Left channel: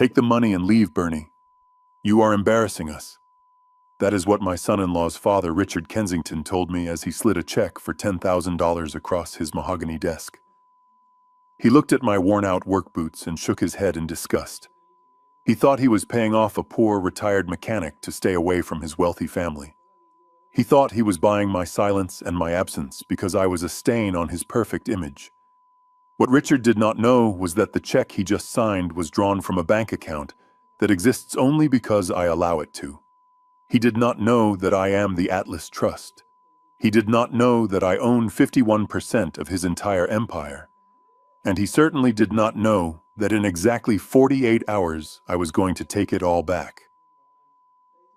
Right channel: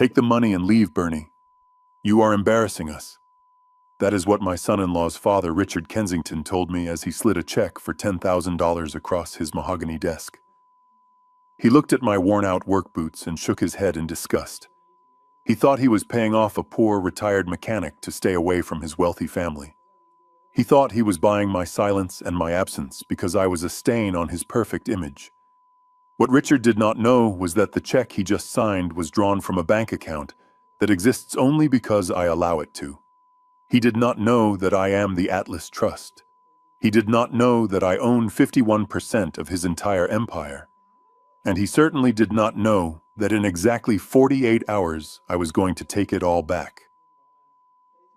Take the money and leave, Bernie. You are embarrassing us. That is what my son-in-law's father, Richard Kensington, told me as he slid a check for $10,000 across his mahogany desk. He looked at my worn-out work boots and shook his head in disgust. He thought he was paying off a poor, retired mechanic to stay away from his wealthy family. He thought he was buying my silence and my absence because I was a stain on his perfect image. What Richard did not know was that the check he just signed was drawn from a bank account that exists only because I allow it to. He did not know that I am the Atlas Trust. He did not know that I own 51% of his entire empire. And he certainly did not know that in exactly 48 hours I was going to take it all back.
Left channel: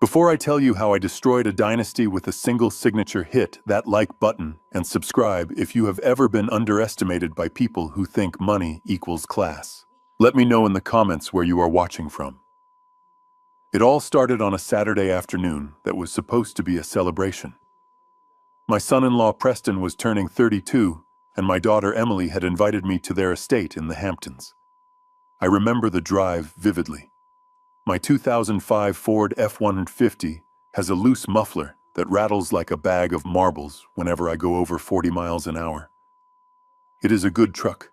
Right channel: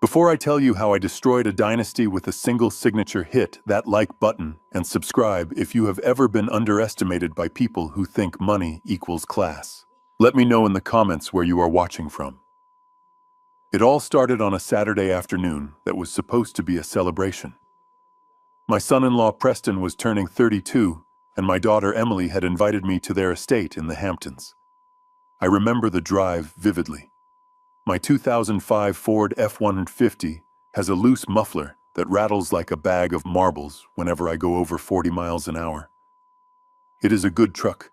Before I tell you how I destroyed a dynasty with a single signature, hit that like button and subscribe if you have ever been underestimated by people who think money equals class. Let me know in the comments where you are watching from. It all started on a Saturday afternoon that was supposed to be a celebration. My son-in-law Preston was turning 32, and my daughter Emily had invited me to their estate in the Hamptons. I remember the drive vividly. My 2005 Ford F-150 has a loose muffler that rattles like a bag of marbles whenever I go over 40 miles an hour. It is a good truck.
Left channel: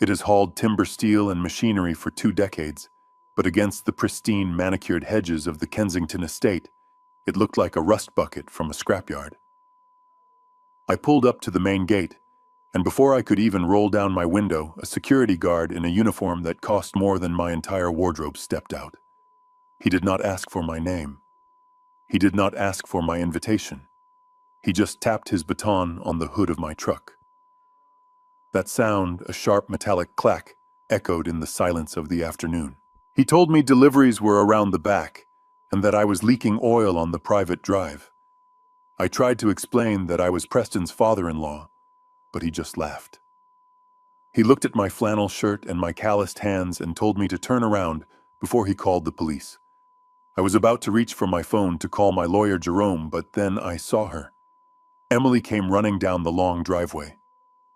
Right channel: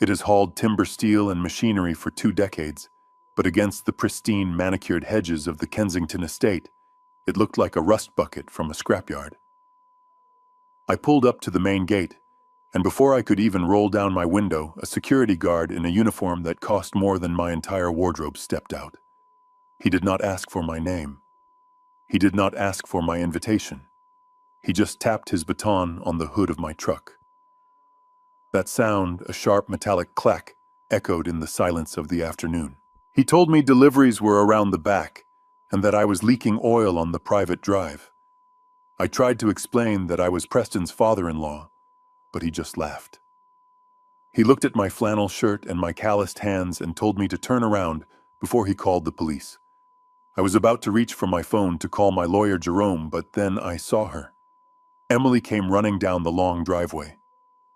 It has hauled timber, steel, and machinery for 2 decades, but against the pristine, manicured hedges of the Kensington estate, it looked like a rust bucket from a scrapyard. I pulled up to the main gate, and before I could even roll down my window, a security guard in a uniform that cost more than my entire wardrobe stepped out. He did not ask for my name. He did not ask for my invitation. He just tapped his baton on the hood of my truck. That sound, a sharp metallic clack, echoed in the silence of the afternoon. He told me deliveries were around the back, and that I was leaking oil on the private drive. I tried to explain that I was Preston's father-in-law, but he just laughed. He looked at my flannel shirt and my calloused hands and told me to turn around before he called the police. I was about to reach for my phone to call my lawyer Jerome, but then I saw her. Emily came running down the long driveway.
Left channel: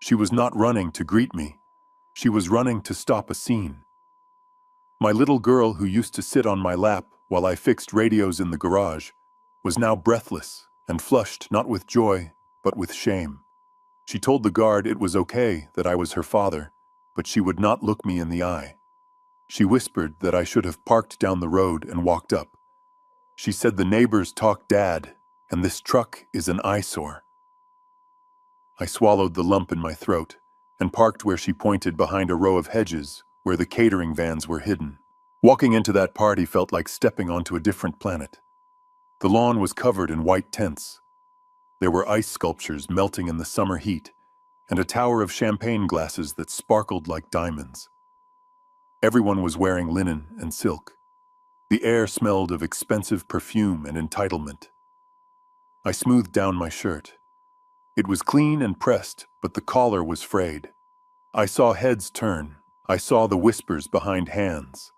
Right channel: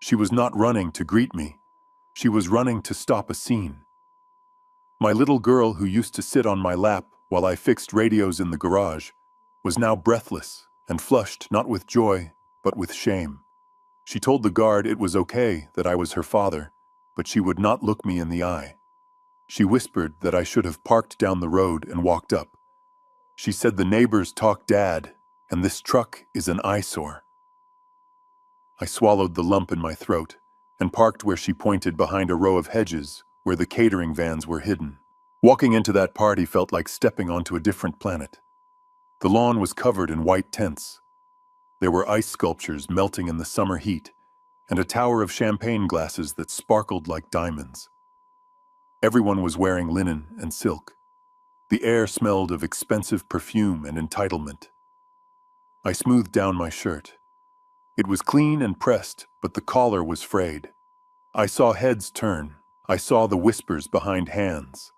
She was not running to greet me. She was running to stop a scene. My little girl, who used to sit on my lap while I fixed radios in the garage, was now breathless and flushed not with joy, but with shame. She told the guard it was okay that I was her father, but she would not look me in the eye. She whispered that I should have parked down the road and walked up. She said the neighbors talk dad, and this truck is an eyesore. I swallowed the lump in my throat and parked where she pointed behind a row of hedges where the catering vans were hidden. Walking into that party felt like stepping onto a different planet. The lawn was covered in white tents. There were ice sculptures melting in the summer heat and a tower of champagne glasses that sparkled like diamonds. Everyone was wearing linen and silk. The air smelled of expensive perfume and entitlement. I smoothed down my shirt. It was clean and pressed, but the collar was frayed. I saw heads turn. I saw the whispers behind hands.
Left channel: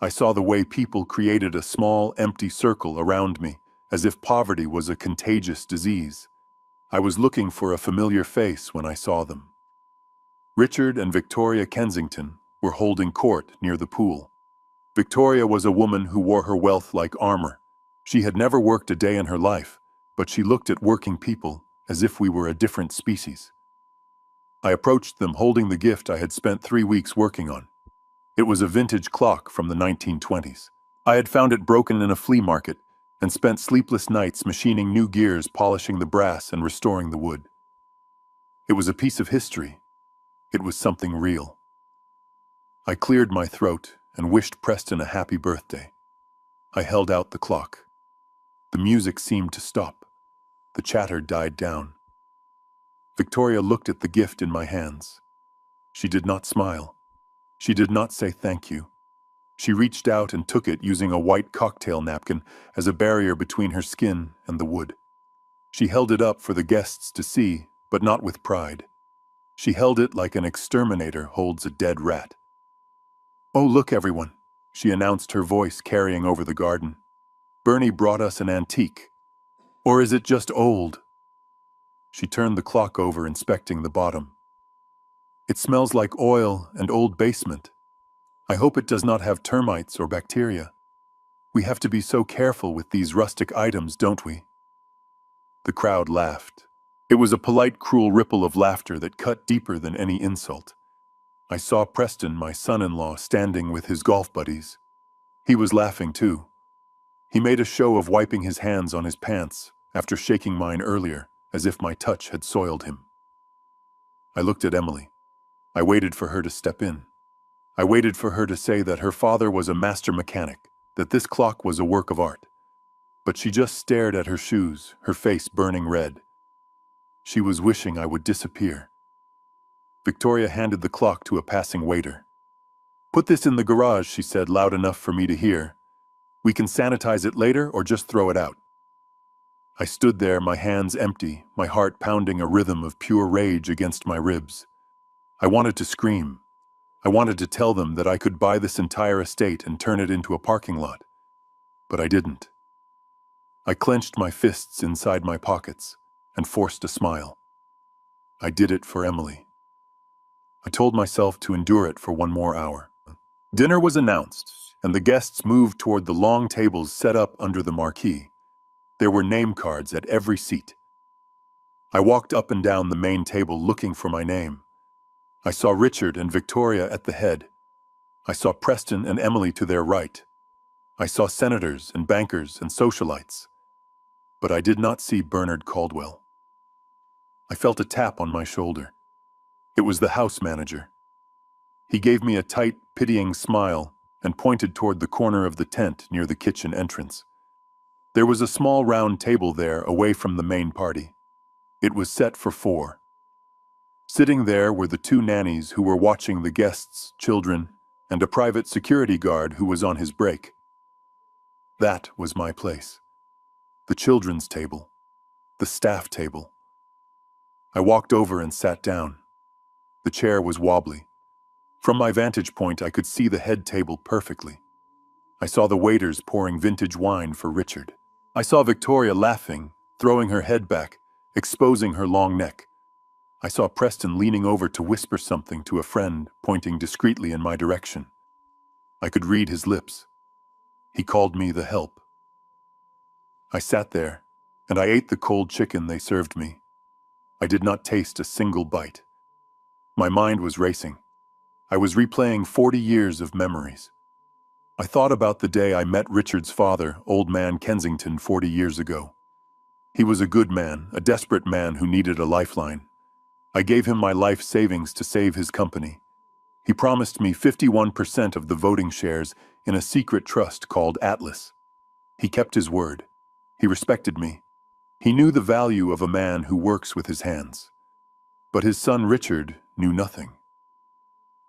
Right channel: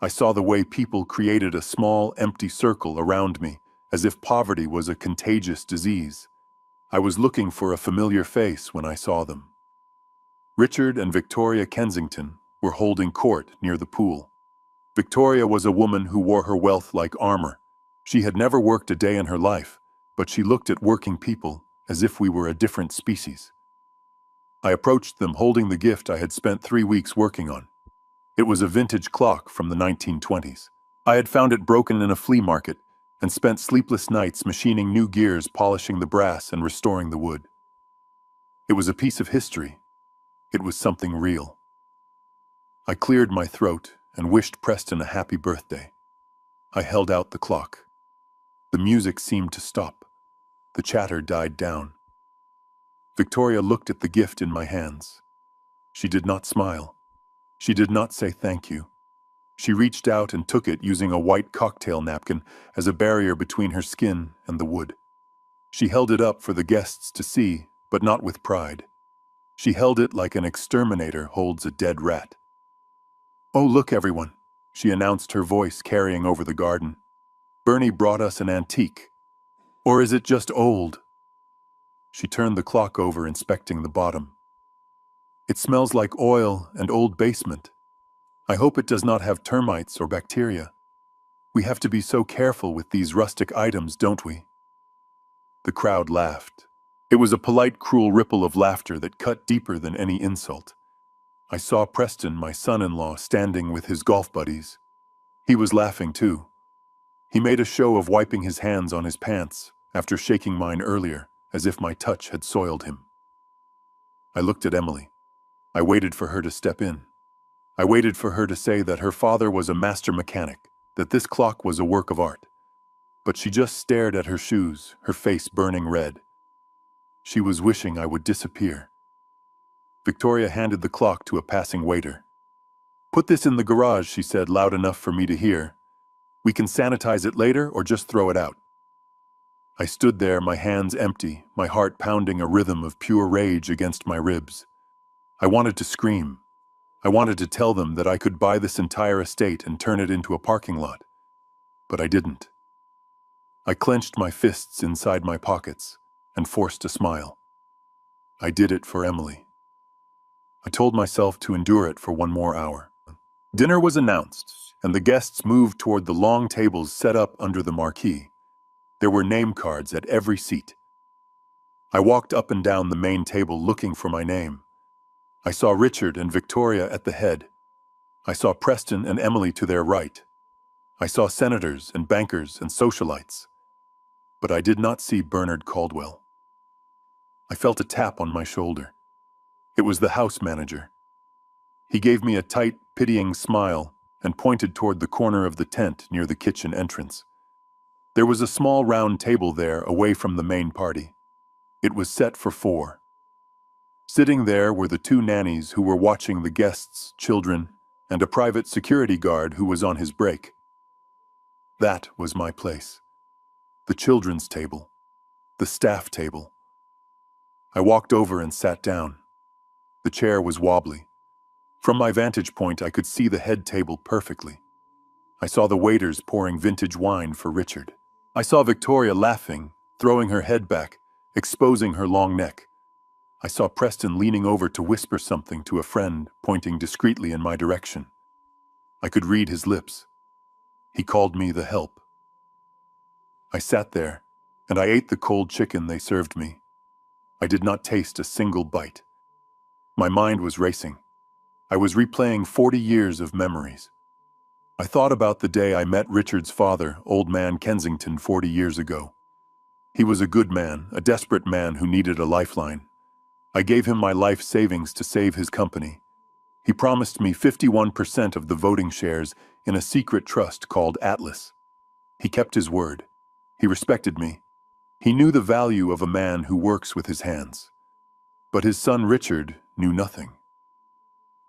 I saw the way people created a small, empty circle around me, as if poverty was a contagious disease. I was looking for a familiar face when I saw them. Richard and Victoria Kensington were holding court near the pool. Victoria was a woman who wore her wealth like armor. She had never worked a day in her life, but she looked at working people as if we were a different species. I approached them holding the gift I had spent 3 weeks working on. It was a vintage clock from the 1920s. I had found it broken in a flea market and spent sleepless nights machining new gears, polishing the brass, and restoring the wood. It was a piece of history. It was something real. I cleared my throat and wished Preston a happy birthday. I held out the clock. The music seemed to stop. The chatter died down. Victoria looked at the gift in my hands. She did not smile. She did not say thank you. She reached out and took it using a white cocktail napkin as a barrier between her skin and the wood. She held it up for the guests to see, but not with pride. She held it like an exterminator holds a dead rat. "Oh, look, everyone," she announced, her voice carrying over the garden. "Bernie brought us an antique. Or is it just old?" She turned the clock over, inspecting the bottom. "It smells like oil and old basement." I hope it does not have termites or bacteria. We have to be so careful with these rustic items, don't we? The crowd laughed. It was a polite, cruel ripple of laughter that cut deeper than any insult. I saw Preston, my son-in-law, standing with his golf buddies. He was laughing too. He made a show of wiping his hands on his pants after shaking mine earlier, as if my touch had soiled him. I looked at Emily. I waited for her to step in. I waited for her to say that her father was a master mechanic, that this clock was a work of art. But she just stared at her shoes, her face burning red. She was wishing I would disappear. Victoria handed the clock to a passing waiter. "Put this in the garage," she said, loud enough for me to hear. "We can sanitize it later or just throw it out." I stood there, my hands empty, my heart pounding a rhythm of pure rage against my ribs. I wanted to scream. I wanted to tell them that I could buy this entire estate and turn it into a parking lot. But I didn't. I clenched my fists inside my pockets and forced a smile. I did it for Emily. I told myself to endure it for one more hour. Dinner was announced, and the guests moved toward the long tables set up under the marquee. There were name cards at every seat. I walked up and down the main table looking for my name. I saw Richard and Victoria at the head. I saw Preston and Emily to their right. I saw senators and bankers and socialites. But I did not see Bernard Caldwell. I felt a tap on my shoulder. It was the house manager. He gave me a tight, pitying smile and pointed toward the corner of the tent near the kitchen entrance. There was a small round table there away from the main party. It was set for 4. Sitting there were the 2 nannies who were watching the guests, children, and a private security guard who was on his break. That was my place. The children's table. The staff table. I walked over and sat down. The chair was wobbly. From my vantage point, I could see the head table perfectly. I saw the waiters pouring vintage wine for Richard. I saw Victoria laughing, throwing her head back, exposing her long neck. I saw Preston leaning over to whisper something to a friend, pointing discreetly in my direction. I could read his lips. He called me the help. I sat there, and I ate the cold chicken they served me. I did not taste a single bite. My mind was racing. I was replaying 40 years of memories. I thought about the day I met Richard's father, Old Man Kensington, 40 years ago. He was a good man, a desperate man who needed a lifeline. I gave him my life savings to save his company. He promised me 51% of the voting shares in a secret trust called Atlas. He kept his word. He respected me. He knew the value of a man who works with his hands. But his son Richard knew nothing.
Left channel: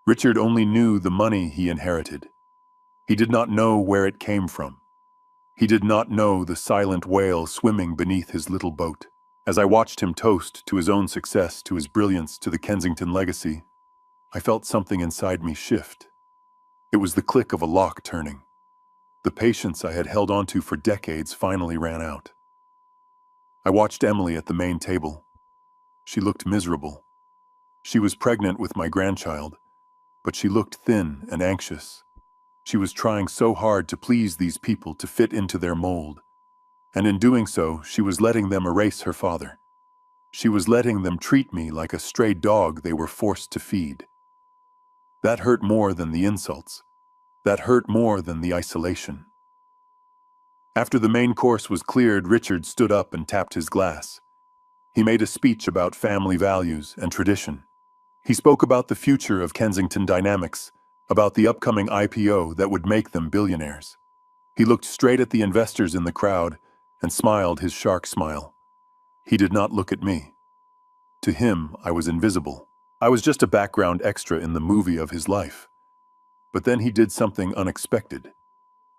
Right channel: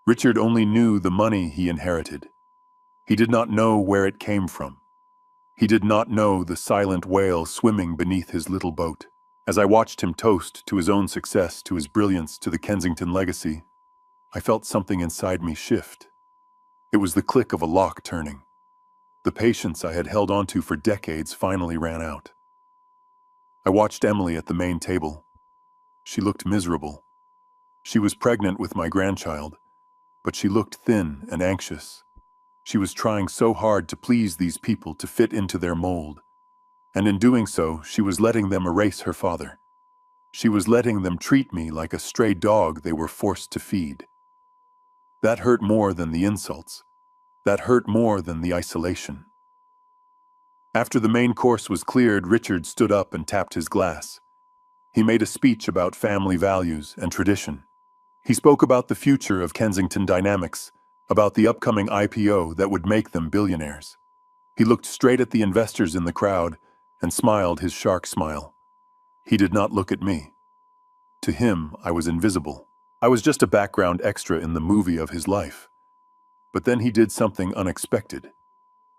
Richard only knew the money he inherited. He did not know where it came from. He did not know the silent whale swimming beneath his little boat. As I watched him toast to his own success, to his brilliance, to the Kensington legacy, I felt something inside me shift. It was the click of a lock turning. The patience I had held onto for decades finally ran out. I watched Emily at the main table. She looked miserable. She was pregnant with my grandchild, but she looked thin and anxious. She was trying so hard to please these people, to fit into their mold. And in doing so, she was letting them erase her father. She was letting them treat me like a stray dog they were forced to feed. That hurt more than the insults. That hurt more than the isolation. After the main course was cleared, Richard stood up and tapped his glass. He made a speech about family values and tradition. He spoke about the future of Kensington Dynamics, about the upcoming IPO that would make them billionaires. He looked straight at the investors in the crowd and smiled his shark smile. He did not look at me. To him, I was invisible. I was just a background extra in the movie of his life. But then he did something unexpected.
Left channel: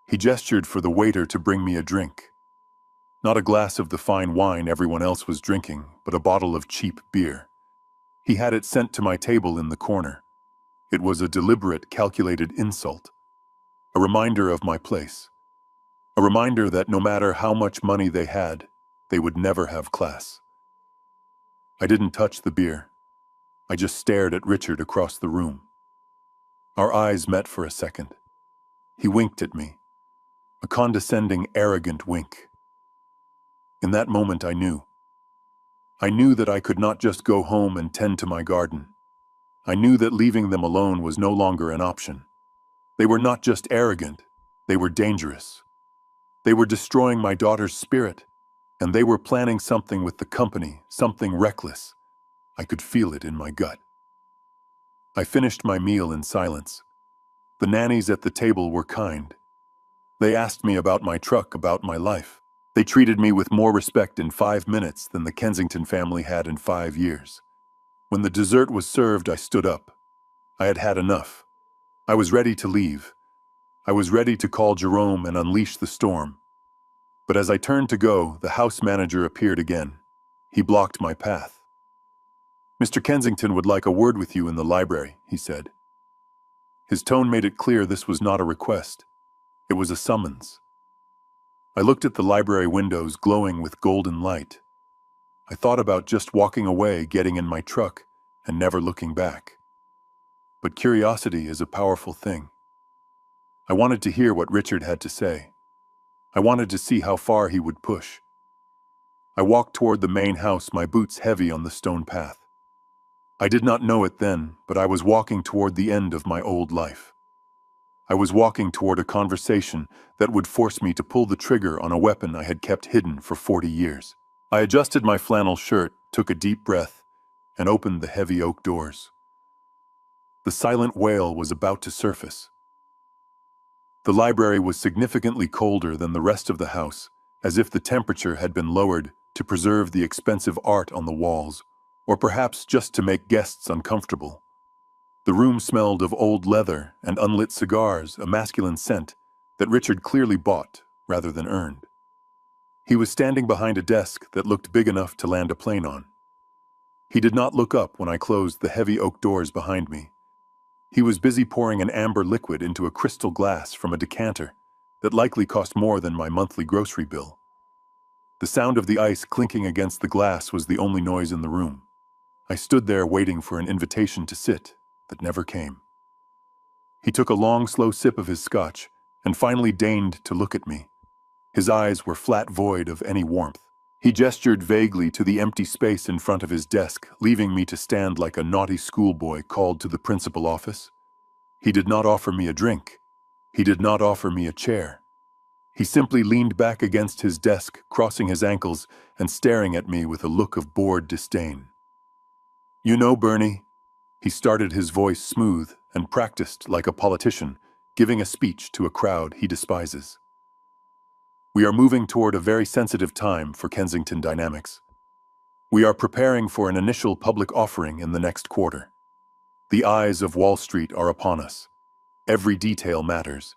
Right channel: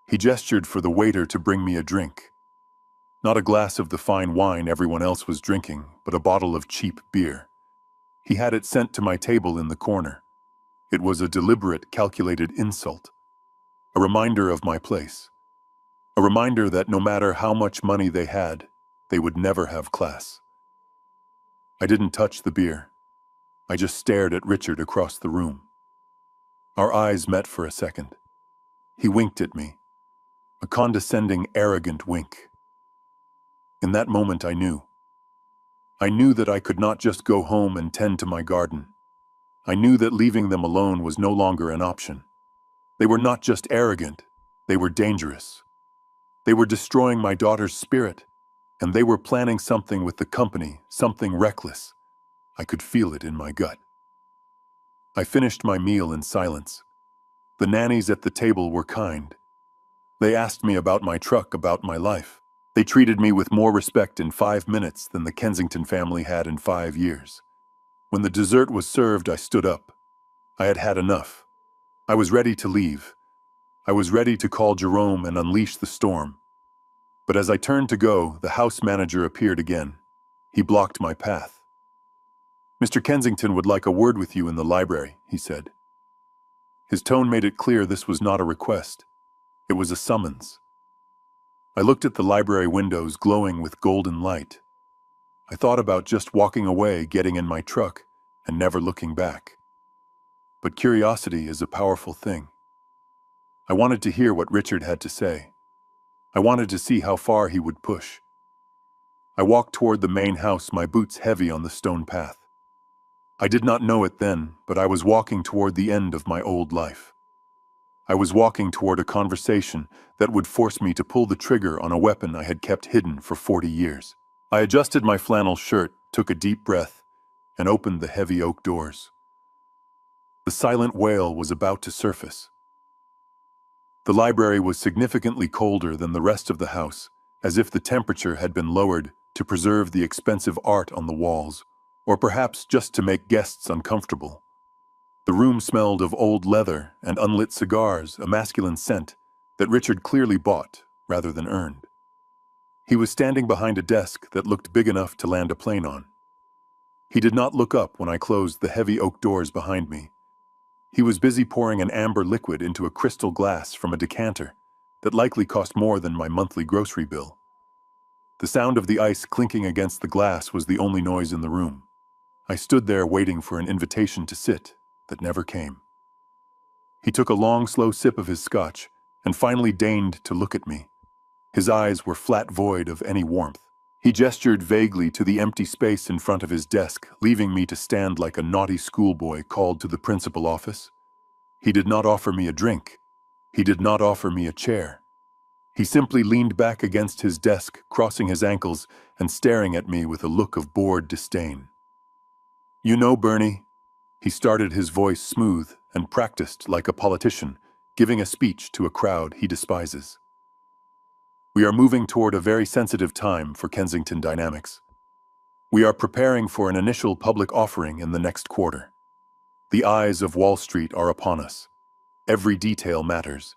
He gestured for the waiter to bring me a drink. Not a glass of the fine wine everyone else was drinking, but a bottle of cheap beer. He had it sent to my table in the corner. It was a deliberate, calculated insult. A reminder of my place. A reminder that no matter how much money they had, they would never have class. I didn't touch the beer. I just stared at Richard across the room. Our eyes met for a second. He winked at me, a condescending, arrogant wink. In that moment, I knew. I knew that I could not just go home and tend to my garden. I knew that leaving them alone was no longer an option. They were not just arrogant, they were dangerous. They were destroying my daughter's spirit, and they were planning something with the company, something reckless. I could feel it in my gut. I finished my meal in silence. The nannies at the table were kind. They asked me about my truck, about my life. They treated me with more respect in 5 minutes than the Kensington family had in 5 years. When the dessert was served, I stood up. I had had enough. I was ready to leave. I was ready to call Jerome and unleash the storm. But as I turned to go, the house manager appeared again. He blocked my path. "Mr. Kensington would like a word with you in the library," he said. His tone made it clear this was not a request. It was a summons. I looked at the library windows glowing with golden light. I thought about just walking away, getting in my truck, and never looking back. But curiosity is a powerful thing. I wanted to hear what Richard had to say. I wanted to see how far he would push. I walked toward the main house, my boots heavy on the stone path. I did not know it then, but I was walking toward the end of my old life. I was walking toward a conversation that would force me to pull the trigger on a weapon I had kept hidden for 40 years. I adjusted my flannel shirt, took a deep breath, and opened the heavy oak doors. The silent wail was about to surface. The library was significantly colder than the rest of the house, as if the temperature had been lowered to preserve the expensive art on the walls, or perhaps just to make guests uncomfortable. The room smelled of old leather and unlit cigars, a masculine scent that Richard clearly bought rather than earned. He was standing behind a desk that looked big enough to land a plane on. He did not look up when I closed the heavy oak doors behind me. He was busy pouring an amber liquid into a crystal glass from a decanter that likely cost more than my monthly grocery bill. The sound of the ice clinking against the glass was the only noise in the room. I stood there waiting for an invitation to sit that never came. He took a long, slow sip of his scotch and finally deigned to look at me. His eyes were flat, void of any warmth. He gestured vaguely to the empty space in front of his desk, leaving me to stand like a naughty schoolboy called to the principal office. He did not offer me a drink. He did not offer me a chair. He simply leaned back against his desk, crossing his ankles and staring at me with a look of bored disdain. "You know, Bernie," he started, his voice smooth and practiced like a politician, giving a speech to a crowd he despises. "We are moving toward a very sensitive time for Kensington Dynamics. We are preparing for an initial public offering in the next quarter. The eyes of Wall Street are upon us. Every detail matters.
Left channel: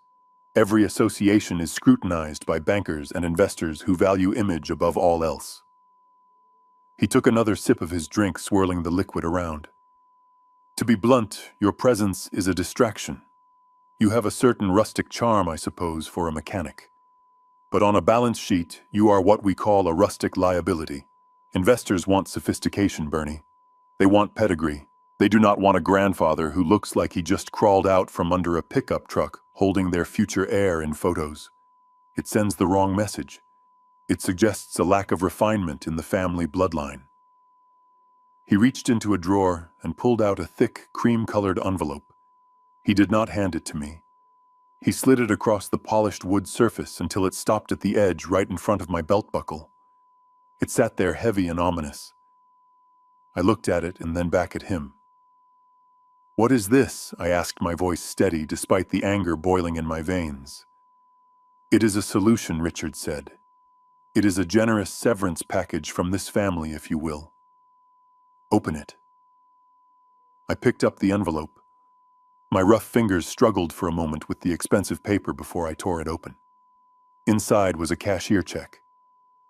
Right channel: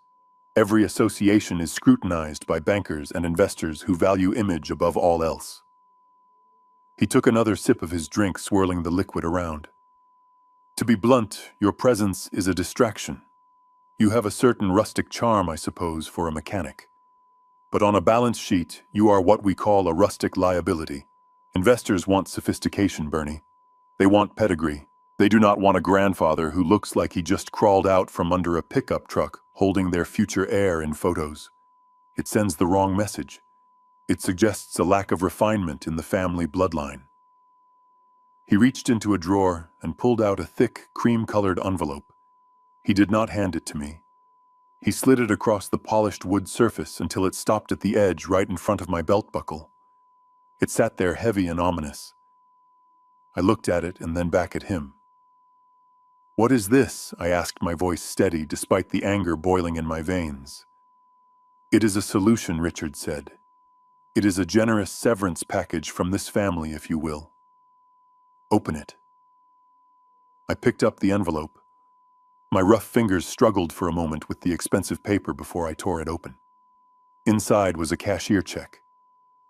Every association is scrutinized by bankers and investors who value image above all else." He took another sip of his drink, swirling the liquid around. "To be blunt, your presence is a distraction. You have a certain rustic charm, I suppose, for a mechanic. But on a balance sheet, you are what we call a rustic liability. Investors want sophistication, Bernie. They want pedigree. They do not want a grandfather who looks like he just crawled out from under a pickup truck holding their future heir in photos. It sends the wrong message. It suggests a lack of refinement in the family bloodline." He reached into a drawer and pulled out a thick, cream-colored envelope. He did not hand it to me. He slid it across the polished wood surface until it stopped at the edge right in front of my belt buckle. It sat there heavy and ominous. I looked at it and then back at him. "What is this?" I asked, my voice steady despite the anger boiling in my veins. "It is a solution," Richard said. "It is a generous severance package from this family, if you will. Open it." I picked up the envelope. My rough fingers struggled for a moment with the expensive paper before I tore it open. Inside was a cashier check.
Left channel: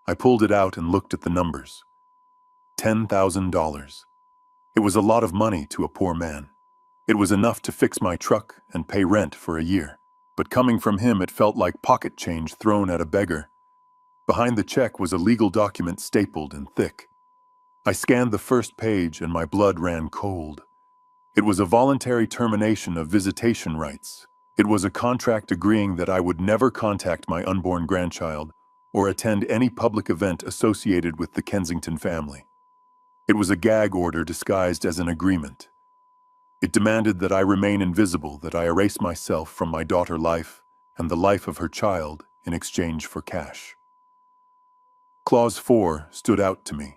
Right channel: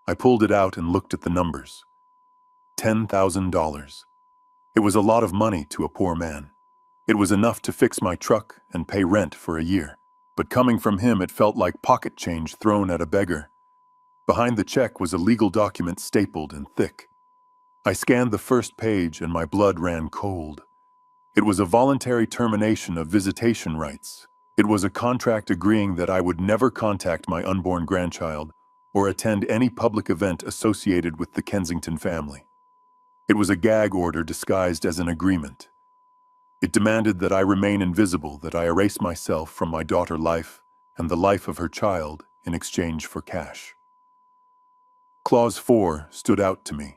I pulled it out and looked at the numbers. $10,000. It was a lot of money to a poor man. It was enough to fix my truck and pay rent for a year. But coming from him, it felt like pocket change thrown at a beggar. Behind the check was a legal document stapled and thick. I scanned the first page and my blood ran cold. It was a voluntary termination of visitation rights. It was a contract agreeing that I would never contact my unborn grandchild or attend any public event associated with the Kensington family. It was a gag order disguised as an agreement. It demanded that I remain invisible, that I erase myself from my daughter's life and the life of her child in exchange for cash. Clause 4 stood out to me.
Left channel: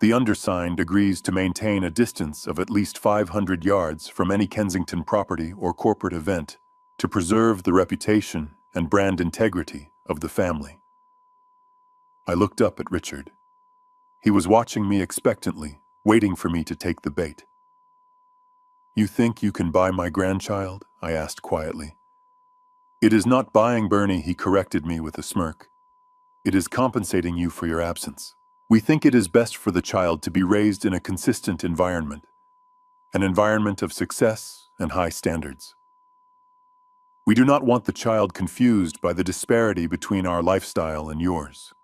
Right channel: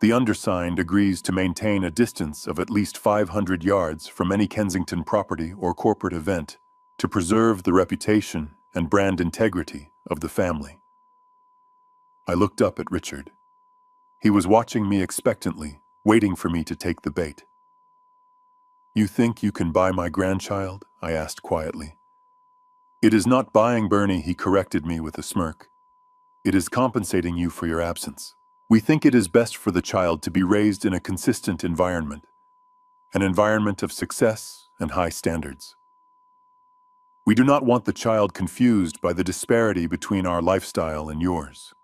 The undersigned agrees to maintain a distance of at least 500 yards from any Kensington property or corporate event to preserve the reputation and brand integrity of the family. I looked up at Richard. He was watching me expectantly, waiting for me to take the bait. "You think you can buy my grandchild?" I asked quietly. "It is not buying, Bernie," he corrected me with a smirk. "It is compensating you for your absence. We think it is best for the child to be raised in a consistent environment, an environment of success and high standards. We do not want the child confused by the disparity between our lifestyle and yours.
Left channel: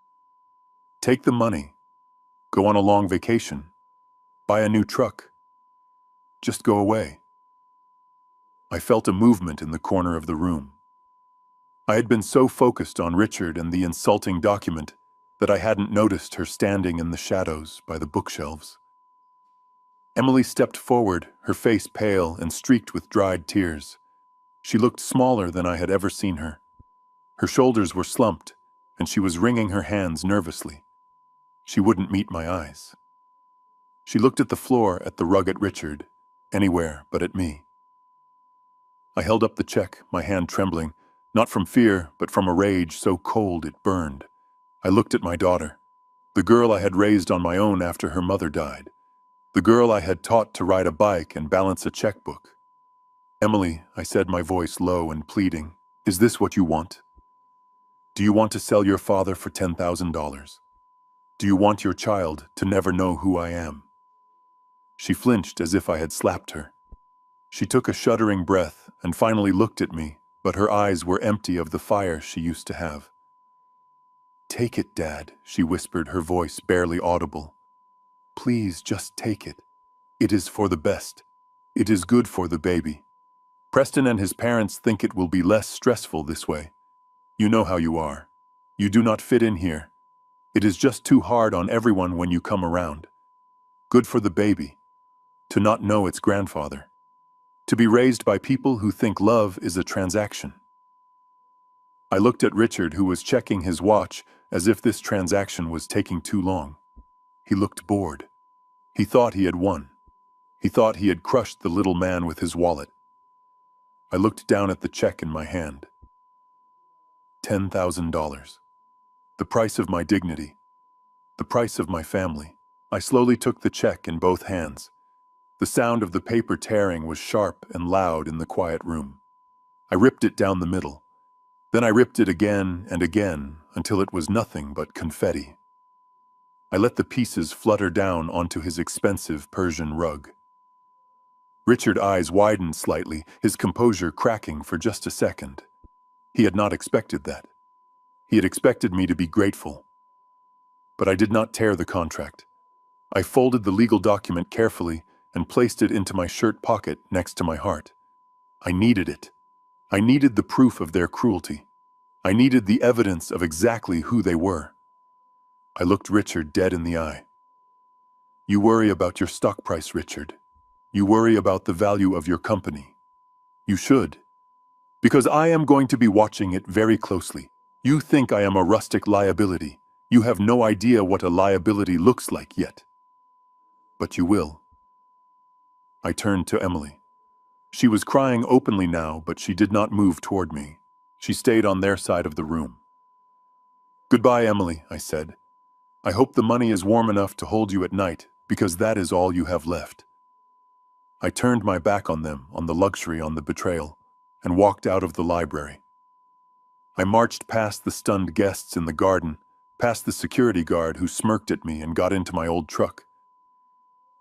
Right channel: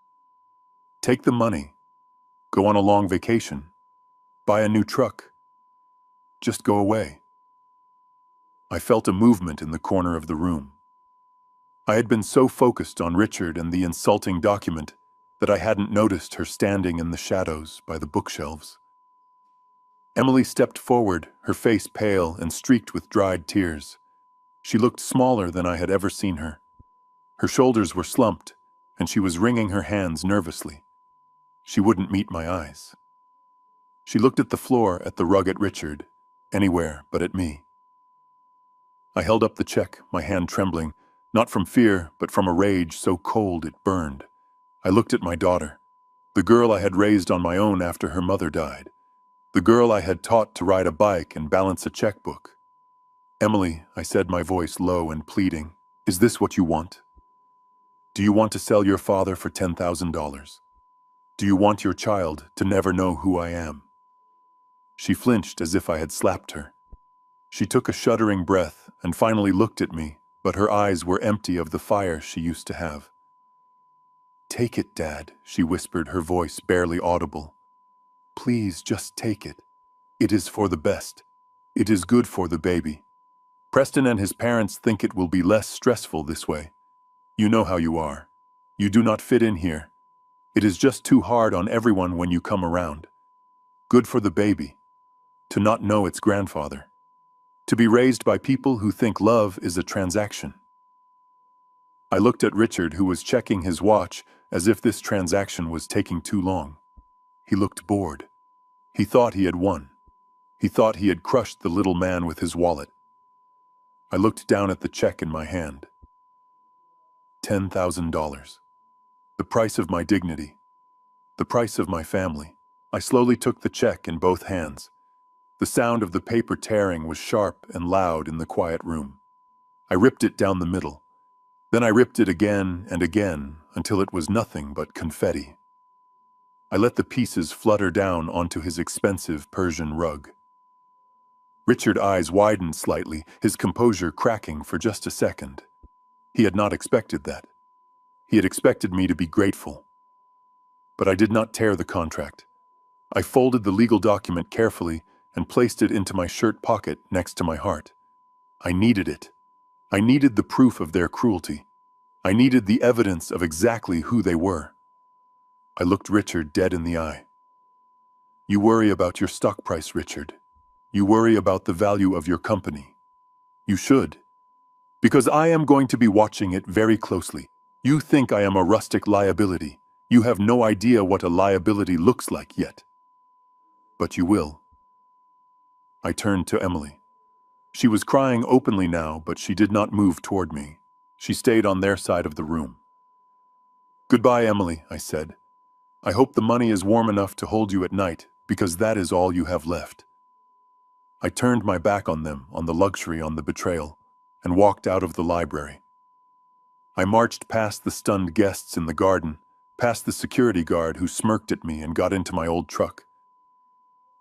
Take the money, go on a long vacation, buy a new truck. Just go away." I felt a movement in the corner of the room. I had been so focused on Richard and the insulting document that I hadn't noticed her standing in the shadows by the bookshelves. Emily stepped forward, her face pale and streaked with dried tears. She looked smaller than I had ever seen her. Her shoulders were slumped, and she was wringing her hands nervously. She wouldn't meet my eyes. She looked at the floor, at the rug, at Richard, anywhere but at me. I held up the check, my hand trembling, not from fear, but from a rage so cold it burned. I looked at my daughter, the girl I had raised on my own after her mother died, the girl I had taught to ride a bike and balance a checkbook. "Emily," I said, my voice low and pleading, "is this what you want? Do you want to sell your father for $10,000? Do you want your child to never know who I am?" She flinched as if I had slapped her. She took a shuddering breath and finally looked at me, but her eyes were empty of the fire she used to have. "Take it, Dad," she whispered, her voice barely audible. "Please, just take it. It is for the best. It is good for the baby. Preston and his parents think it will be less stressful this way. You know how you are. You do not fit in here. It is just too hard on everyone when you come around. Good for the baby, to not know its grandfather. To be raised by people who think love is a transaction." I looked at Richard, who was checking his watch as if this transaction was taking too long. He looked bored. He thought he had won. He thought he had crushed the little man with his wallet. I looked down at the check in my hand. $10,000. The price of my dignity. The price of my family. I slowly took the check in both hands. The sound of the paper tearing was sharp and loud in the quiet room. I ripped it down the middle. Then I ripped it again and again until it was nothing but confetti. I let the pieces flutter down onto his expensive Persian rug. Richard's eyes widened slightly, his composure cracking for just a second. He had not expected that. He had expected me to be grateful. But I did not tear the contract. I folded the legal document carefully and placed it into my shirt pocket next to my heart. I needed it. I needed the proof of their cruelty. I needed the evidence of exactly who they were. I looked Richard dead in the eye. "You worry about your stock price, Richard. You worry about the value of your company. You should. Because I am going to be watching it very closely. You think I am a rustic liability. You have no idea what a liability looks like yet. But you will." I turned to Emily. She was crying openly now, but she did not move toward me. She stayed on their side of the room. "Goodbye, Emily," I said. "I hope the money is warm enough to hold you at night, because that is all you have left." I turned my back on them, on the luxury, on the betrayal, and walked out of the library. I marched past the stunned guests in the garden, past the security guard who smirked at me, and got into my old truck.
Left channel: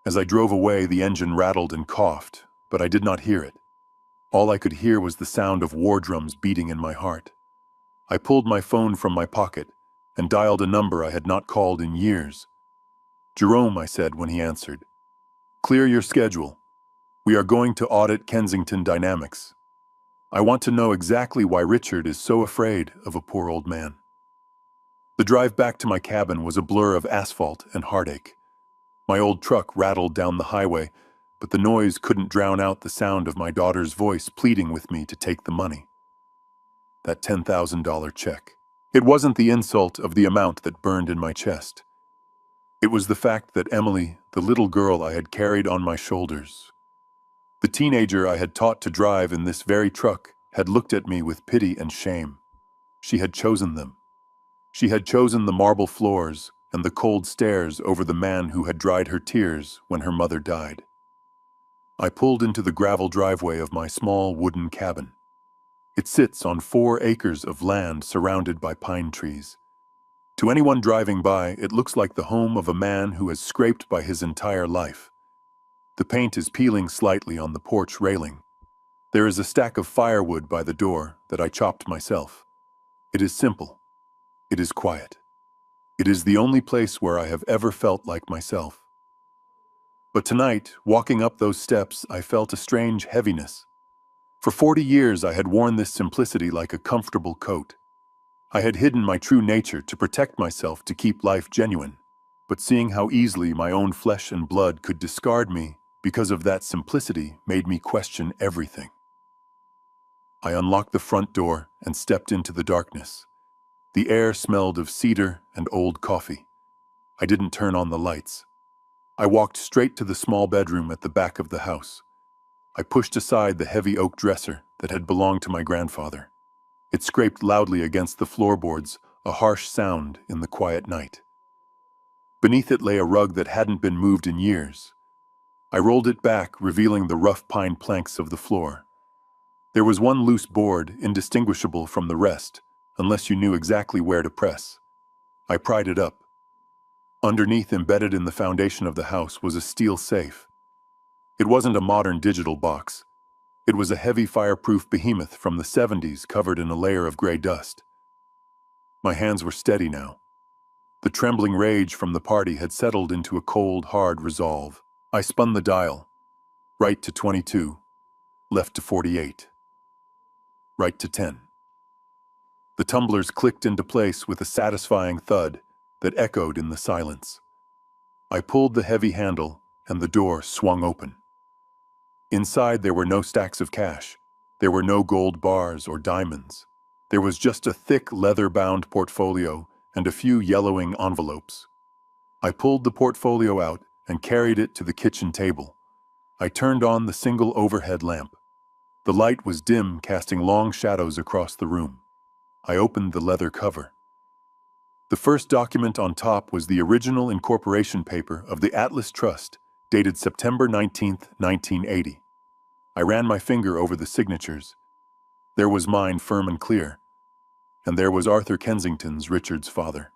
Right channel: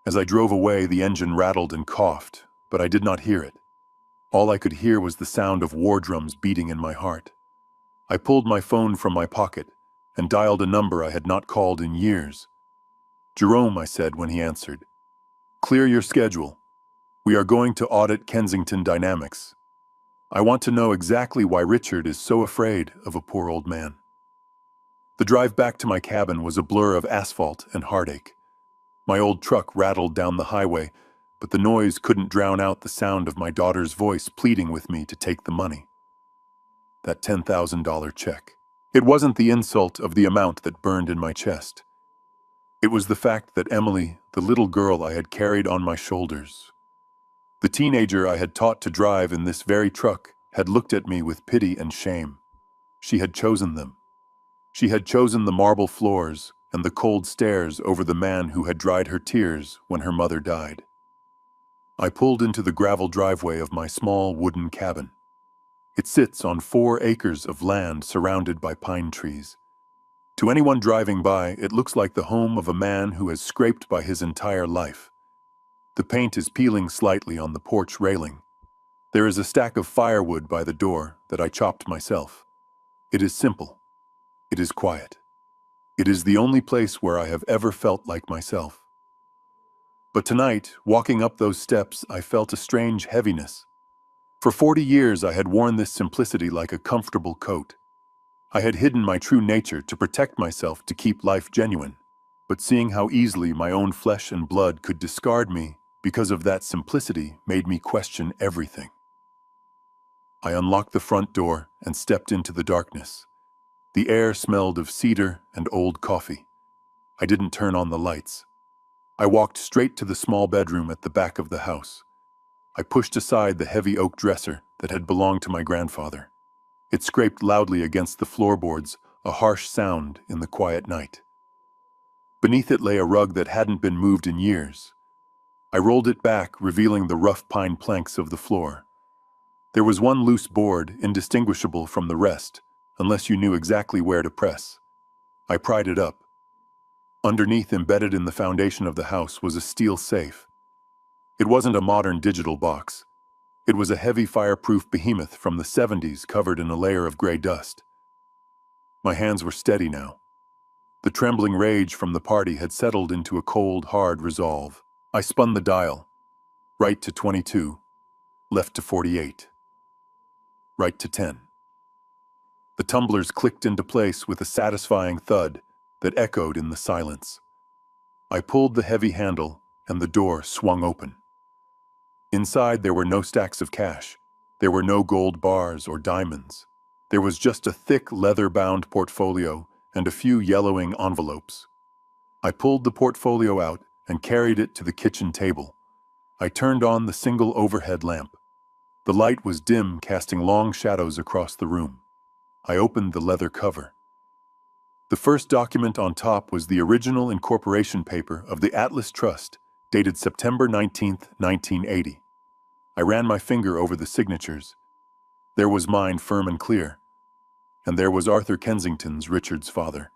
As I drove away, the engine rattled and coughed, but I did not hear it. All I could hear was the sound of war drums beating in my heart. I pulled my phone from my pocket and dialed a number I had not called in years. "Jerome," I said when he answered. "Clear your schedule. We are going to audit Kensington Dynamics. I want to know exactly why Richard is so afraid of a poor old man. The drive back to my cabin was a blur of asphalt and heartache. My old truck rattled down the highway, but the noise couldn't drown out the sound of my daughter's voice pleading with me to take the money. That $10,000 check. It wasn't the insult of the amount that burned in my chest. It was the fact that Emily, the little girl I had carried on my shoulders, the teenager I had taught to drive in this very truck, had looked at me with pity and shame. She had chosen them. She had chosen the marble floors and the cold stares over the man who had dried her tears when her mother died. I pulled into the gravel driveway of my small wooden cabin. It sits on 4 acres of land surrounded by pine trees. To anyone driving by, it looks like the home of a man who is scraped by his entire life. The paint is peeling slightly on the porch railing. There is a stack of firewood by the door that I chopped myself. It is simple. It is quiet. It is the only place where I have ever felt like myself. But tonight, walking up those steps, I felt a strange heaviness. For 40 years, I had worn this simplicity like a comfortable coat. I had hidden my true nature to protect myself, to keep life genuine. But seeing how easily my own flesh and blood could discard me because of that simplicity made me question everything. I unlocked the front door and stepped into the darkness. The air smelled of cedar and old coffee. I didn't turn on the lights. I walked straight to the small bedroom at the back of the house. I pushed aside the heavy oak dresser that had belonged to my grandfather. It scraped loudly against the floorboards, a harsh sound in the quiet night. Beneath it lay a rug that hadn't been moved in years. I rolled it back, revealing the rough pine planks of the floor. There was one loose board, indistinguishable from the rest, unless you knew exactly where to press. I pried it up. Underneath, embedded in the foundation of the house, was a steel safe. It wasn't a modern digital box. It was a heavy fireproof behemoth from the 70s covered in a layer of gray dust. My hands were steady now. The trembling rage from the party had settled into a cold, hard resolve. I spun the dial. Right to 22. Left to 48. Right to 10. The tumblers clicked into place with a satisfying thud that echoed in the silence. I pulled the heavy handle, and the door swung open. Inside, there were no stacks of cash. There were no gold bars or diamonds. There was just a thick, leather-bound portfolio and a few yellowing envelopes. I pulled the portfolio out and carried it to the kitchen table. I turned on the single overhead lamp. The light was dim, casting long shadows across the room. I opened the leather cover. The first document on top was the original incorporation paper of the Atlas Trust, dated September 19th, 1980. I ran my finger over the signatures. There was mine, firm and clear, and there was Arthur Kensington's, Richard's father.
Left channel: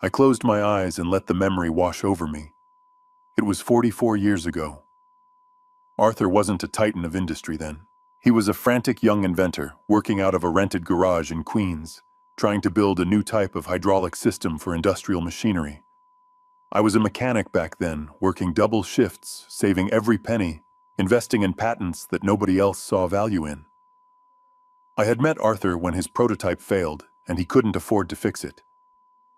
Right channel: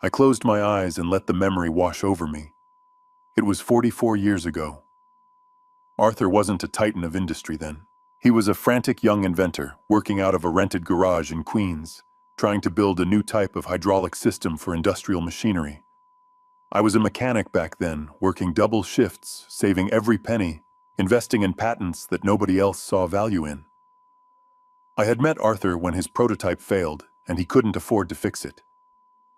I closed my eyes and let the memory wash over me. It was 44 years ago. Arthur wasn't a titan of industry then. He was a frantic young inventor, working out of a rented garage in Queens, trying to build a new type of hydraulic system for industrial machinery. I was a mechanic back then, working double shifts, saving every penny, investing in patents that nobody else saw value in. I had met Arthur when his prototype failed, and he couldn't afford to fix it.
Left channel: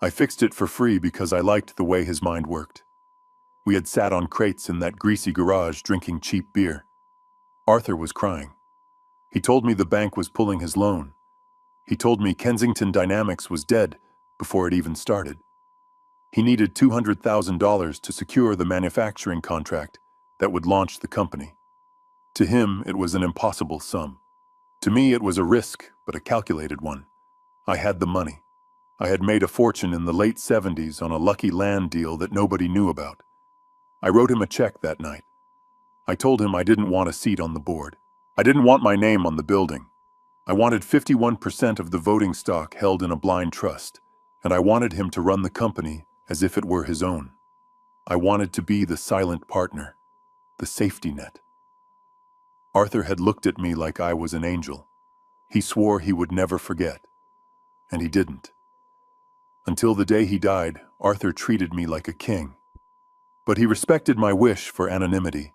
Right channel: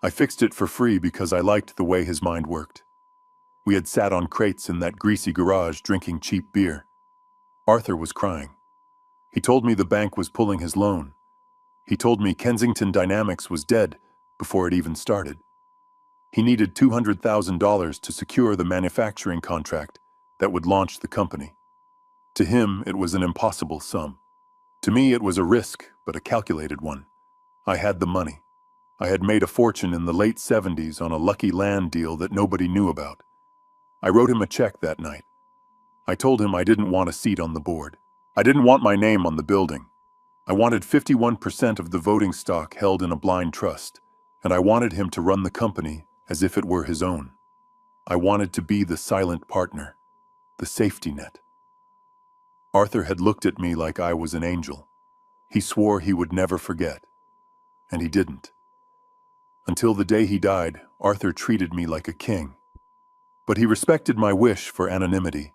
I fixed it for free because I liked the way his mind worked. We had sat on crates in that greasy garage drinking cheap beer. Arthur was crying. He told me the bank was pulling his loan. He told me Kensington Dynamics was dead before it even started. He needed $200,000 to secure the manufacturing contract that would launch the company. To him, it was an impossible sum. To me, it was a risk, but a calculated one. I had the money. I had made a fortune in the late 70s on a lucky land deal that nobody knew about. I wrote him a check that night. I told him I didn't want a seat on the board. I didn't want my name on the building. I wanted 51% of the voting stock held in a blind trust, and I wanted him to run the company as if it were his own. I wanted to be the silent partner, the safety net. Arthur had looked at me like I was an angel. He swore he would never forget, and he didn't. Until the day he died, Arthur treated me like a king. But he respected my wish for anonymity.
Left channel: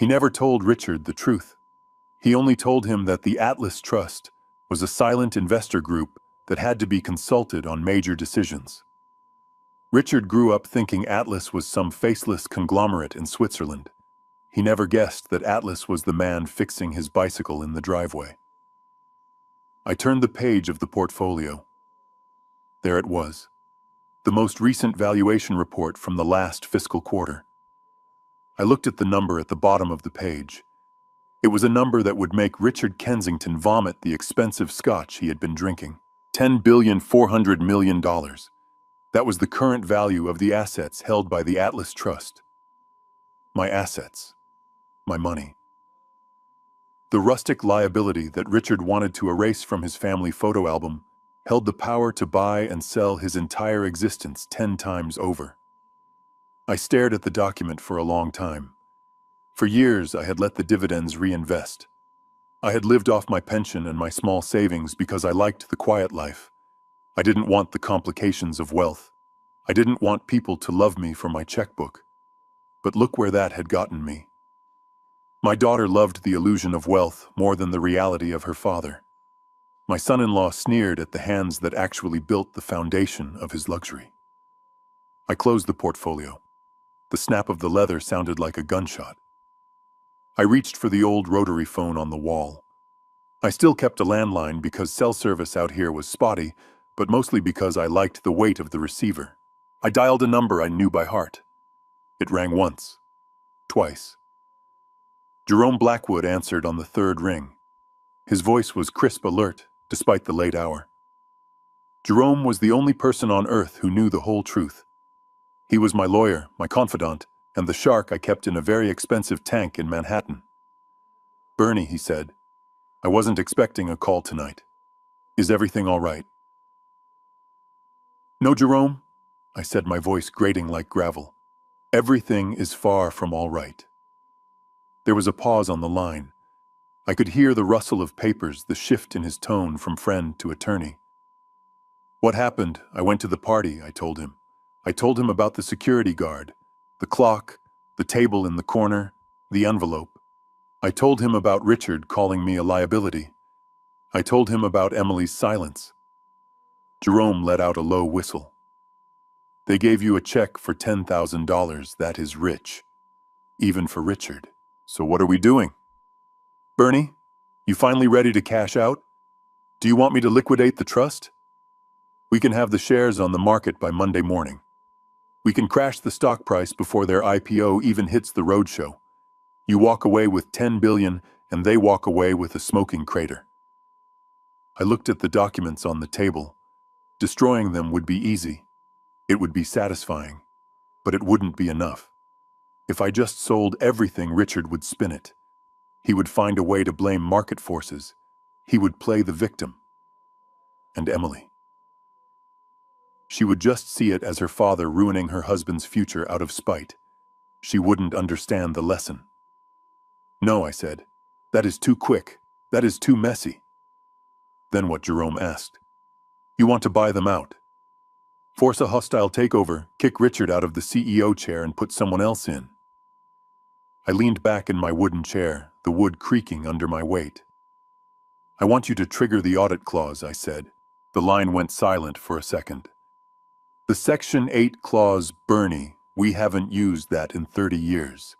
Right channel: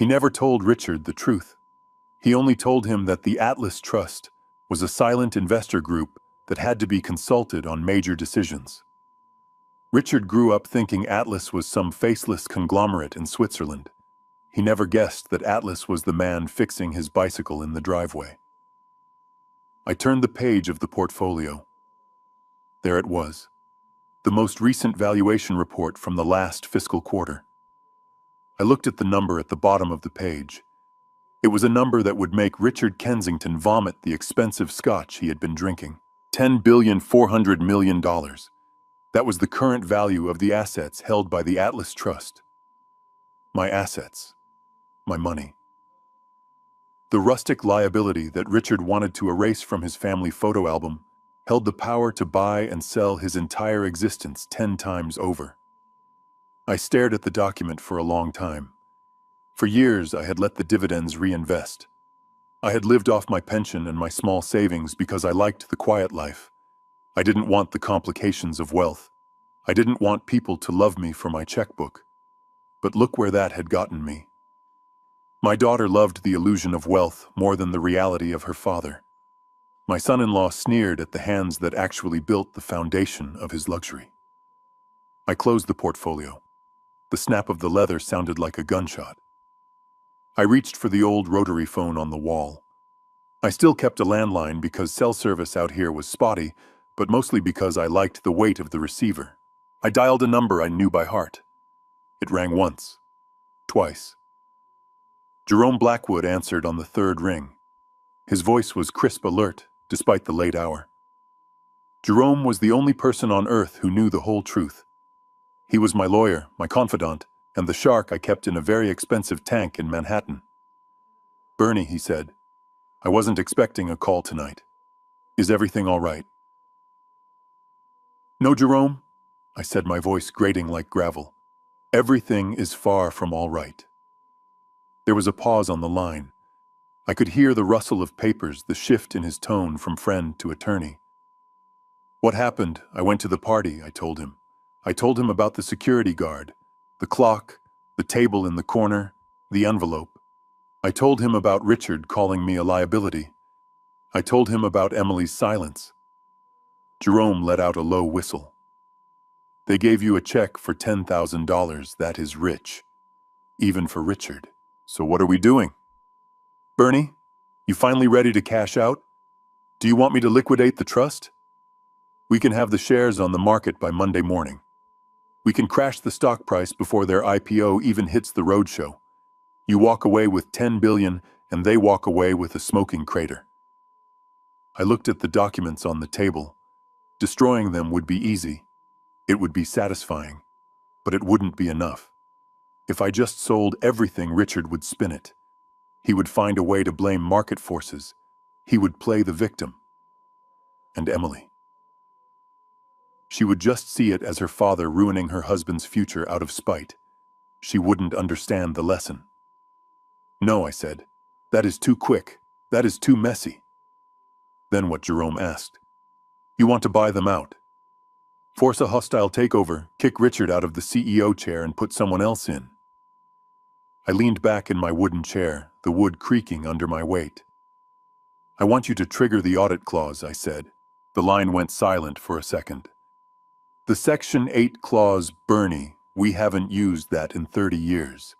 He never told Richard the truth. He only told him that the Atlas Trust was a silent investor group that had to be consulted on major decisions. Richard grew up thinking Atlas was some faceless conglomerate in Switzerland. He never guessed that Atlas was the man fixing his bicycle in the driveway. I turned the page of the portfolio. There it was, the most recent valuation report from the last fiscal quarter. I looked at the number at the bottom of the page. It was a number that would make Richard Kensington vomit the expensive scotch he had been drinking. $10,400,000,000. That was the current value of the assets held by the Atlas Trust. My assets. My money. The rustic liability that Richard wanted to erase from his family photo album held the power to buy and sell his entire existence 10 times over. I stared at the document for a long time. For years, I had let the dividends reinvest. I had lived off my pension and my small savings because I liked the quiet life. I didn't want the complications of wealth. I didn't want people to love me for my checkbook. But look where that had gotten me. My daughter loved the illusion of wealth more than the reality of her father. My son-in-law sneered at the hands that actually built the foundation of his luxury. I closed the portfolio. The snap of the leather sounded like a gunshot. I reached for the old rotary phone on the wall. I still kept a landline because cell service out here was spotty, but mostly because I liked the weight of the receiver. I dialed a number I knew by heart. It rang once, twice. Jerome Blackwood answered on the third ring. His voice was crisp alert, despite the late hour. Jerome was the only person on earth who knew the whole truth. He was my lawyer, my confidant, and the shark I kept in a very expensive tank in Manhattan. "Bernie," he said, "I wasn't expecting a call tonight. Is everything all right?" "No, Jerome," I said, my voice grating like gravel. "Everything is far from all right." There was a pause on the line. I could hear the rustle of papers, the shift in his tone from friend to attorney. "What happened? I went to the party," I told him. I told him about the security guard, the clock, the table in the corner, the envelope. I told him about Richard calling me a liability. I told him about Emily's silence. Jerome let out a low whistle. "They gave you a check for $10,000. That is rich. Even for Richard. So what are we doing? Bernie, you finally ready to cash out? Do you want me to liquidate the trust? We can have the shares on the market by Monday morning. We can crash the stock price before their IPO even hits the roadshow. You walk away with $10 billion, and they walk away with a smoking crater." I looked at the documents on the table. Destroying them would be easy. It would be satisfying. But it wouldn't be enough. If I just sold everything, Richard would spin it. He would find a way to blame market forces. He would play the victim. And Emily. She would just see it as her father ruining her husband's future out of spite. She wouldn't understand the lesson. "No," I said. "That is too quick. That is too messy." Then what? Jerome asked. "You want to buy them out? Force a hostile takeover, kick Richard out of the CEO chair and put someone else in." I leaned back in my wooden chair, the wood creaking under my weight. "I want you to trigger the audit clause," I said. The line went silent for a second. "The Section 8 clause, Bernie, we haven't used that in 30 years.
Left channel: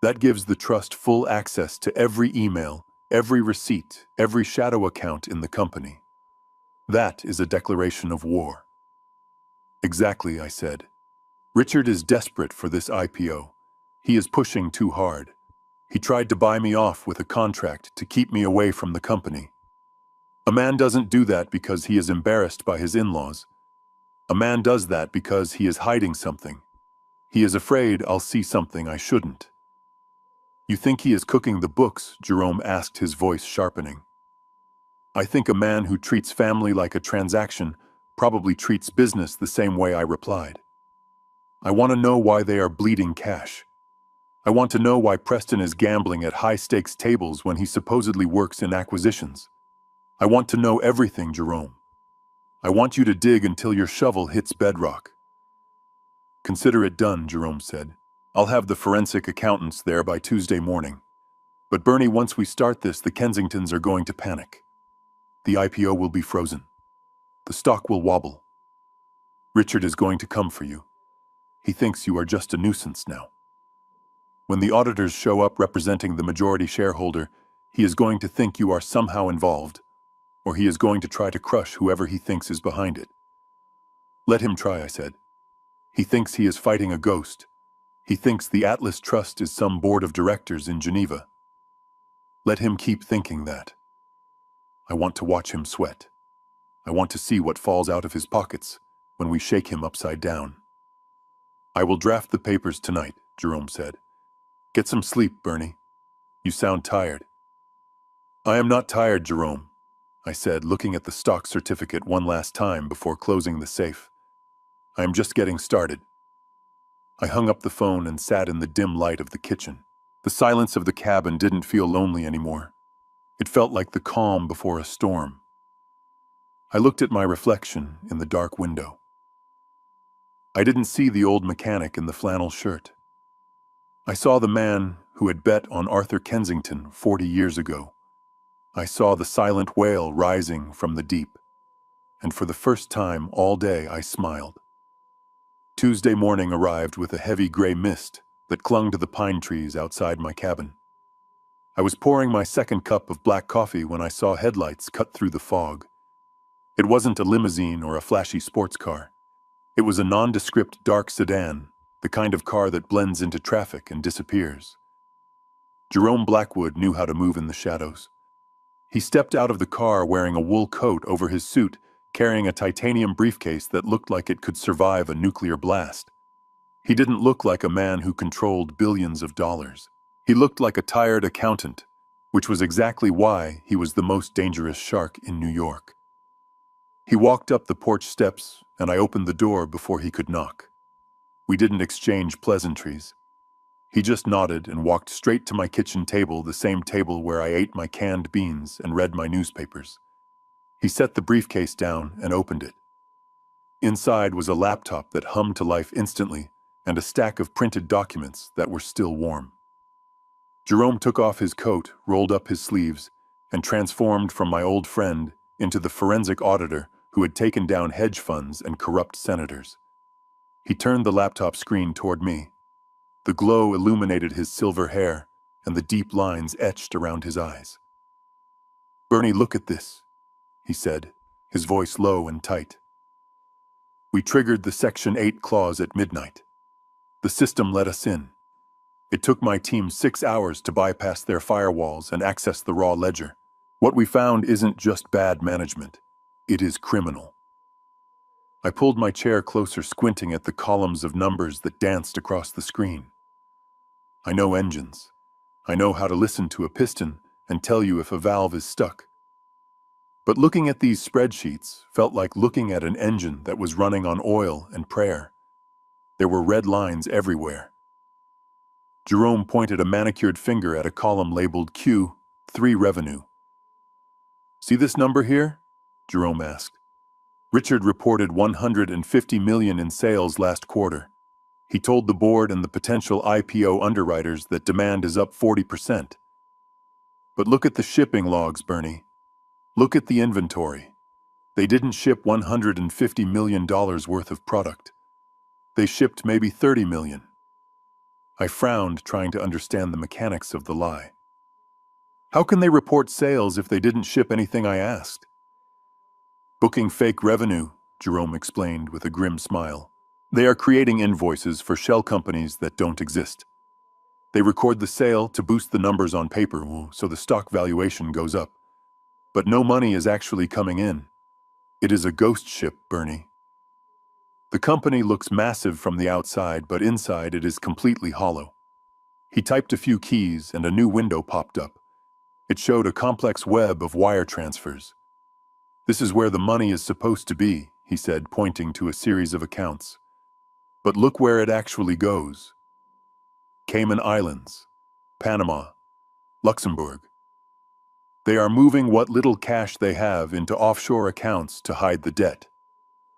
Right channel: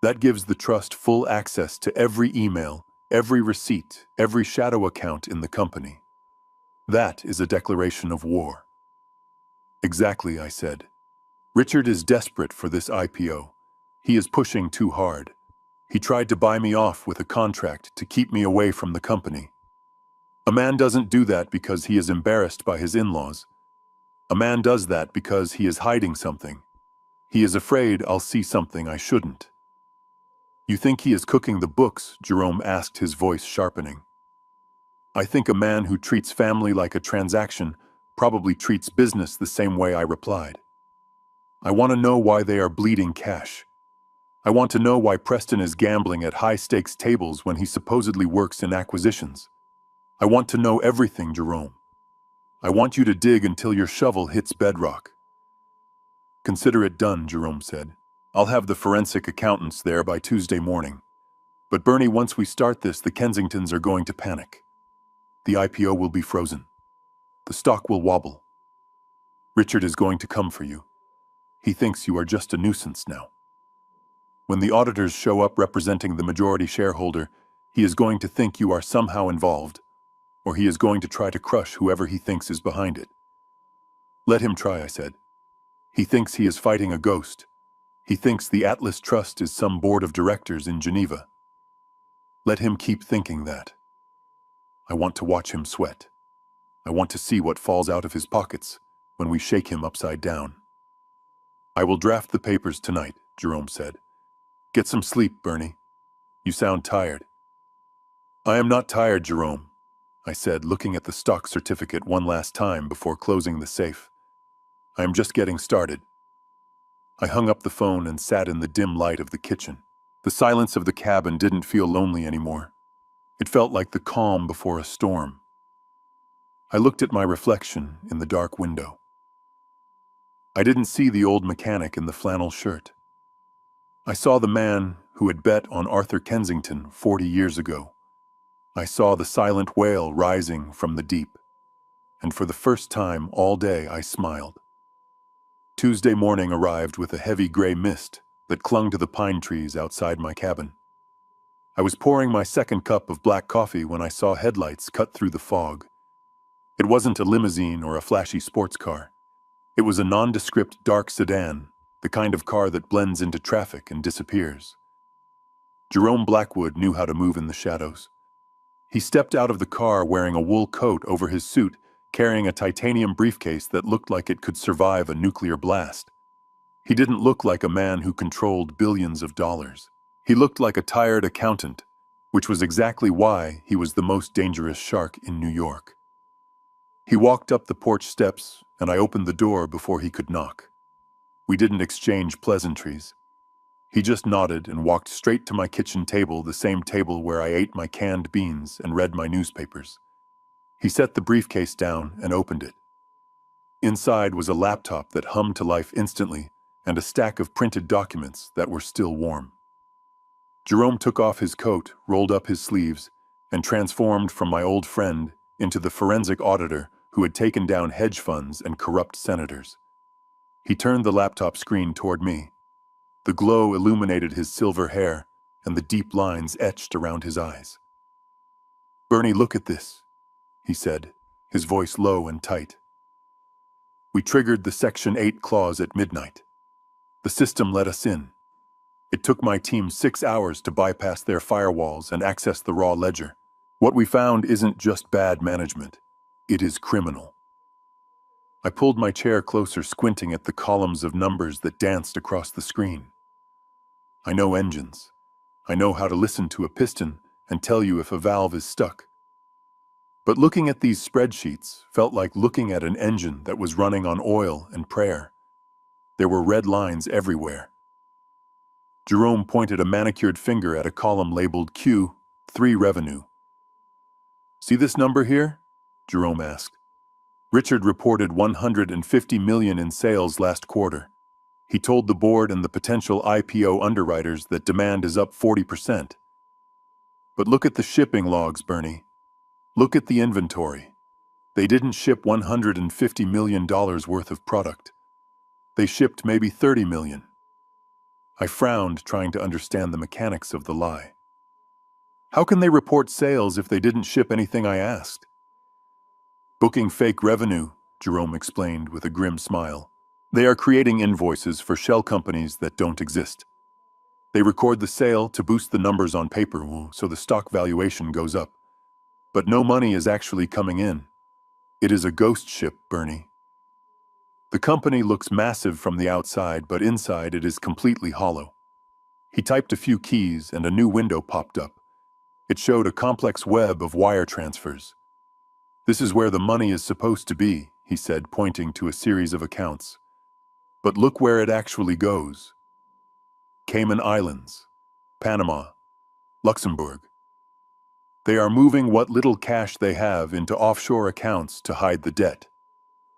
That gives the trust full access to every email, every receipt, every shadow account in the company. That is a declaration of war." "Exactly," I said. "Richard is desperate for this IPO. He is pushing too hard. He tried to buy me off with a contract to keep me away from the company. A man doesn't do that because he is embarrassed by his in-laws. A man does that because he is hiding something. He is afraid I'll see something I shouldn't." "You think he is cooking the books?" Jerome asked, his voice sharpening. "I think a man who treats family like a transaction probably treats business the same way," I replied. "I want to know why they are bleeding cash. I want to know why Preston is gambling at high-stakes tables when he supposedly works in acquisitions. I want to know everything, Jerome. I want you to dig until your shovel hits bedrock." "Consider it done," Jerome said. I'll have the forensic accountants there by Tuesday morning. But Bernie, once we start this, the Kensingtons are going to panic. The IPO will be frozen. The stock will wobble. Richard is going to come for you. He thinks you are just a nuisance now. When the auditors show up representing the majority shareholder, he is going to think you are somehow involved, or he is going to try to crush whoever he thinks is behind it. Let him try, I said. He thinks he is fighting a ghost. He thinks the Atlas Trust is some board of directors in Geneva. Let him keep thinking that. I want to watch him sweat. I want to see what falls out of his pockets when we shake him upside down. I will draft the papers tonight, Jerome said. Get some sleep, Bernie. You sound tired. I am not tired, Jerome, I said, looking at the stock certificate one last time before closing the safe. I am just getting started. I hung up the phone and sat in the dim light of the kitchen. The silence of the cabin didn't feel lonely anymore. It felt like the calm before a storm. I looked at my reflection in the dark window. I didn't see the old mechanic in the flannel shirt. I saw the man who had bet on Arthur Kensington 40 years ago. I saw the silent wail rising from the deep, and for the first time all day I smiled. Tuesday morning arrived with a heavy gray mist that clung to the pine trees outside my cabin. I was pouring my second cup of black coffee when I saw headlights cut through the fog. It wasn't a limousine or a flashy sports car. It was a nondescript dark sedan, the kind of car that blends into traffic and disappears. Jerome Blackwood knew how to move in the shadows. He stepped out of the car wearing a wool coat over his suit, carrying a titanium briefcase that looked like it could survive a nuclear blast. He didn't look like a man who controlled billions of dollars. He looked like a tired accountant, which was exactly why he was the most dangerous shark in New York. He walked up the porch steps, and I opened the door before he could knock. We didn't exchange pleasantries. He just nodded and walked straight to my kitchen table, the same table where I ate my canned beans and read my newspapers. He set the briefcase down and opened it. Inside was a laptop that hummed to life instantly and a stack of printed documents that were still warm. Jerome took off his coat, rolled up his sleeves, and transformed from my old friend into the forensic auditor who had taken down hedge funds and corrupt senators. He turned the laptop screen toward me. The glow illuminated his silver hair and the deep lines etched around his eyes. "Bernie, look at this," he said, his voice low and tight. We triggered the Section 8 clause at midnight. The system let us in. It took my team 6 hours to bypass their firewalls and access the raw ledger. What we found isn't just bad management. It is criminal. I pulled my chair closer, squinting at the columns of numbers that danced across the screen. I know engines. I know how to listen to a piston and tell you if a valve is stuck. But looking at these spreadsheets felt like looking at an engine that was running on oil and prayer. There were red lines everywhere. Jerome pointed a manicured finger at a column labeled Q3 revenue. "See this number here?" Jerome asked. "Richard reported 150 million in sales last quarter. He told the board and the potential IPO underwriters that demand is up 40%. But look at the shipping logs, Bernie. Look at the inventory. They didn't ship $150 million worth of product. They shipped maybe 30 million. I frowned, trying to understand the mechanics of the lie. How can they report sales if they didn't ship anything I asked? "Booking fake revenue," Jerome explained with a grim smile. "They are creating invoices for shell companies that don't exist. They record the sale to boost the numbers on paper, so the stock valuation goes up. But no money is actually coming in. It is a ghost ship, Bernie. The company looks massive from the outside, but inside it is completely hollow." He typed a few keys and a new window popped up. It showed a complex web of wire transfers. "This is where the money is supposed to be," he said, pointing to a series of accounts. "But look where it actually goes. Cayman Islands, Panama, Luxembourg. They are moving what little cash they have into offshore accounts to hide the debt.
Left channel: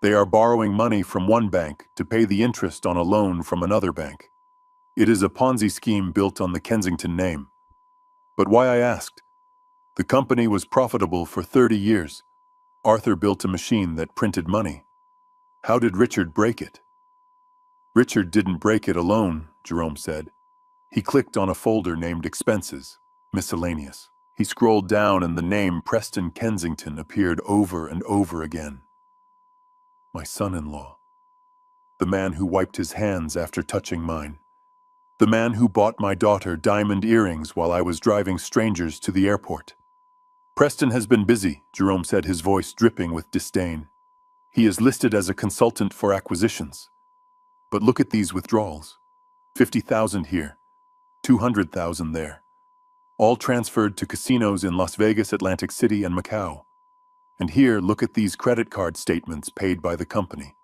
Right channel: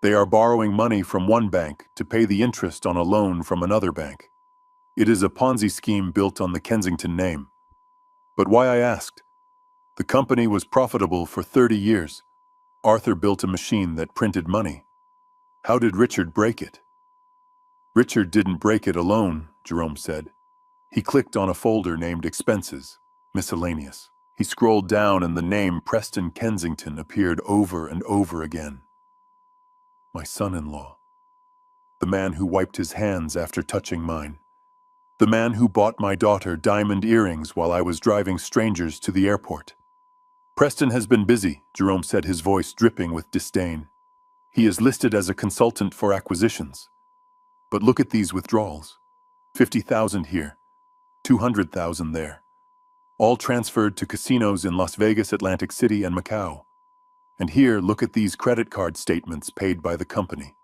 They are borrowing money from one bank to pay the interest on a loan from another bank. It is a Ponzi scheme built on the Kensington name. But why, I asked. The company was profitable for 30 years. Arthur built a machine that printed money. How did Richard break it? Richard didn't break it alone, Jerome said. He clicked on a folder named Expenses, Miscellaneous. He scrolled down and the name Preston Kensington appeared over and over again. My son-in-law. The man who wiped his hands after touching mine. The man who bought my daughter diamond earrings while I was driving strangers to the airport. Preston has been busy, Jerome said, his voice dripping with disdain. He is listed as a consultant for acquisitions. But look at these withdrawals. 50,000 here, 200,000 there. All transferred to casinos in Las Vegas, Atlantic City, and Macau. And here, look at these credit card statements paid by the company.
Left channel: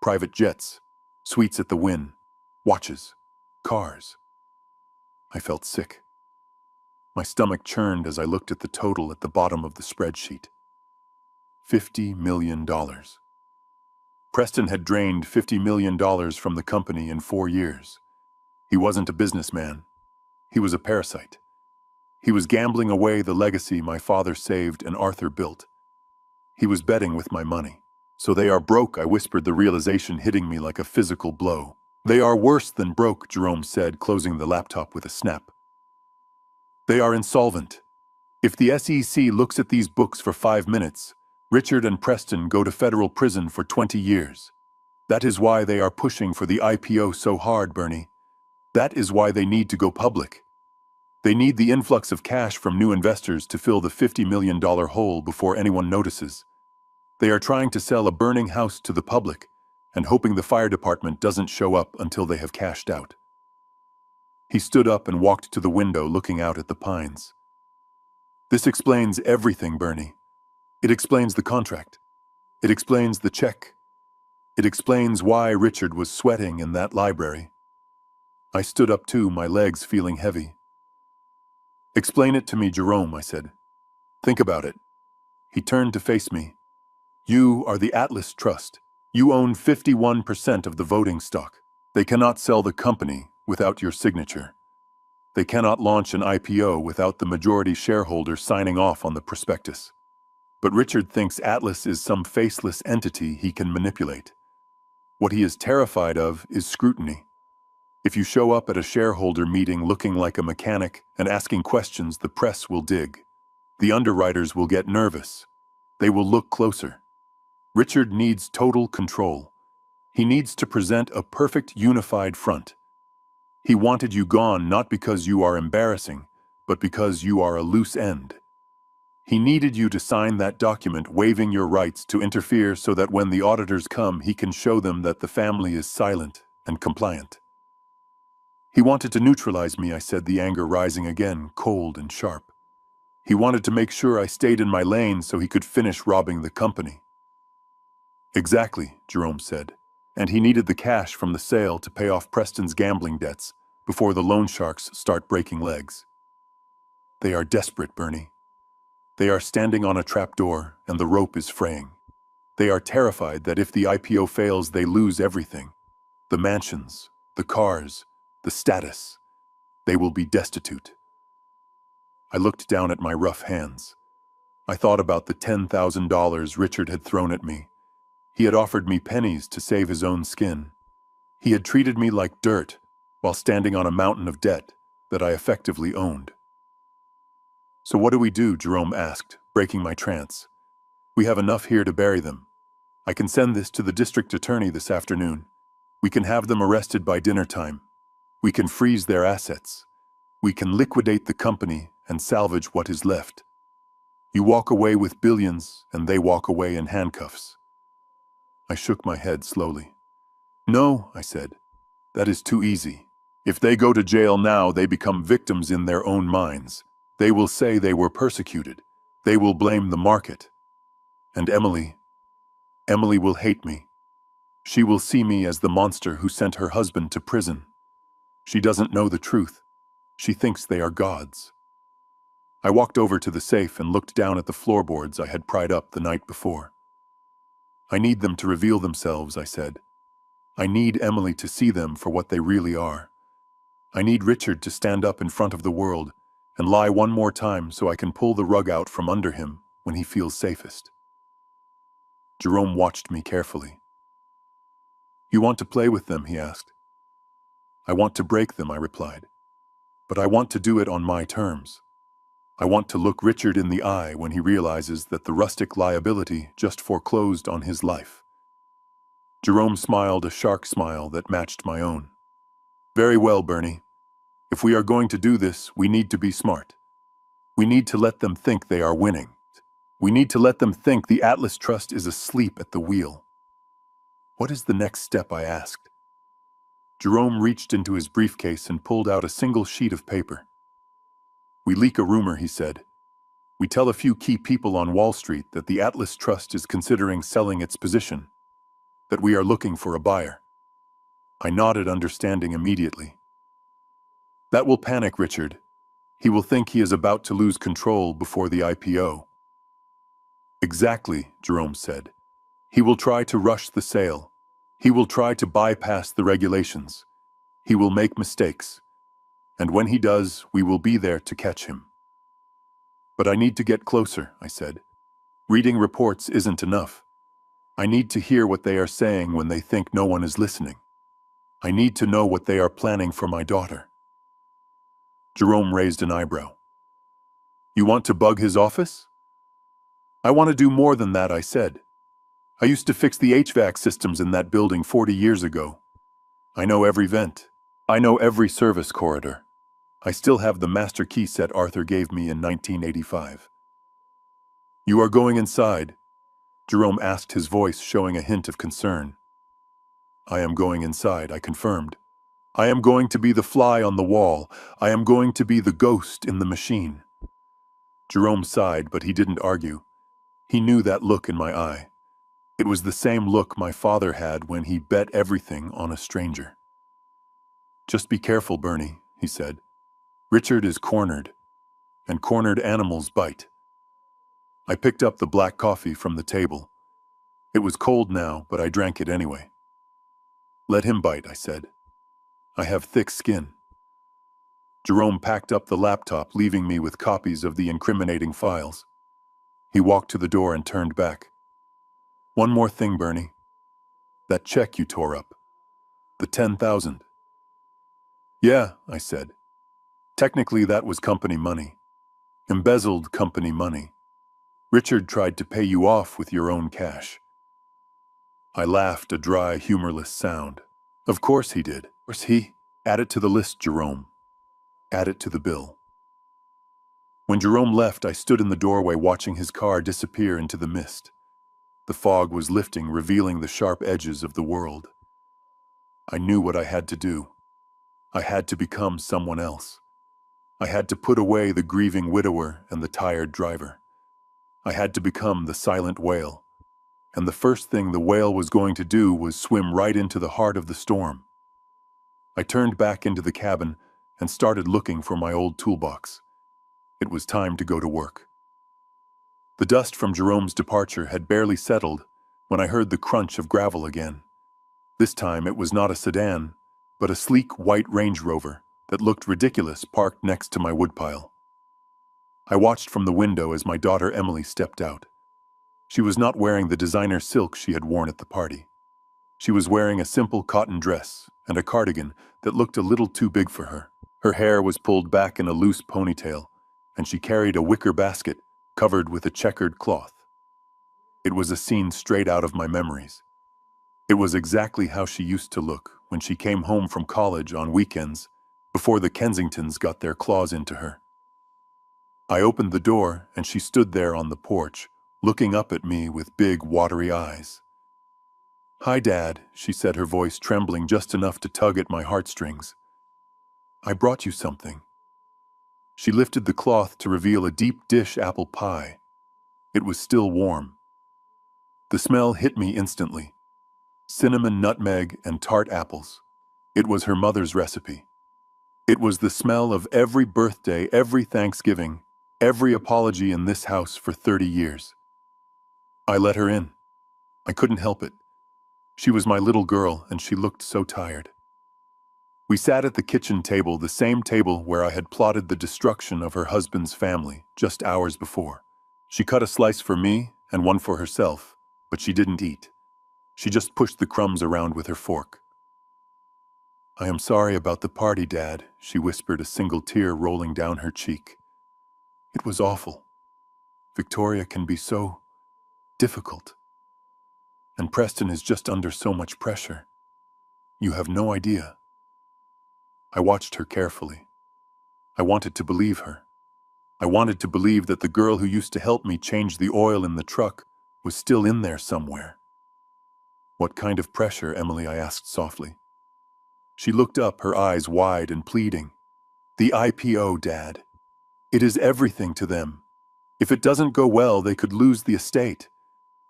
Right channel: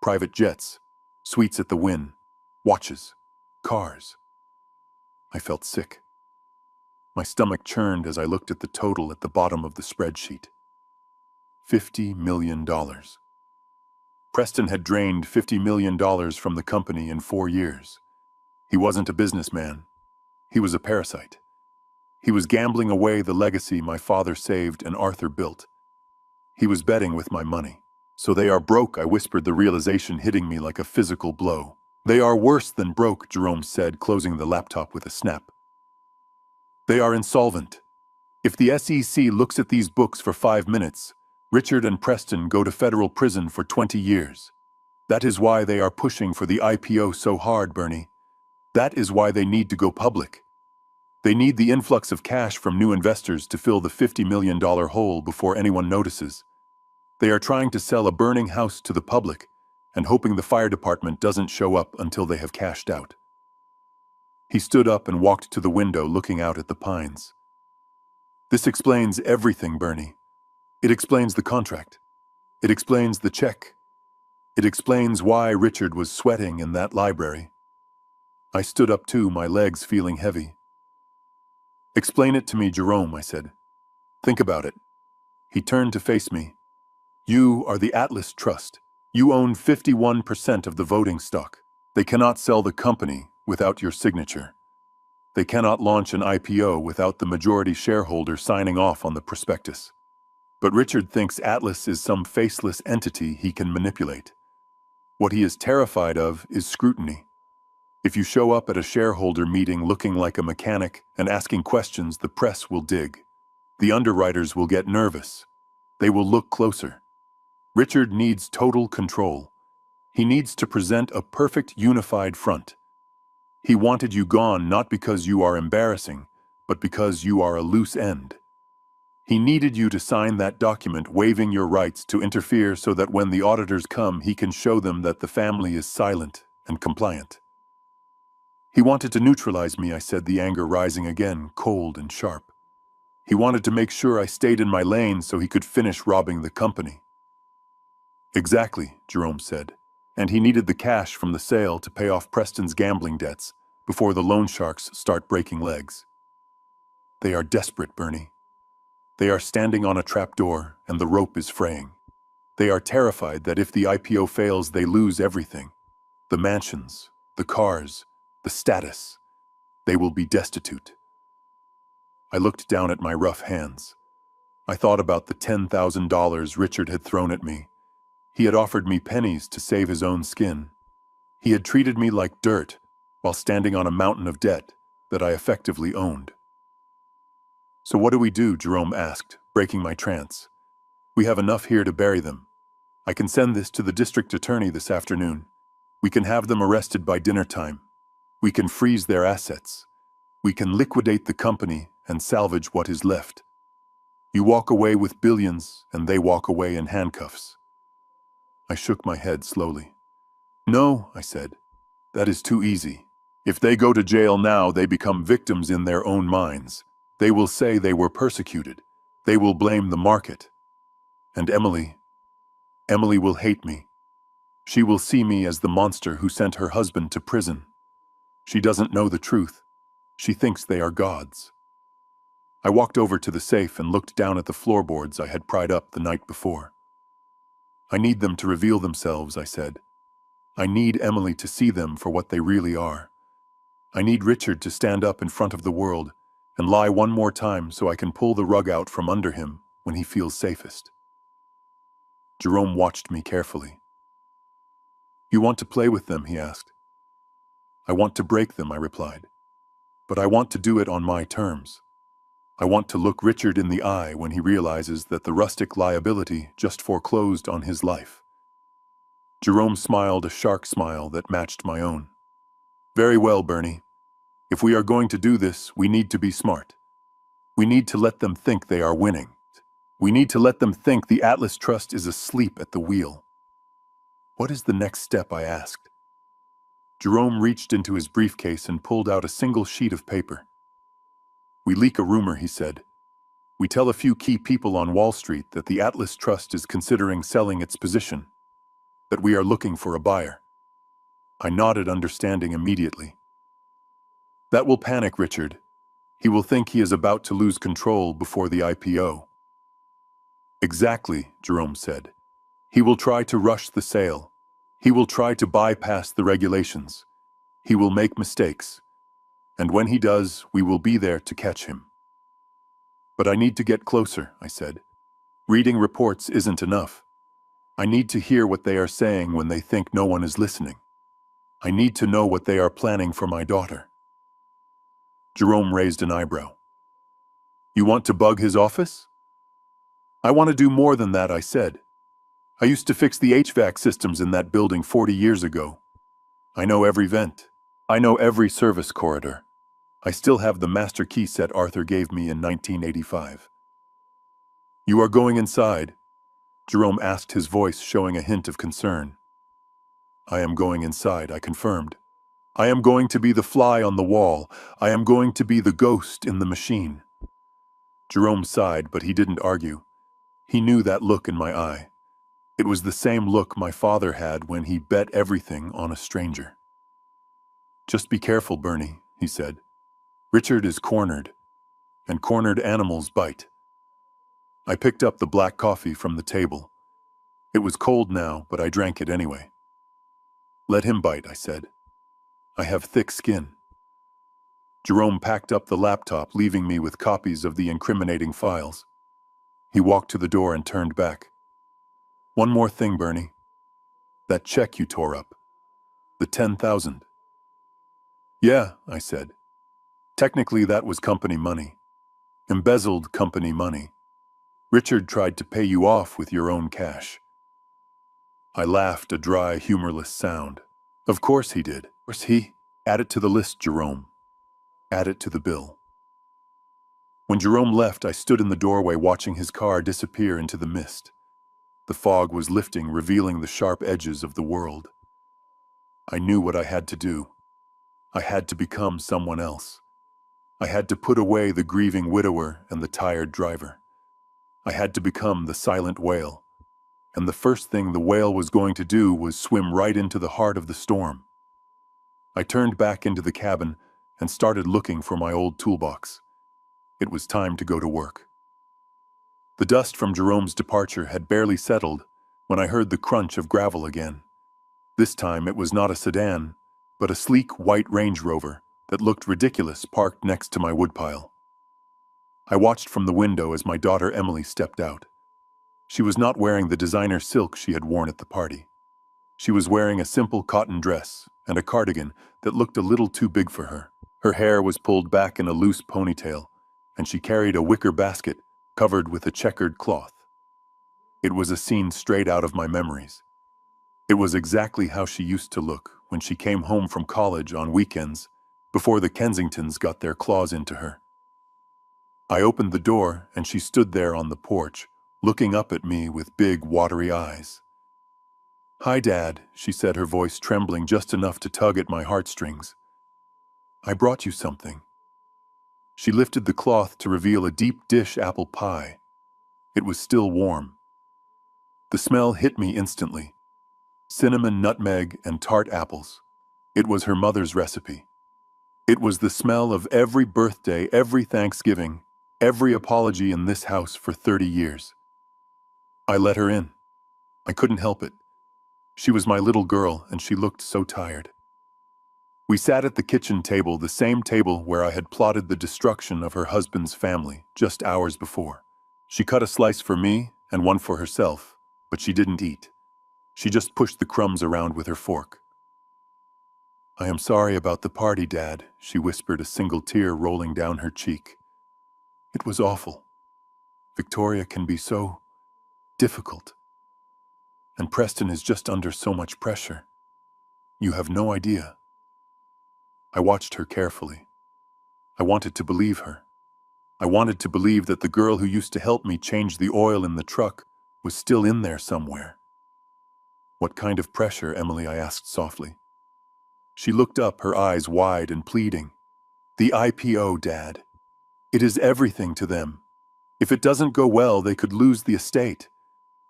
Private jets, suites at the Wynn, watches, cars. I felt sick. My stomach churned as I looked at the total at the bottom of the spreadsheet. $50 million. Preston had drained $50 million from the company in 4 years. He wasn't a businessman. He was a parasite. He was gambling away the legacy my father saved and Arthur built. He was betting with my money. So they are broke, I whispered, the realization hitting me like a physical blow. They are worse than broke, Jerome said, closing the laptop with a snap. They are insolvent. If the SEC looks at these books for 5 minutes, Richard and Preston go to federal prison for 20 years. That is why they are pushing for the IPO so hard, Bernie. That is why they need to go public. They need the influx of cash from new investors to fill the $50 million hole before anyone notices. They are trying to sell a burning house to the public and hoping the fire department doesn't show up until they have cashed out. He stood up and walked to the window, looking out at the pines. This explains everything, Bernie. It explains the contract. It explains the check. It explains why Richard was sweating in that library. I stood up too, my legs feeling heavy. Explain it to me, Jerome, I said. Think about it. He turned to face me. You are the Atlas Trust. You own 51% of the voting stock. They cannot sell the company without your signature. They cannot launch an IPO without the majority shareholder signing off on the prospectus. But Richard thinks Atlas is some faceless entity he can manipulate. What he is terrified of is scrutiny. If you show up at a shareholder meeting looking like a mechanic and asking questions, the press will dig. The underwriters will get nervous. They will look closer. Richard needs total control. He needs to present a perfect unified front. He wanted you gone not because you are embarrassing, but because you are a loose end. He needed you to sign that document waiving your rights to interfere so that when the auditors come, he can show them that the family is silent and compliant. He wanted to neutralize me, I said, the anger rising again, cold and sharp. He wanted to make sure I stayed in my lane so he could finish robbing the company. Exactly, Jerome said. And he needed the cash from the sale to pay off Preston's gambling debts before the loan sharks start breaking legs. They are desperate, Bernie. They are standing on a trapdoor and the rope is fraying. They are terrified that if the IPO fails, they lose everything. The mansions, the cars, the status. They will be destitute. I looked down at my rough hands. I thought about the $10,000 Richard had thrown at me. He had offered me pennies to save his own skin. He had treated me like dirt while standing on a mountain of debt that I effectively owned. So what do we do? Jerome asked, breaking my trance. We have enough here to bury them. I can send this to the district attorney this afternoon. We can have them arrested by dinner time. We can freeze their assets. We can liquidate the company and salvage what is left. You walk away with billions, and they walk away in handcuffs. I shook my head slowly. No, I said. That is too easy. If they go to jail now, they become victims in their own minds. They will say they were persecuted. They will blame the market. And Emily will hate me. She will see me as the monster who sent her husband to prison. She doesn't know the truth. She thinks they are gods. I walked over to the safe and looked down at the floorboards I had pried up the night before. I need them to reveal themselves, I said. I need Emily to see them for what they really are. I need Richard to stand up in front of the world and lie one more time so I can pull the rug out from under him when he feels safest. Jerome watched me carefully. You want to play with them, he asked. I want to break them, I replied. But I want to do it on my terms. I want to look Richard in the eye when he realizes that the rustic liability just foreclosed on his life. Jerome smiled a shark smile that matched my own. Very well, Bernie. If we are going to do this, we need to be smart. We need to let them think they are winning. We need to let them think the Atlas Trust is asleep at the wheel. What is the next step, I asked. Jerome reached into his briefcase and pulled out a single sheet of paper. We leak a rumor, he said. We tell a few key people on Wall Street that the Atlas Trust is considering selling its position, that we are looking for a buyer. I nodded, understanding immediately. That will panic Richard. He will think he is about to lose control before the IPO. Exactly, Jerome said. He will try to rush the sale. He will try to bypass the regulations. He will make mistakes. And when he does, we will be there to catch him. But I need to get closer, I said. Reading reports isn't enough. I need to hear what they are saying when they think no one is listening. I need to know what they are planning for my daughter. Jerome raised an eyebrow. You want to bug his office? I want to do more than that, I said. I used to fix the HVAC systems in that building 40 years ago. I know every vent. I know every service corridor. I still have the master key set Arthur gave me in 1985. You are going inside? Jerome asked, his voice showing a hint of concern. I am going inside, I confirmed. I am going to be the fly on the wall. I am going to be the ghost in the machine. Jerome sighed, but he didn't argue. He knew that look in my eye. It was the same look my father had when he bet everything on a stranger. Just be careful, Bernie, he said. Richard is cornered, and cornered animals bite. I picked up the black coffee from the table. It was cold now, but I drank it anyway. Let him bite, I said. I have thick skin. Jerome packed up the laptop, leaving me with copies of the incriminating files. He walked to the door and turned back. One more thing, Bernie. That check you tore up. The 10,000. Yeah, I said. Technically, that was company money. Embezzled company money. Richard tried to pay you off with your own cash. I laughed, a dry, humorless sound. Of course he did. Of course he. Add it to the list, Jerome. Add it to the bill. When Jerome left, I stood in the doorway watching his car disappear into the mist. The fog was lifting, revealing the sharp edges of the world. I knew what I had to do. I had to become someone else. I had to put away the grieving widower and the tired driver. I had to become the silent whale. And the first thing the whale was going to do was swim right into the heart of the storm. I turned back into the cabin and started looking for my old toolbox. It was time to go to work. The dust from Jerome's departure had barely settled when I heard the crunch of gravel again. This time it was not a sedan, but a sleek white Range Rover that looked ridiculous parked next to my woodpile. I watched from the window as my daughter Emily stepped out. She was not wearing the designer silk she had worn at the party. She was wearing a simple cotton dress and a cardigan that looked a little too big for her. Her hair was pulled back in a loose ponytail, and she carried a wicker basket covered with a checkered cloth. It was a scene straight out of my memories. It was exactly how she used to look when she came home from college on weekends, before the Kensingtons got their claws into her. I opened the door, and she stood there on the porch, looking up at me with big, watery eyes. "Hi, Dad," she said, her voice trembling just enough to tug at my heartstrings. "I brought you something." She lifted the cloth to reveal a deep dish apple pie. It was still warm. The smell hit me instantly. Cinnamon, nutmeg, and tart apples. It was her mother's recipe. It was the smell of every birthday, every Thanksgiving, every apology in this house for 30 years. I let her in. I couldn't help it. She was my little girl, and she looked so tired. We sat at the kitchen table, the same table where I had plotted the destruction of her husband's family just hours before. She cut a slice for me and one for herself, but she didn't eat. She just pushed the crumbs around with her fork. "I am sorry about the party, Dad," she whispered, a single tear rolling down her cheek. "It was awful. Victoria can be so difficult. And Preston is just under so much pressure. You have no idea." I watched her carefully. I wanted to believe her. I wanted to believe that the girl who used to help me change the oil in the truck was still in there somewhere. "What kind of pressure, Emily?" I asked softly. She looked up, her eyes wide and pleading. "The IPO, Dad. It is everything to them. If it doesn't go well, they could lose the estate.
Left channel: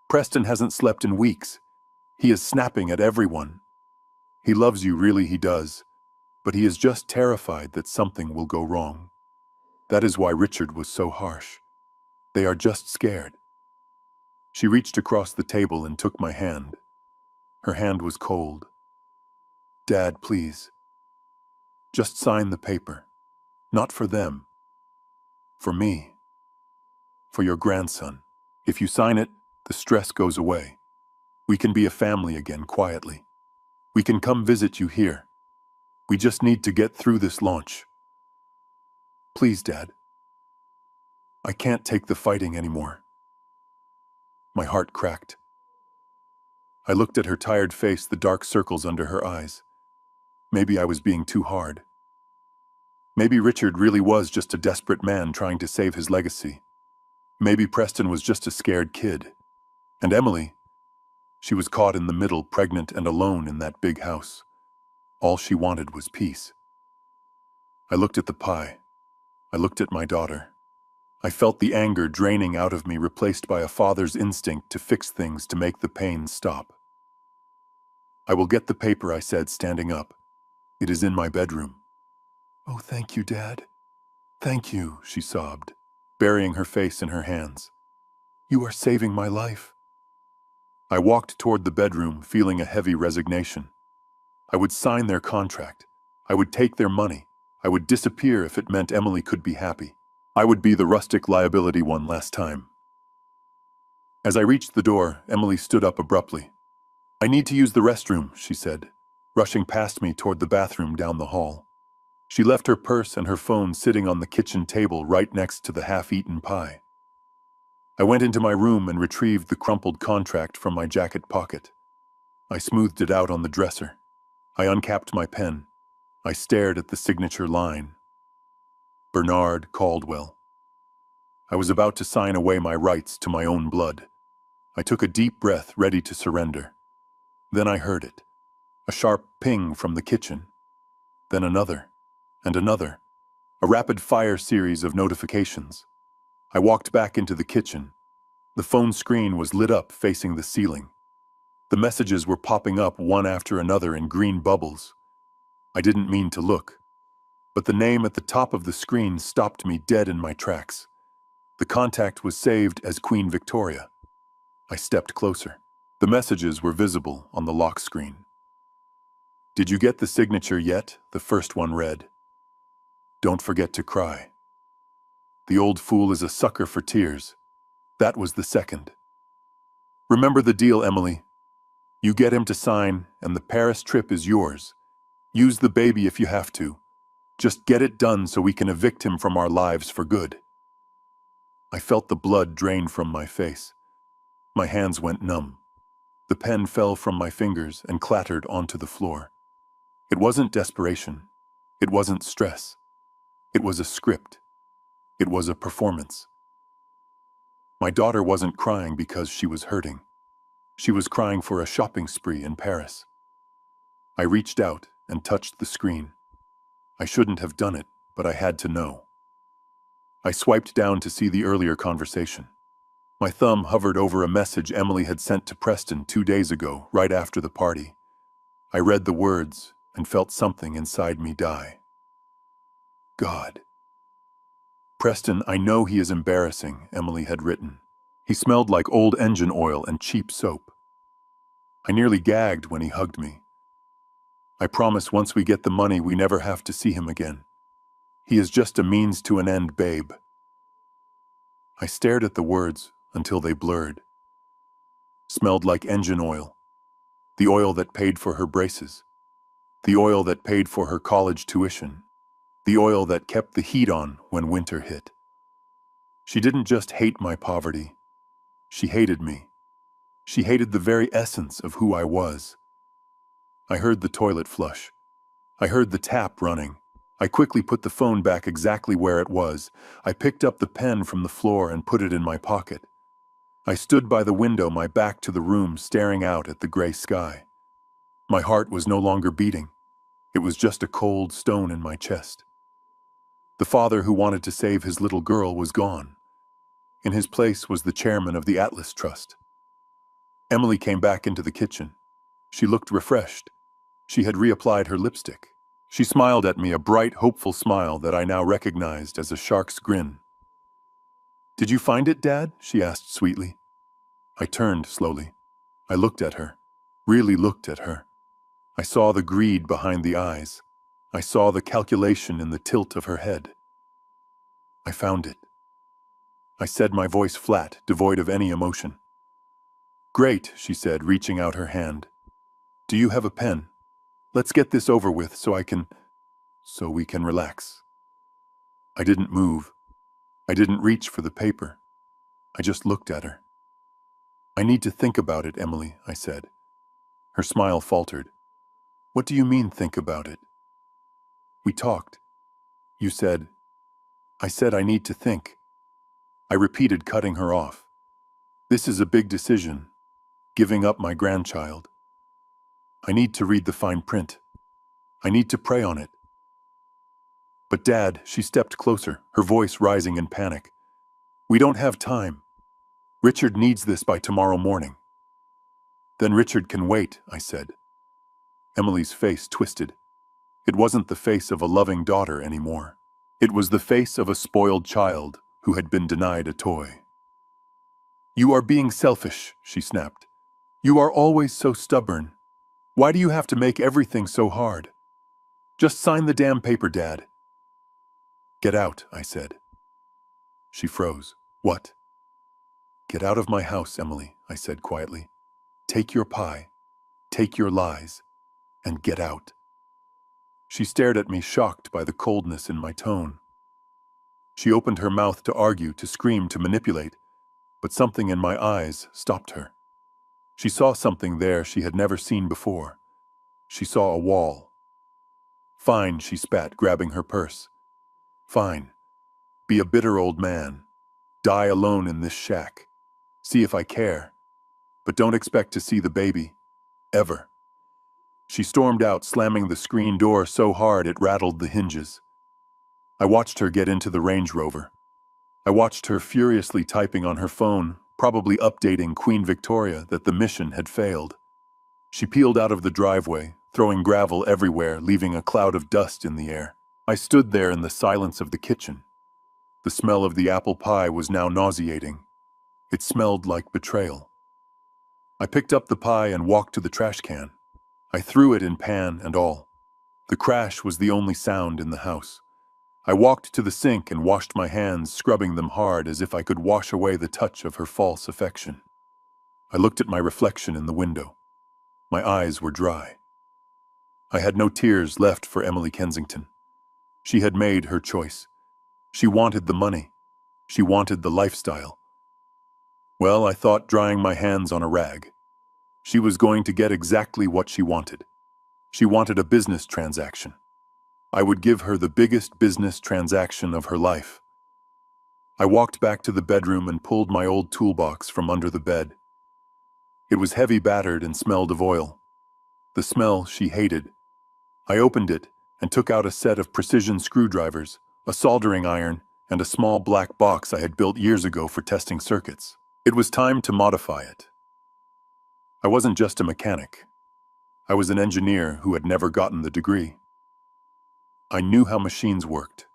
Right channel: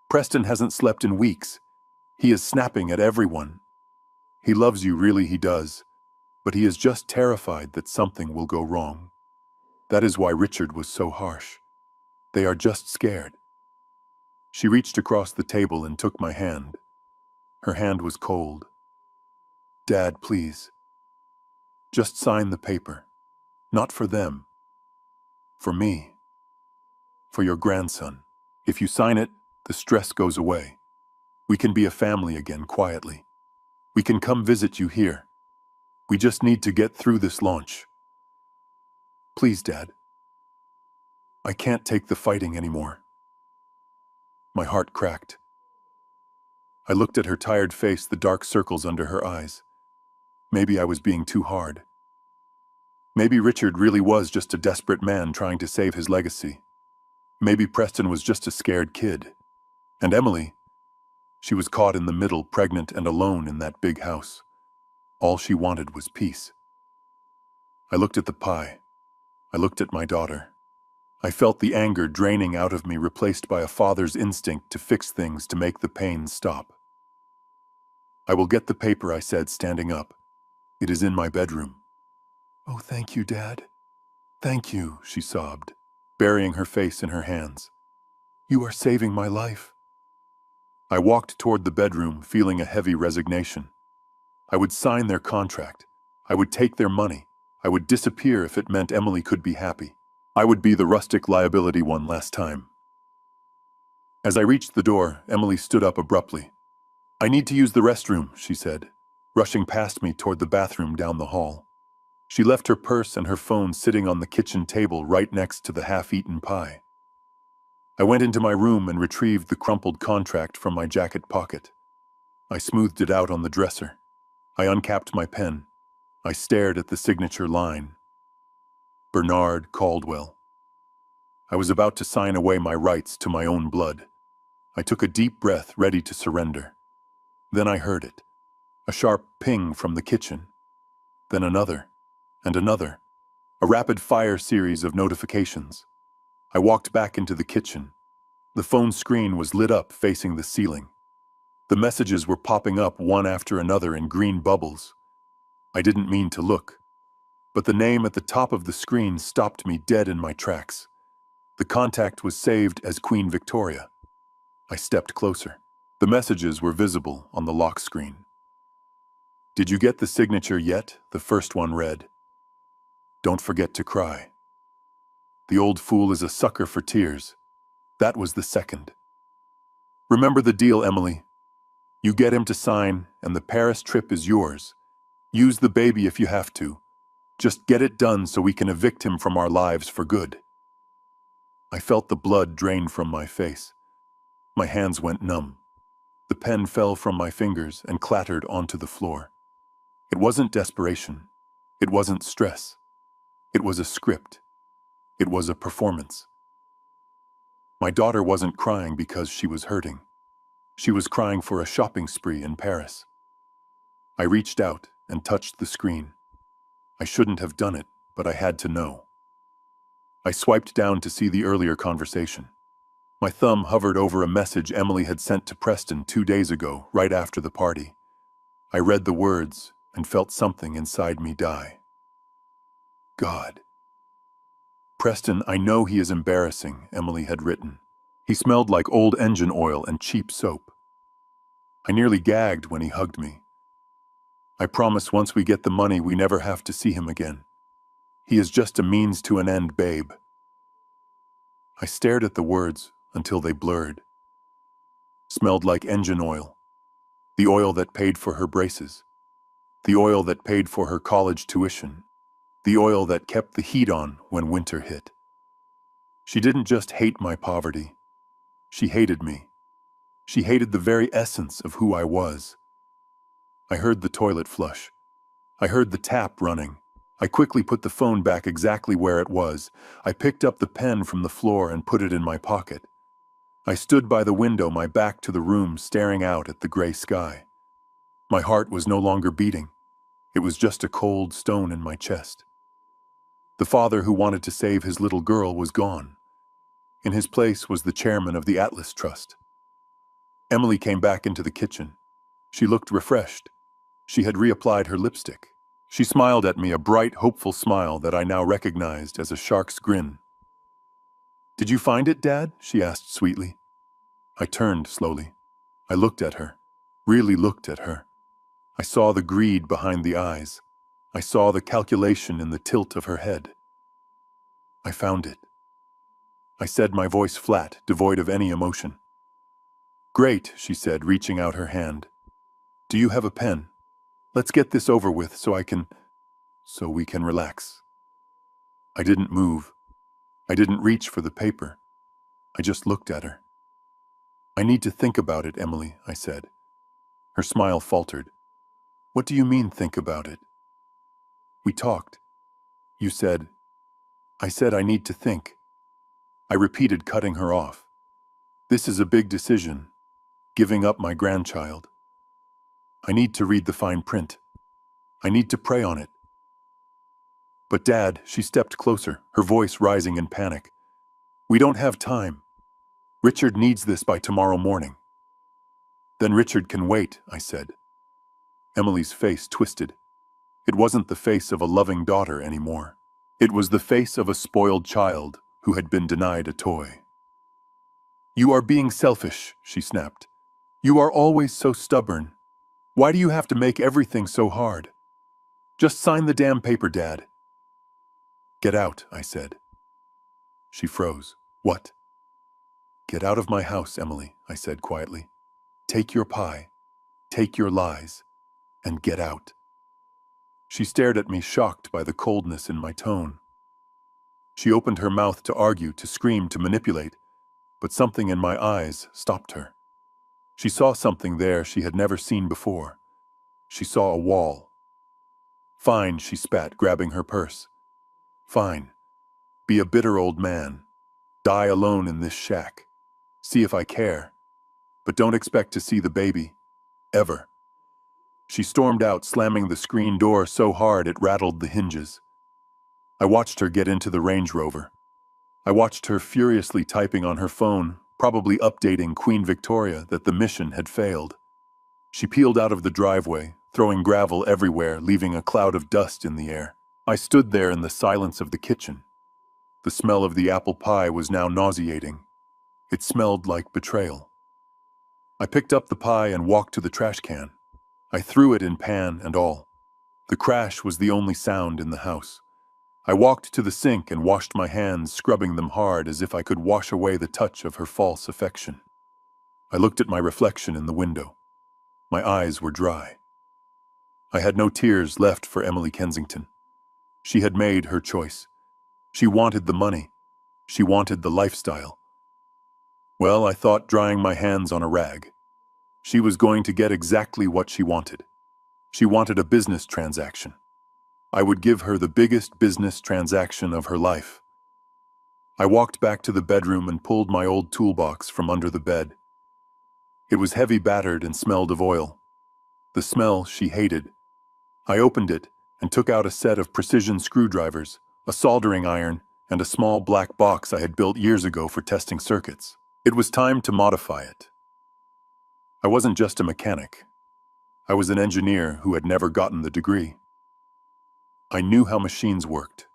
Preston hasn't slept in weeks. He is snapping at everyone. He loves you, really he does, but he is just terrified that something will go wrong. That is why Richard was so harsh. They are just scared." She reached across the table and took my hand. Her hand was cold. "Dad, please. Just sign the paper. Not for them. For me. For your grandson. If you sign it, the stress goes away. We can be a family again quietly. We can come visit you here. We just need to get through this launch. Please, Dad. I can't take the fighting anymore." My heart cracked. I looked at her tired face, the dark circles under her eyes. Maybe I was being too hard. Maybe Richard really was just a desperate man trying to save his legacy. Maybe Preston was just a scared kid. And Emily, she was caught in the middle, pregnant and alone in that big house. All she wanted was peace. I looked at the pie. I looked at my daughter. I felt the anger draining out of me, replaced by a father's instinct to fix things, to make the pain stop. "I will get the paper," I said, standing up. "It is in my bedroom." "Oh, thank you, Dad. Thank you," she sobbed, burying her face in her hands. "You are saving my life." I walked toward the bedroom, feeling a heavy resignation. I would sign their contract. I would take their money. I would disappear if it meant Emily could be happy. I would be the rustic liability one last time. As I reached the door, Emily stood up abruptly. "I need to use the restroom," she said, rushing past me toward the bathroom down the hall. She left her purse and her phone sitting on the kitchen table right next to the half-eaten pie. I went into my room and retrieved the crumpled contract from my jacket pocket. I smoothed it out on the dresser. I uncapped my pen. I stared at the signature line. Bernard Caldwell. I was about to sign away my rights to my own blood. I took a deep breath, ready to surrender. Then I heard it. A sharp ping from the kitchen. Then another, and another. A rapid-fire series of notifications. I walked back into the kitchen. The phone screen was lit up, facing the ceiling. The messages were popping up one after another in green bubbles. I didn't mean to look, but the name at the top of the screen stopped me dead in my tracks. The contact was saved as Queen Victoria. I stepped closer. The messages were visible on the lock screen. "Did you get the signature yet?" the first one read. "Don't forget to cry. The old fool is a sucker for tears." That was the second. "Remember the deal, Emily. You get him to sign, and the Paris trip is yours. Use the baby if you have to. Just get it done so we can evict him from our lives for good." I felt the blood drain from my face. My hands went numb. The pen fell from my fingers and clattered onto the floor. It wasn't desperation. It wasn't stress. It was a script. It was a performance. My daughter wasn't crying because she was hurting. She was crying for a shopping spree in Paris. I reached out and touched the screen. I shouldn't have done it, but I had to know. I swiped down to see the earlier conversation. My thumb hovered over a message Emily had sent to Preston 2 days ago, right after the party. I read the words and felt something inside me die. God. "Preston, I know he is embarrassing," Emily had written. "He smelled like old engine oil and cheap soap. I nearly gagged when he hugged me. I promise once we get the money, we never have to see him again. He is just a means to an end, babe. I stared at the words until they blurred. Smelled like engine oil. The oil that paid for her braces. The oil that paid for her college tuition. The oil that kept the heat on when winter hit. She didn't just hate my poverty. She hated me. She hated the very essence of who I was. I heard the toilet flush. I heard the tap running. I quickly put the phone back exactly where it was. I picked up the pen from the floor and put it in my pocket. I stood by the window, my back to the room, staring out at the gray sky. My heart was no longer beating. It was just a cold stone in my chest. The father who wanted to save his little girl was gone. In his place was the chairman of the Atlas Trust. Emily came back into the kitchen. She looked refreshed. She had reapplied her lipstick. She smiled at me, a bright, hopeful smile that I now recognized as a shark's grin. "Did you find it, Dad?" she asked sweetly. I turned slowly. I looked at her, really looked at her. I saw the greed behind the eyes. I saw the calculation in the tilt of her head. "I found it," I said, my voice flat, devoid of any emotion. "Great," she said, reaching out her hand. "Do you have a pen? Let's get this over with so we can relax." I didn't move. I didn't reach for the paper. I just looked at her. "I need to think about it, Emily," I said. Her smile faltered. "What do you mean, think about it?" "We talked. You said—" I said I need to think. I repeated, cutting her off. "This is a big decision. Giving up my grandchild. I need to read the fine print. I need to pray on it." "But Dad," she stepped closer, her voice rising in panic. "We don't have time. Richard needs this by tomorrow morning." "Then Richard can wait," I said. Emily's face twisted. It wasn't the face of a loving daughter anymore. It was the face of a spoiled child who had been denied a toy. "You are being selfish," she snapped. "You are always so stubborn. Why do you have to make everything so hard? Just sign the damn paper, Dad." "Get out," I said. She froze. "What?" "Get out of my house, Emily," I said quietly. "Take your pie, take your lies, and get out." She stared at me, shocked by the coldness in my tone. She opened her mouth to argue, to scream, to manipulate, but something in my eyes stopped her. She saw something there she had never seen before. She saw a wall. "Fine," she spat, grabbing her purse. "Fine. Be a bitter old man. Die alone in this shack. See if I care. But don't expect to see the baby. Ever." She stormed out, slamming the screen door so hard it rattled the hinges. I watched her get into the Range Rover. I watched her furiously typing on her phone, probably updating Queen Victoria that the mission had failed. She peeled out of the driveway, throwing gravel everywhere, leaving a cloud of dust in the air. I stood there in the silence of the kitchen. The smell of the apple pie was now nauseating. It smelled like betrayal. I picked up the pie and walked to the trash can. I threw it in, pan and all. The crash was the only sound in the house. I walked to the sink and washed my hands, scrubbing them hard as if I could wash away the touch of her false affection. I looked at my reflection in the window. My eyes were dry. I had no tears left for Emily Kensington. She had made her choice. She wanted the money. She wanted the lifestyle. Well, I thought, drying my hands on a rag. She was going to get exactly what she wanted. She wanted a business transaction. I would give her the biggest business transaction of her life. I walked back to the bedroom and pulled my old toolbox from under the bed. It was heavy, battered, and smelled of oil. The smell she hated. I opened it and took out a set of precision screwdrivers, a soldering iron, and a small black box I had built years ago for testing circuits. It was time to modify it. I wasn't just a mechanic. I was an engineer who had never gotten the degree. I knew how machines worked,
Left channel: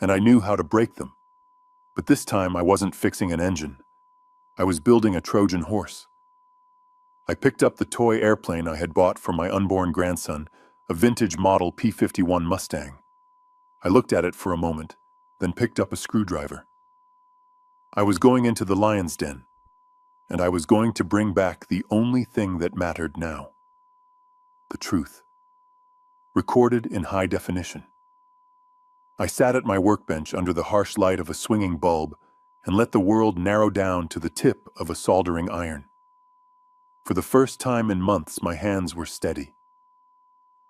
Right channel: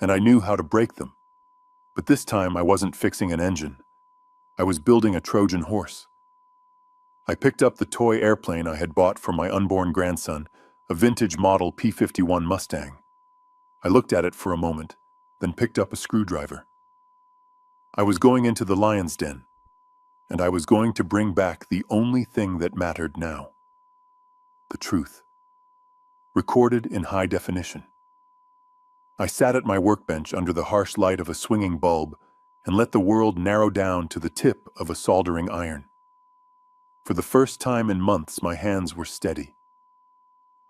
and I knew how to break them. But this time I wasn't fixing an engine. I was building a Trojan horse. I picked up the toy airplane I had bought for my unborn grandson, a vintage model P-51 Mustang. I looked at it for a moment, then picked up a screwdriver. I was going into the lion's den, and I was going to bring back the only thing that mattered now. The truth. Recorded in high definition. I sat at my workbench under the harsh light of a swinging bulb and let the world narrow down to the tip of a soldering iron. For the first time in months, my hands were steady.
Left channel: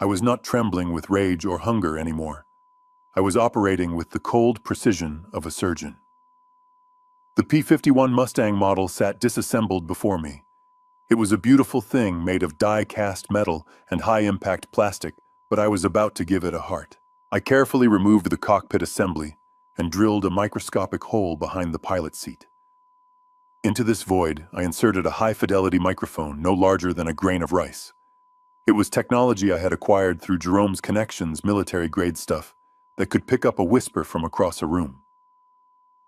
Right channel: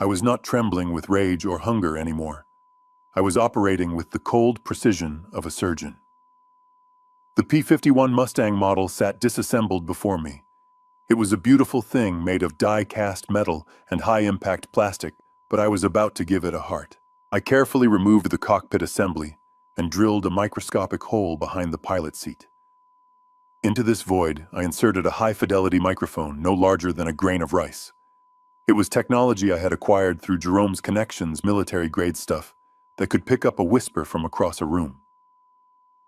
I was not trembling with rage or hunger anymore. I was operating with the cold precision of a surgeon. The P-51 Mustang model sat disassembled before me. It was a beautiful thing made of die-cast metal and high-impact plastic, but I was about to give it a heart. I carefully removed the cockpit assembly and drilled a microscopic hole behind the pilot seat. Into this void, I inserted a high-fidelity microphone no larger than a grain of rice. It was technology I had acquired through Jerome's Connections military-grade stuff that could pick up a whisper from across a room.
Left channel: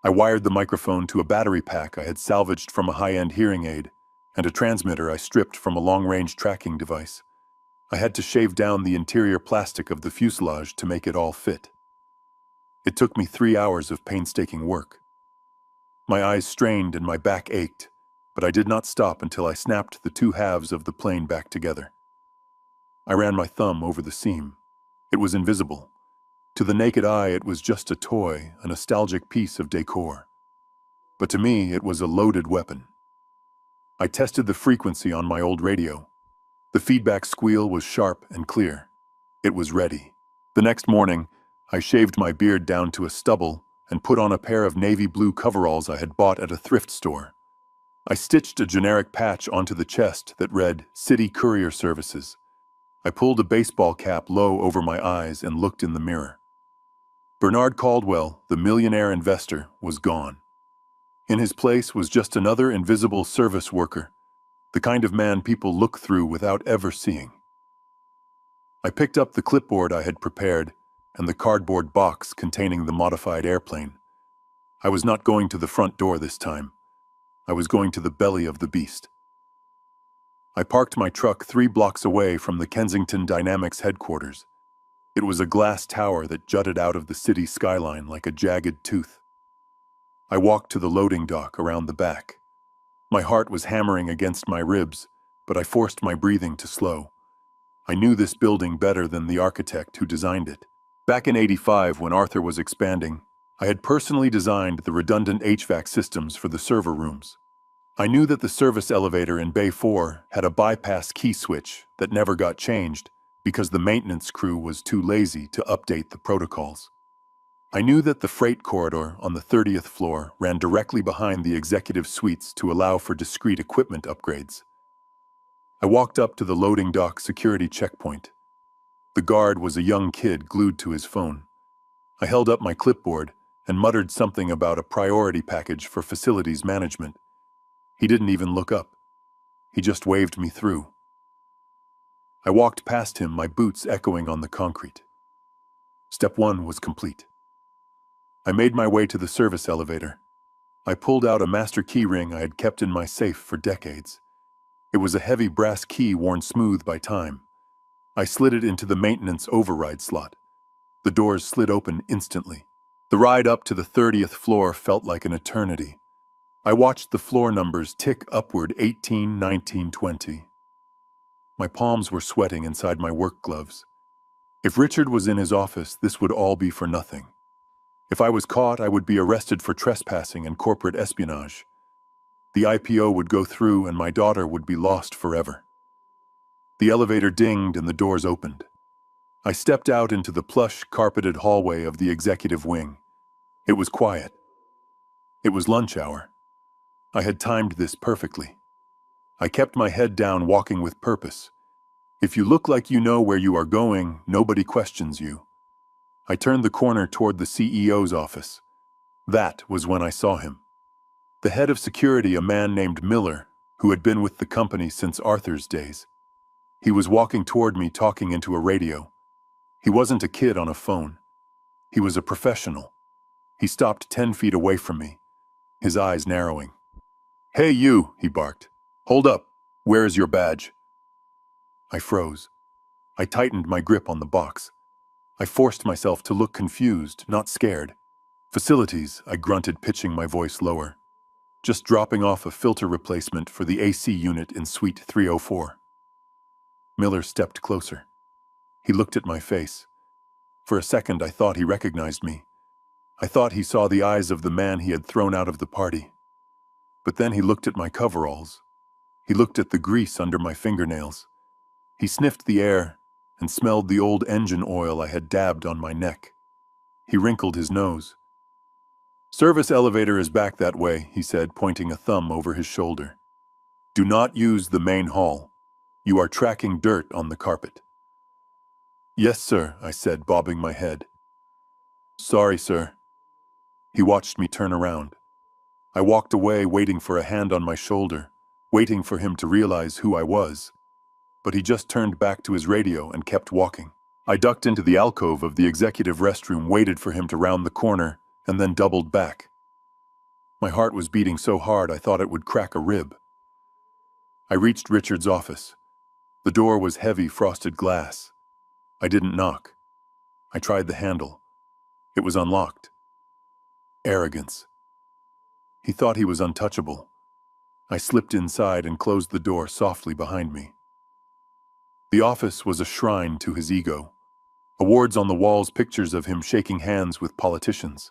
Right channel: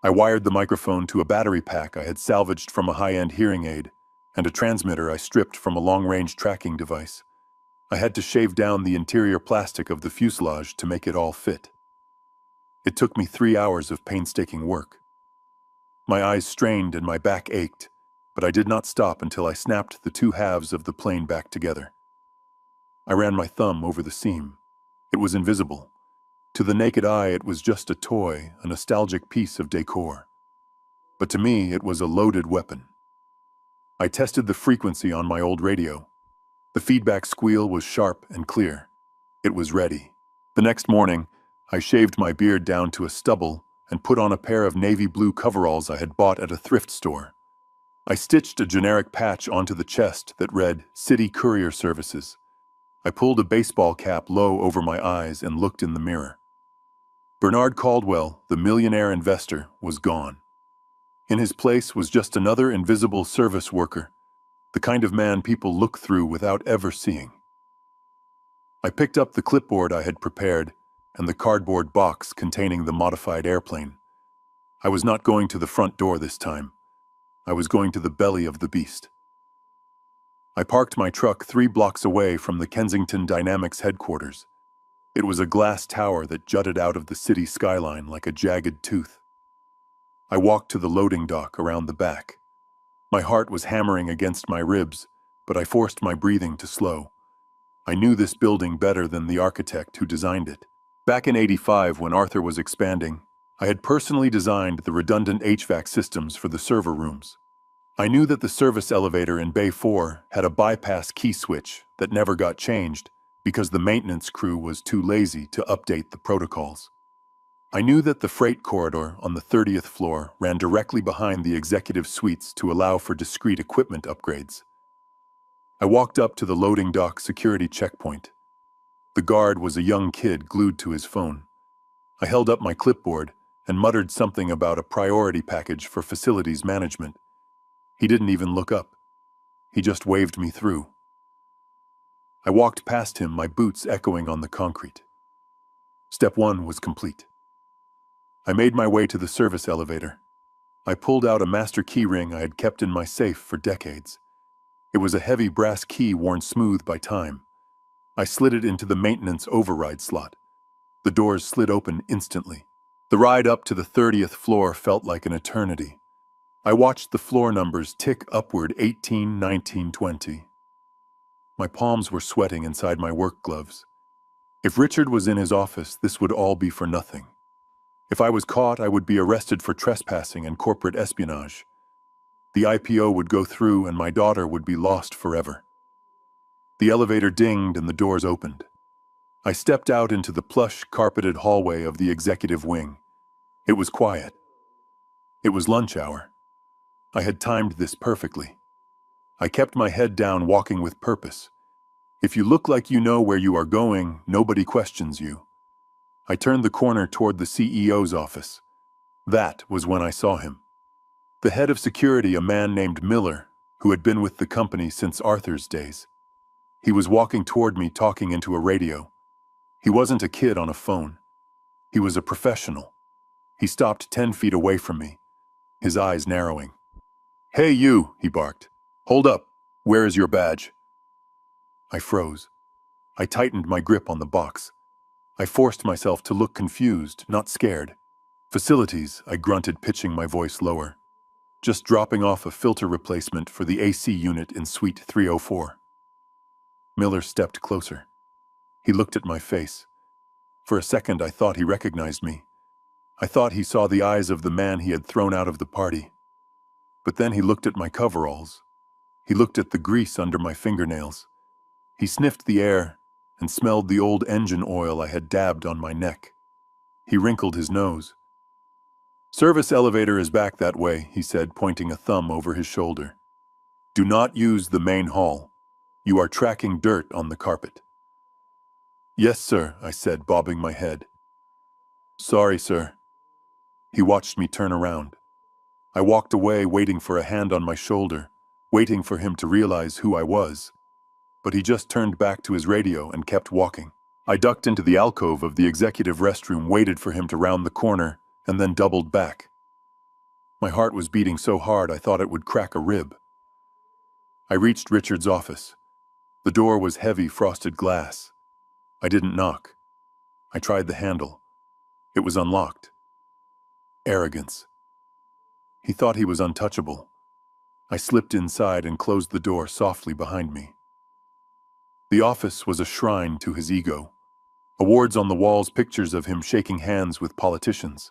I wired the microphone to a battery pack I had salvaged from a high-end hearing aid and a transmitter I stripped from a long-range tracking device. I had to shave down the interior plastic of the fuselage to make it all fit. It took me 3 hours of painstaking work. My eyes strained and my back ached, but I did not stop until I snapped the two halves of the plane back together. I ran my thumb over the seam. It was invisible. To the naked eye, it was just a toy, a nostalgic piece of decor. But to me, it was a loaded weapon. I tested the frequency on my old radio. The feedback squeal was sharp and clear. It was ready. The next morning, I shaved my beard down to a stubble and put on a pair of navy blue coveralls I had bought at a thrift store. I stitched a generic patch onto the chest that read City Courier Services. I pulled a baseball cap low over my eyes and looked in the mirror. Bernard Caldwell, the millionaire investor, was gone. In his place was just another invisible service worker, the kind of man people look through without ever seeing. I picked up the clipboard I had prepared and the cardboard box containing the modified airplane. I was not going to the front door this time. I was going to the belly of the beast. I parked my truck 3 blocks away from the Kensington Dynamics headquarters. It was a glass tower that jutted out of the city skyline like a jagged tooth. I walked to the loading dock around the back. My heart was hammering against my ribs, but I forced my breathing to slow. I knew this building better than the architect who designed it. Back in '85, when Arthur was expanding, I had personally designed the redundant HVAC systems for the server rooms. I knew that the service elevator in Bay 4 had a bypass key switch that never got changed because the maintenance crew was too lazy to update the protocols. I knew that the freight corridor on the 30th floor ran directly behind the executive suites to allow for discrete equipment upgrades. I walked up to the loading dock security checkpoint. The guard was a young kid glued to his phone. I held up my clipboard and muttered something about a priority package for facilities management. He didn't even look up. He just waved me through. I walked past him, my boots echoing on the concrete. Step 1 was complete. I made my way to the service elevator. I pulled out a master key ring I had kept in my safe for decades. It was a heavy brass key worn smooth by time. I slid it into the maintenance override slot. The doors slid open instantly. The ride up to the 30th floor felt like an eternity. I watched the floor numbers tick upward 18, 19, 20. My palms were sweating inside my work gloves. If Richard was in his office, this would all be for nothing. If I was caught, I would be arrested for trespassing and corporate espionage. The IPO would go through and my daughter would be lost forever. The elevator dinged and the doors opened. I stepped out into the plush, carpeted hallway of the executive wing. It was quiet. It was lunch hour. I had timed this perfectly. I kept my head down, walking with purpose. If you look like you know where you are going, nobody questions you. I turned the corner toward the CEO's office. That was when I saw him. The head of security, a man named Miller, who had been with the company since Arthur's days. He was walking toward me, talking into a radio. He wasn't a kid on a phone. He was a professional. He stopped 10 feet away from me, his eyes narrowing. "Hey you," he barked. "Hold up. Where is your badge?" I froze. I tightened my grip on the box. I forced myself to look confused, not scared. Facilities, I grunted, pitching my voice lower. Just dropping off a filter replacement for the AC unit in Suite 304. Miller stepped closer. He looked at my face. For a second, I thought he recognized me. I thought he saw the eyes of the man he had thrown out of the party. But then he looked at my coveralls. He looked at the grease under my fingernails. He sniffed the air and smelled the old engine oil I had dabbed on my neck. He wrinkled his nose. "Service elevator is back that way," he said, pointing a thumb over his shoulder. "Do not use the main hall. You are tracking dirt on the carpet." "Yes, sir," I said, bobbing my head. "Sorry, sir." He watched me turn around. I walked away, waiting for a hand on my shoulder, waiting for him to realize who I was. But he just turned back to his radio and kept walking. I ducked into the alcove of the executive restroom, waited for him to round the corner, and then doubled back. My heart was beating so hard I thought it would crack a rib. I reached Richard's office. The door was heavy frosted glass. I didn't knock. I tried the handle. It was unlocked. Arrogance. He thought he was untouchable. I slipped inside and closed the door softly behind me. The office was a shrine to his ego. Awards on the walls, pictures of him shaking hands with politicians.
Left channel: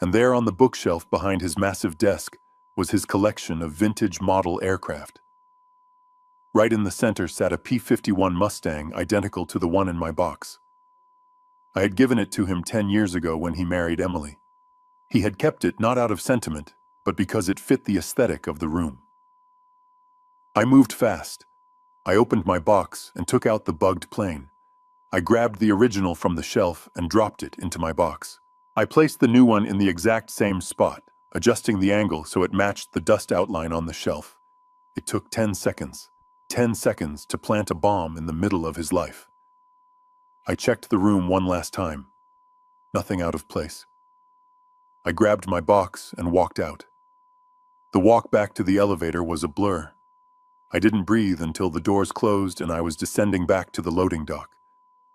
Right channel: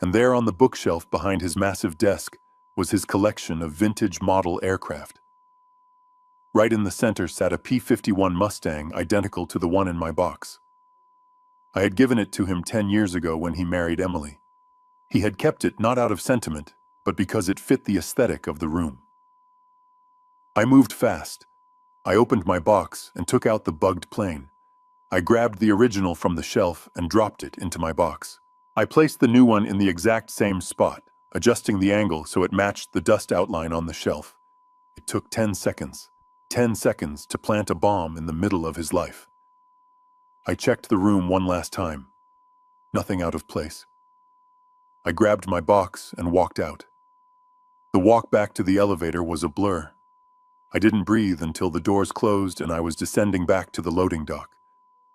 And there on the bookshelf behind his massive desk was his collection of vintage model aircraft. Right in the center sat a P-51 Mustang identical to the one in my box. I had given it to him 10 years ago when he married Emily. He had kept it not out of sentiment, but because it fit the aesthetic of the room. I moved fast. I opened my box and took out the bugged plane. I grabbed the original from the shelf and dropped it into my box. I placed the new one in the exact same spot, adjusting the angle so it matched the dust outline on the shelf. It took 10 seconds. 10 seconds to plant a bomb in the middle of his life. I checked the room one last time. Nothing out of place. I grabbed my box and walked out. The walk back to the elevator was a blur. I didn't breathe until the doors closed and I was descending back to the loading dock.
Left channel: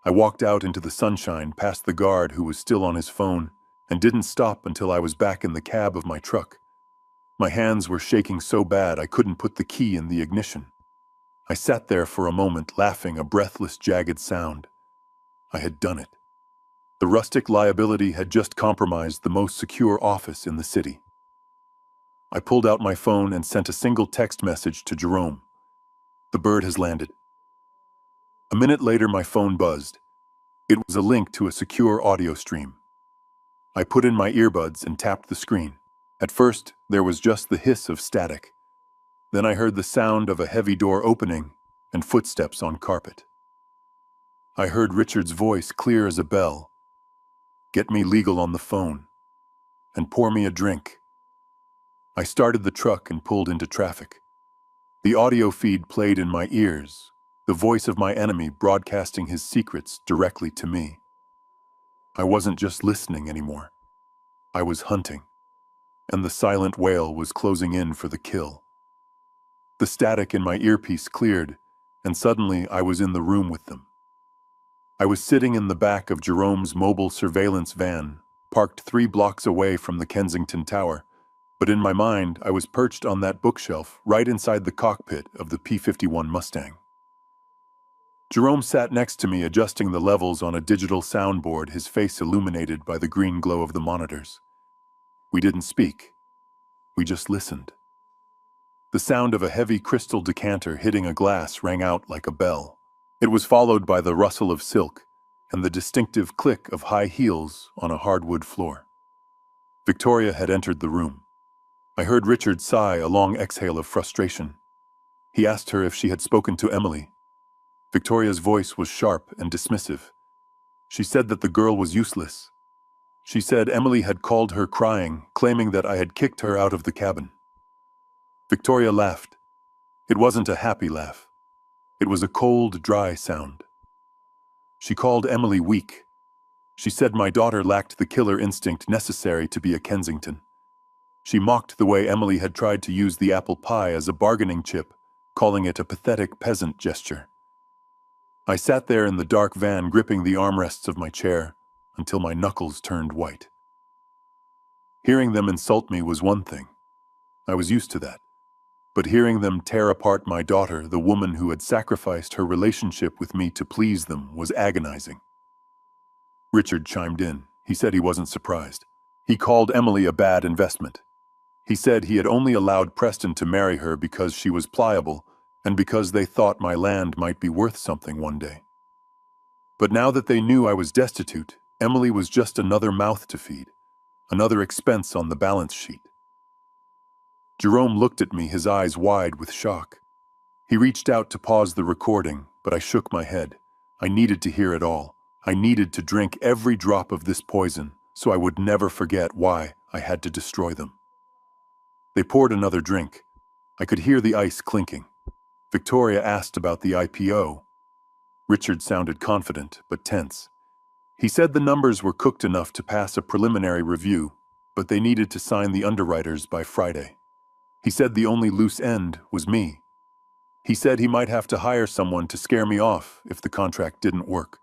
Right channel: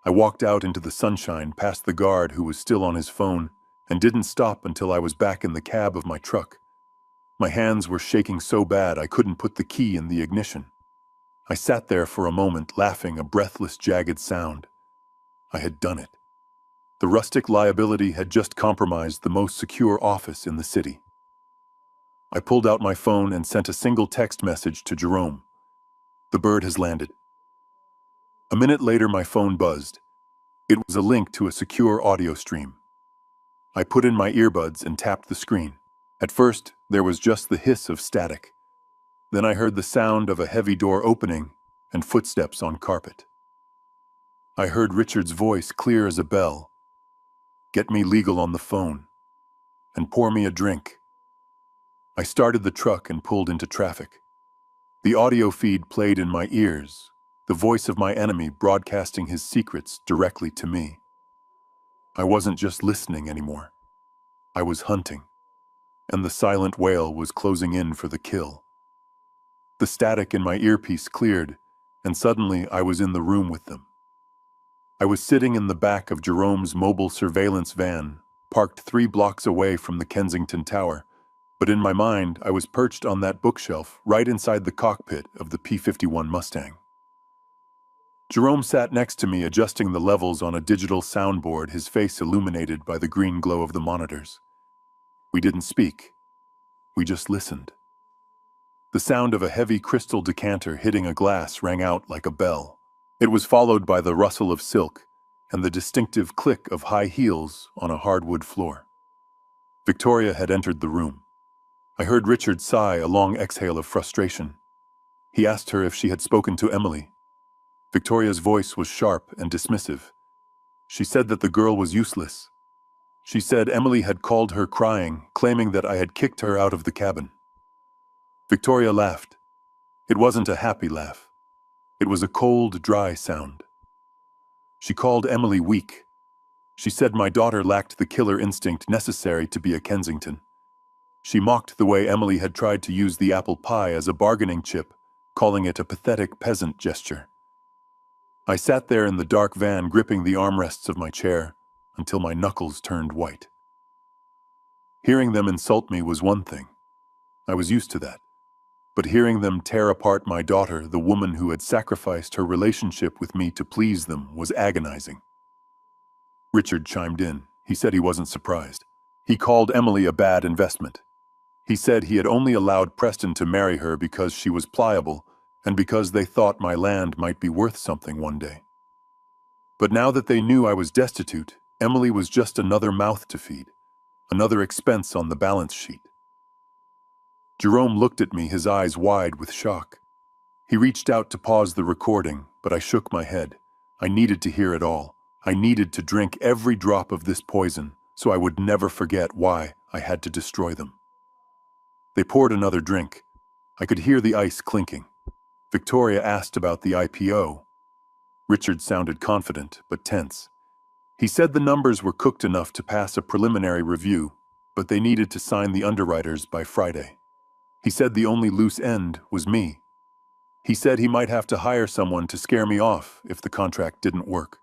I walked out into the sunshine past the guard who was still on his phone and didn't stop until I was back in the cab of my truck. My hands were shaking so bad I couldn't put the key in the ignition. I sat there for a moment, laughing, a breathless, jagged sound. I had done it. The rustic liability had just compromised the most secure office in the city. I pulled out my phone and sent a single text message to Jerome. "The bird has landed." A minute later, my phone buzzed. It was a link to a secure audio stream. I put in my earbuds and tapped the screen. At first, there was just the hiss of static. Then I heard the sound of a heavy door opening and footsteps on carpet. I heard Richard's voice clear as a bell. "Get me legal on the phone and pour me a drink." I started the truck and pulled into traffic. The audio feed played in my ears, the voice of my enemy broadcasting his secrets directly to me. I wasn't just listening anymore. I was hunting, and the silent whale was closing in for the kill. The static in my earpiece cleared, and suddenly I was in the room with them. I was sitting in the back of Jerome's mobile surveillance van, parked 3 blocks away from the Kensington Tower, but in my mind I was perched on that bookshelf right inside the cockpit of the P-51 Mustang. Jerome sat next to me, adjusting the levels on a digital soundboard, his face illuminated by the green glow of the monitors. We didn't speak. We just listened. The sound of a heavy crystal decanter hitting a glass rang out like a bell. It was followed by the rustle of silk and the distinctive click of high heels on a hardwood floor. Victoria had entered the room. I heard Richard sigh a long exhale of frustration. He asked her if she had spoken to Emily. Victoria's voice was sharp and dismissive. She said that the girl was useless. She said Emily had called her crying, claiming that I had kicked her out of the cabin. Victoria laughed. It wasn't a happy laugh. It was a cold, dry sound. She called Emily weak. She said my daughter lacked the killer instinct necessary to be a Kensington. She mocked the way Emily had tried to use the apple pie as a bargaining chip, calling it a pathetic peasant gesture. I sat there in the dark van, gripping the armrests of my chair until my knuckles turned white. Hearing them insult me was one thing. I was used to that. But hearing them tear apart my daughter, the woman who had sacrificed her relationship with me to please them, was agonizing. Richard chimed in. He said he wasn't surprised. He called Emily a bad investment. He said he had only allowed Preston to marry her because she was pliable and because they thought my land might be worth something one day. But now that they knew I was destitute, Emily was just another mouth to feed, another expense on the balance sheet. Jerome looked at me, his eyes wide with shock. He reached out to pause the recording, but I shook my head. I needed to hear it all. I needed to drink every drop of this poison so I would never forget why I had to destroy them. They poured another drink. I could hear the ice clinking. Victoria asked about the IPO. Richard sounded confident, but tense. He said the numbers were cooked enough to pass a preliminary review, but they needed to sign the underwriters by Friday. He said the only loose end was me. He said he might have to hire someone to scare me off if the contract didn't work.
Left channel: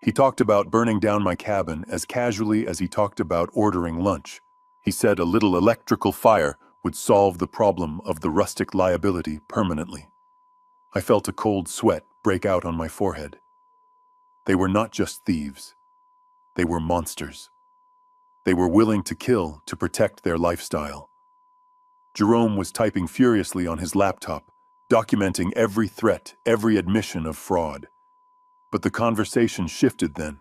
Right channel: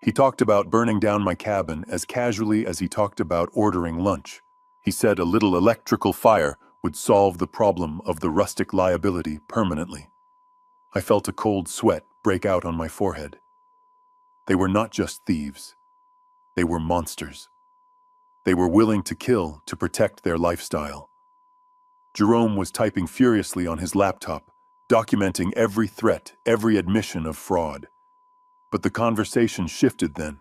He talked about burning down my cabin as casually as he talked about ordering lunch. He said a little electrical fire would solve the problem of the rustic liability permanently. I felt a cold sweat break out on my forehead. They were not just thieves. They were monsters. They were willing to kill to protect their lifestyle. Jerome was typing furiously on his laptop, documenting every threat, every admission of fraud. But the conversation shifted then,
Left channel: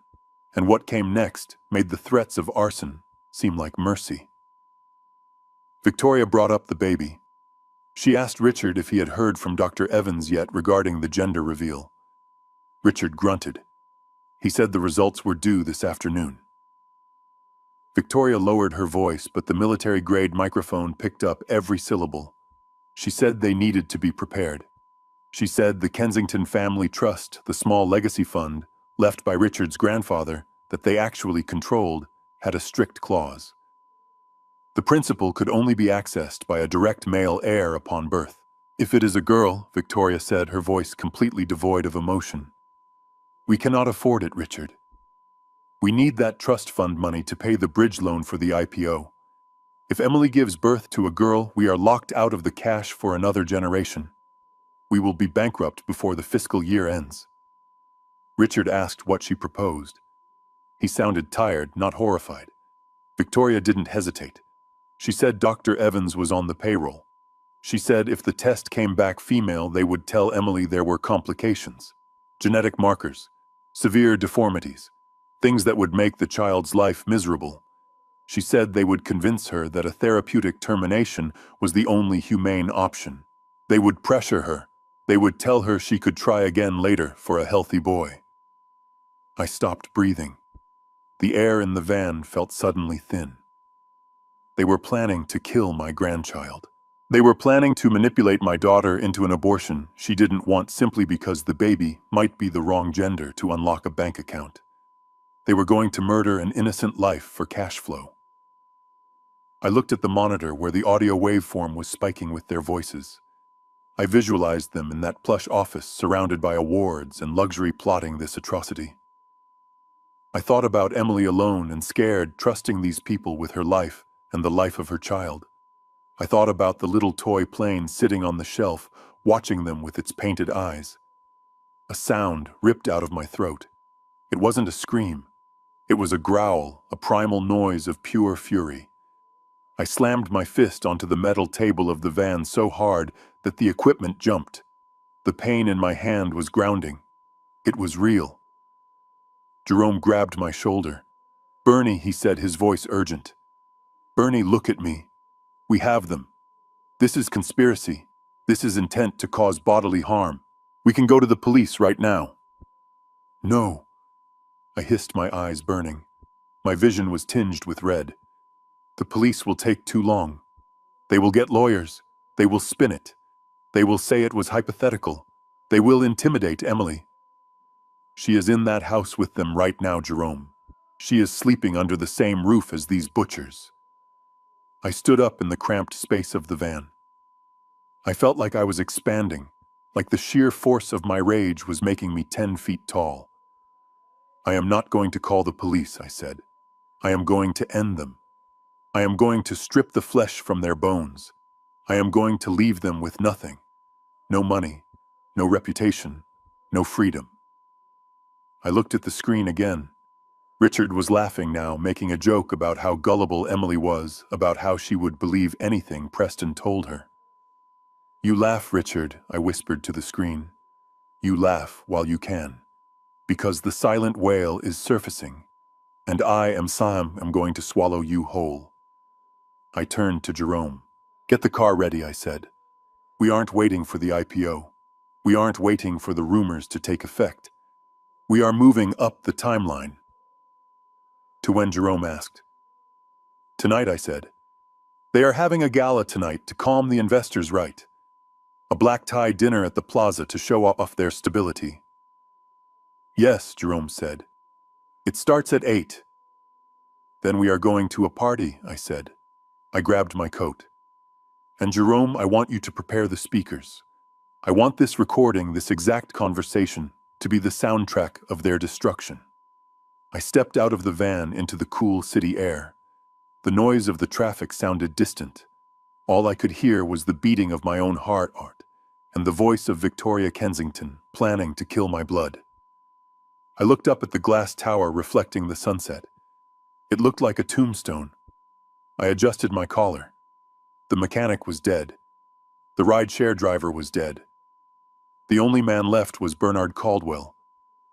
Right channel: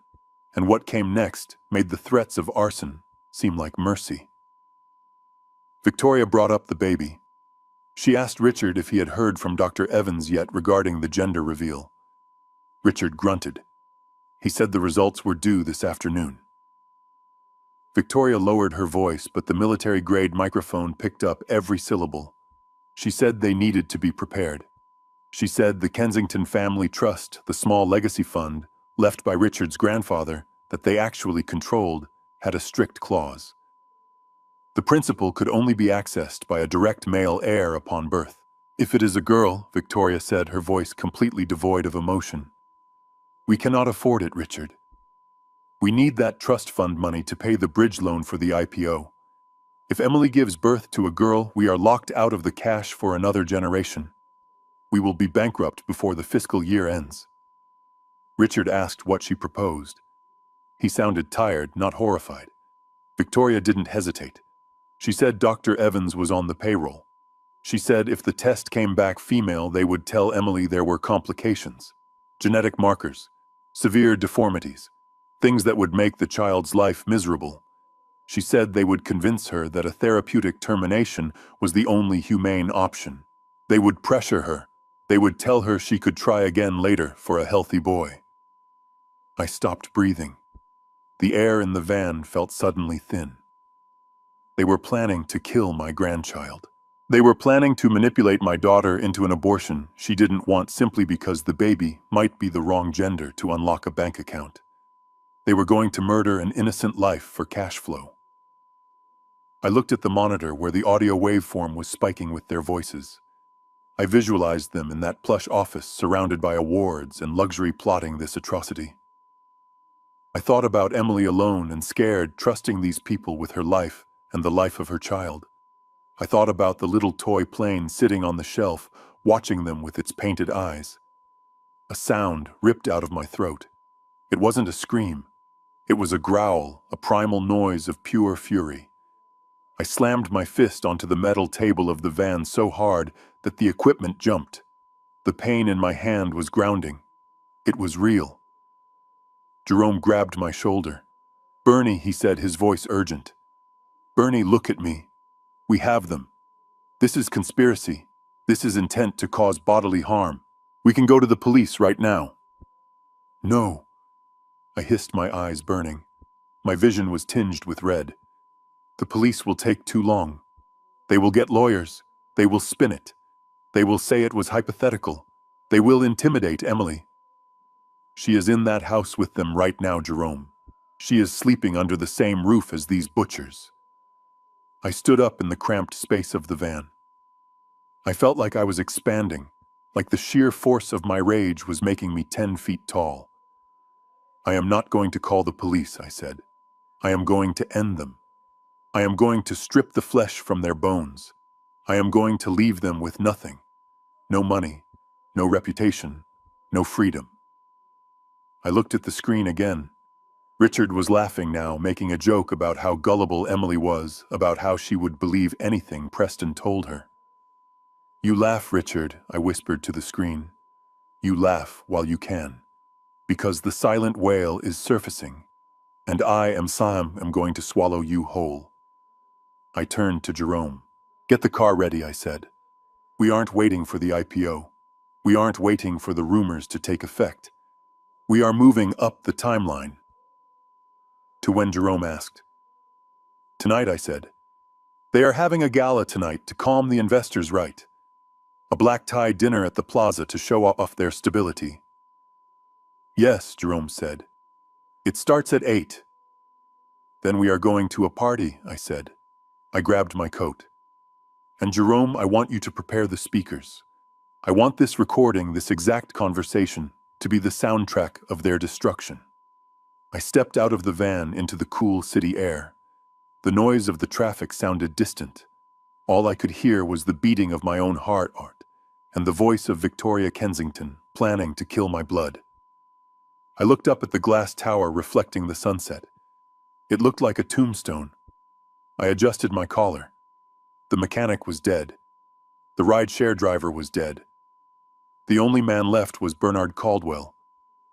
and what came next made the threats of arson seem like mercy. Victoria brought up the baby. She asked Richard if he had heard from Dr. Evans yet regarding the gender reveal. Richard grunted. He said the results were due this afternoon. Victoria lowered her voice, but the military-grade microphone picked up every syllable. She said they needed to be prepared. She said the Kensington Family Trust, the small legacy fund left by Richard's grandfather that they actually controlled, had a strict clause. The principal could only be accessed by a direct male heir upon birth. If it is a girl, Victoria said, her voice completely devoid of emotion. We cannot afford it, Richard. We need that trust fund money to pay the bridge loan for the IPO. If Emily gives birth to a girl, we are locked out of the cash for another generation. We will be bankrupt before the fiscal year ends. Richard asked what she proposed. He sounded tired, not horrified. Victoria didn't hesitate. She said Dr. Evans was on the payroll. She said if the test came back female, they would tell Emily there were complications, genetic markers, severe deformities, things that would make the child's life miserable. She said they would convince her that a therapeutic termination was the only humane option. They would pressure her. They would tell her she could try again later for a healthy boy. I stopped breathing. The air in the van felt suddenly thin. They were planning to kill my grandchild. They were planning to manipulate my daughter into an abortion she didn't want simply because the baby might be the wrong gender to unlock a bank account. They were going to murder an innocent life for cash flow. I looked at the monitor where the audio waveform was spiking with their voices. I visualized them in that plush office surrounded by awards and luxury plotting this atrocity. I thought about Emily alone and scared, trusting these people with her life and the life of her child. I thought about the little toy plane sitting on the shelf, watching them with its painted eyes. A sound ripped out of my throat. It wasn't a scream. It was a growl, a primal noise of pure fury. I slammed my fist onto the metal table of the van so hard that the equipment jumped. The pain in my hand was grounding. It was real. Jerome grabbed my shoulder. Bernie, he said, his voice urgent. Bernie, look at me. We have them. This is conspiracy. This is intent to cause bodily harm. We can go to the police right now. No. I hissed, my eyes burning. My vision was tinged with red. The police will take too long. They will get lawyers. They will spin it. They will say it was hypothetical. They will intimidate Emily. She is in that house with them right now, Jerome. She is sleeping under the same roof as these butchers. I stood up in the cramped space of the van. I felt like I was expanding, like the sheer force of my rage was making me 10 feet tall. "I am not going to call the police," I said. "I am going to end them. I am going to strip the flesh from their bones. I am going to leave them with nothing. No money, no reputation, no freedom." I looked at the screen again. Richard was laughing now, making a joke about how gullible Emily was, about how she would believe anything Preston told her. "You laugh, Richard," I whispered to the screen. "You laugh while you can. Because the silent whale is surfacing, and I am going to swallow you whole." I turned to Jerome. "Get the car ready," I said. "We aren't waiting for the IPO. We aren't waiting for the rumors to take effect. We are moving up the timeline." To when Jerome asked. "Tonight," I said. "They are having a gala tonight to calm the investors right. A black-tie dinner at the plaza to show off their stability." "Yes," Jerome said. "It starts at 8. "Then we are going to a party," I said. I grabbed my coat. "And Jerome, I want you to prepare the speakers. I want this recording, this exact conversation, to be the soundtrack of their destruction." I stepped out of the van into the cool city air. The noise of the traffic sounded distant. All I could hear was the beating of my own heart, and the voice of Victoria Kensington, planning to kill my blood. I looked up at the glass tower reflecting the sunset. It looked like a tombstone. I adjusted my collar. The mechanic was dead. The rideshare driver was dead. The only man left was Bernard Caldwell,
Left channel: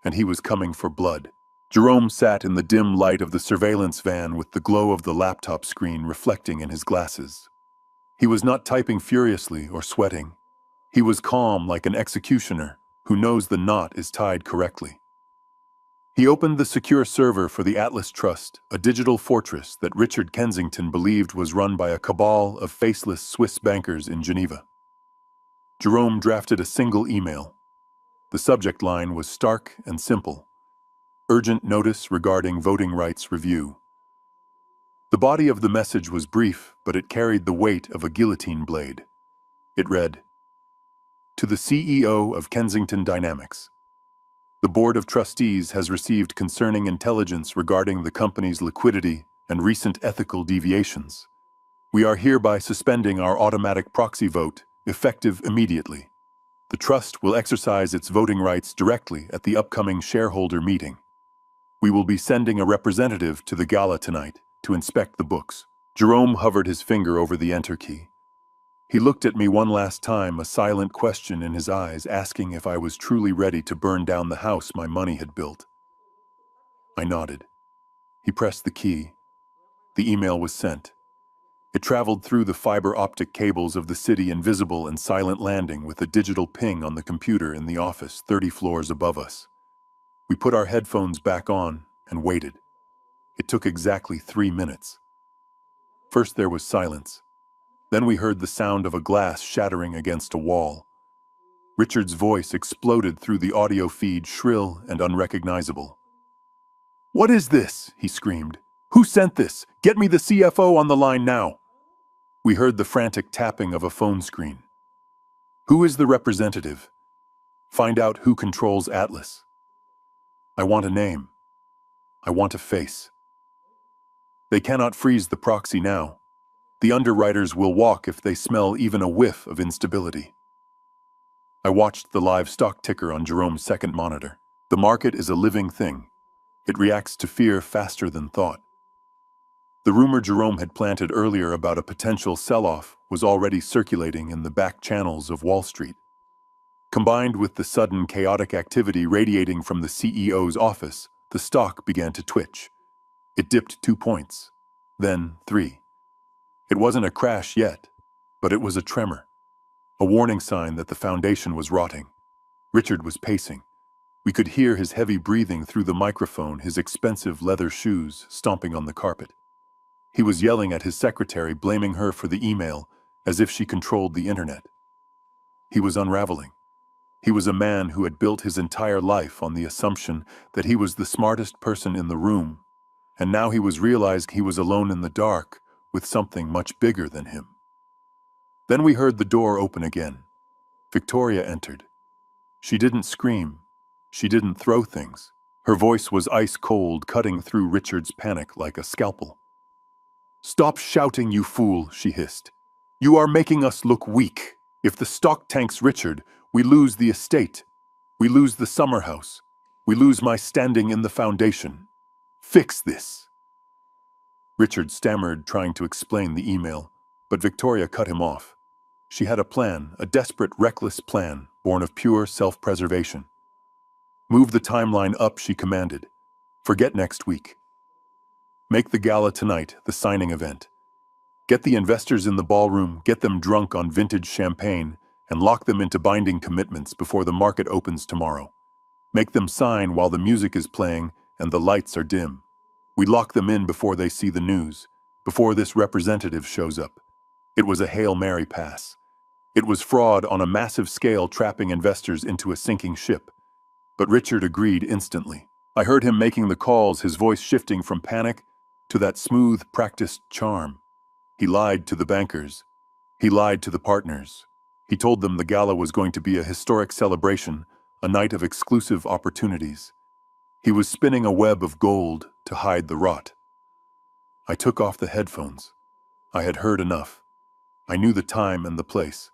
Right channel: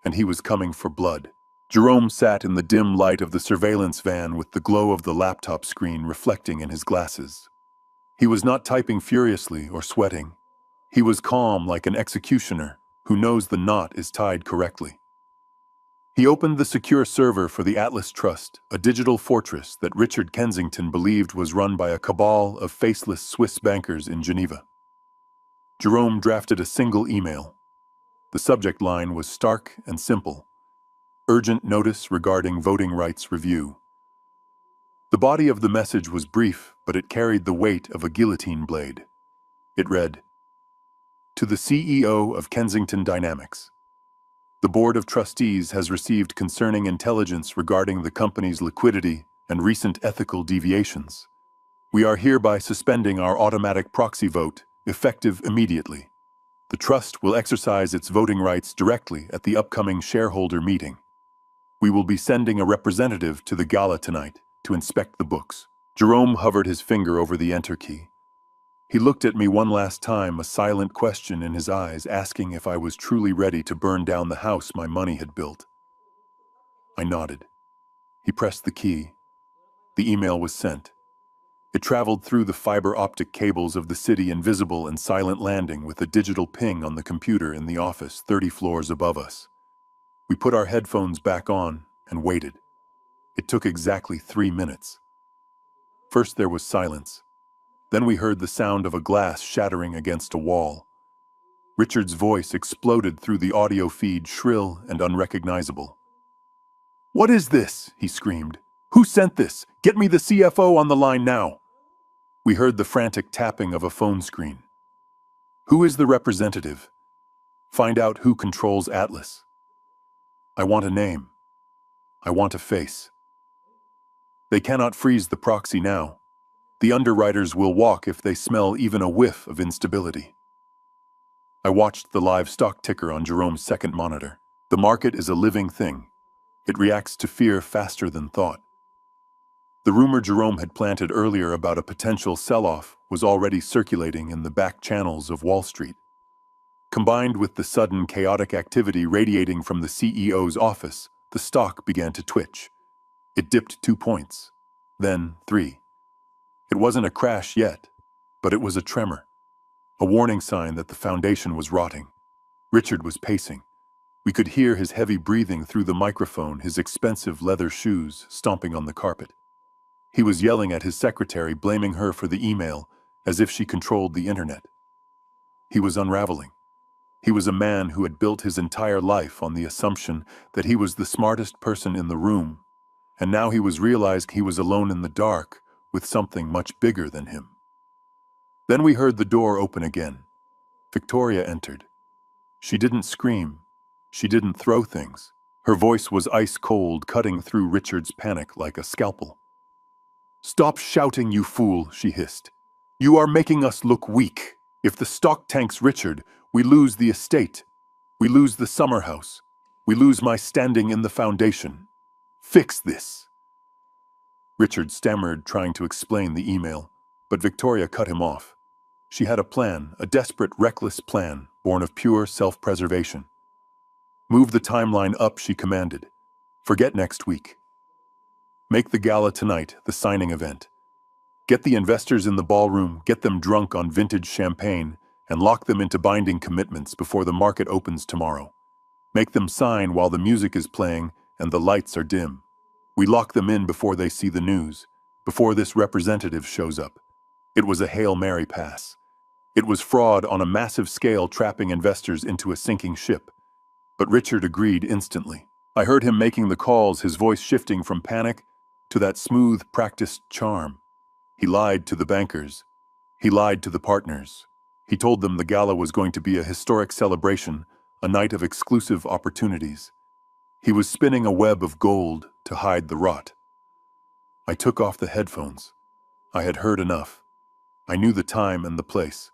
and he was coming for blood. Jerome sat in the dim light of the surveillance van with the glow of the laptop screen reflecting in his glasses. He was not typing furiously or sweating. He was calm like an executioner who knows the knot is tied correctly. He opened the secure server for the Atlas Trust, a digital fortress that Richard Kensington believed was run by a cabal of faceless Swiss bankers in Geneva. Jerome drafted a single email. The subject line was stark and simple: "Urgent notice regarding voting rights review." The body of the message was brief, but it carried the weight of a guillotine blade. It read, "To the CEO of Kensington Dynamics. The Board of Trustees has received concerning intelligence regarding the company's liquidity and recent ethical deviations. We are hereby suspending our automatic proxy vote, effective immediately. The Trust will exercise its voting rights directly at the upcoming shareholder meeting. We will be sending a representative to the gala tonight to inspect the books." Jerome hovered his finger over the enter key. He looked at me one last time, a silent question in his eyes, asking if I was truly ready to burn down the house my money had built. I nodded. He pressed the key. The email was sent. It traveled through the fiber optic cables of the city, invisible and silent, landing with a digital ping on the computer in the office 30 floors above us. We put our headphones back on and waited. It took exactly 3 minutes. First there was silence. Then we heard the sound of a glass shattering against a wall. Richard's voice exploded through the audio feed, shrill and unrecognizable. "What is this?" he screamed. "Who sent this? Get me the CFO on the line now." We heard the frantic tapping of a phone screen. "Who is the representative? Find out who controls Atlas. I want a name. I want a face. They cannot freeze the proxy now. The underwriters will walk if they smell even a whiff of instability." I watched the live stock ticker on Jerome's second monitor. The market is a living thing. It reacts to fear faster than thought. The rumor Jerome had planted earlier about a potential sell-off was already circulating in the back channels of Wall Street. Combined with the sudden chaotic activity radiating from the CEO's office, the stock began to twitch. It dipped 2 points, then 3. It wasn't a crash yet, but it was a tremor, a warning sign that the foundation was rotting. Richard was pacing. We could hear his heavy breathing through the microphone, his expensive leather shoes stomping on the carpet. He was yelling at his secretary, blaming her for the email, as if she controlled the internet. He was unraveling. He was a man who had built his entire life on the assumption that he was the smartest person in the room, and now he was realized he was alone in the dark with something much bigger than him. Then we heard the door open again. Victoria entered. She didn't scream. She didn't throw things. Her voice was ice cold, cutting through Richard's panic like a scalpel. "Stop shouting, you fool," she hissed. "You are making us look weak. If the stock tanks Richard, we lose the estate. We lose the summer house. We lose my standing in the foundation. Fix this." Richard stammered, trying to explain the email, but Victoria cut him off. She had a plan, a desperate, reckless plan, born of pure self-preservation. "Move the timeline up," she commanded. "Forget next week. Make the gala tonight, the signing event. Get the investors in the ballroom, get them drunk on vintage champagne, and lock them into binding commitments before the market opens tomorrow. Make them sign while the music is playing and the lights are dim. We lock them in before they see the news, before this representative shows up." It was a Hail Mary pass. It was fraud on a massive scale, trapping investors into a sinking ship. But Richard agreed instantly. I heard him making the calls, his voice shifting from panic to that smooth, practiced charm. He lied to the bankers. He lied to the partners. He told them the gala was going to be a historic celebration, a night of exclusive opportunities. He was spinning a web of gold to hide the rot. I took off the headphones. I had heard enough. I knew the time and the place.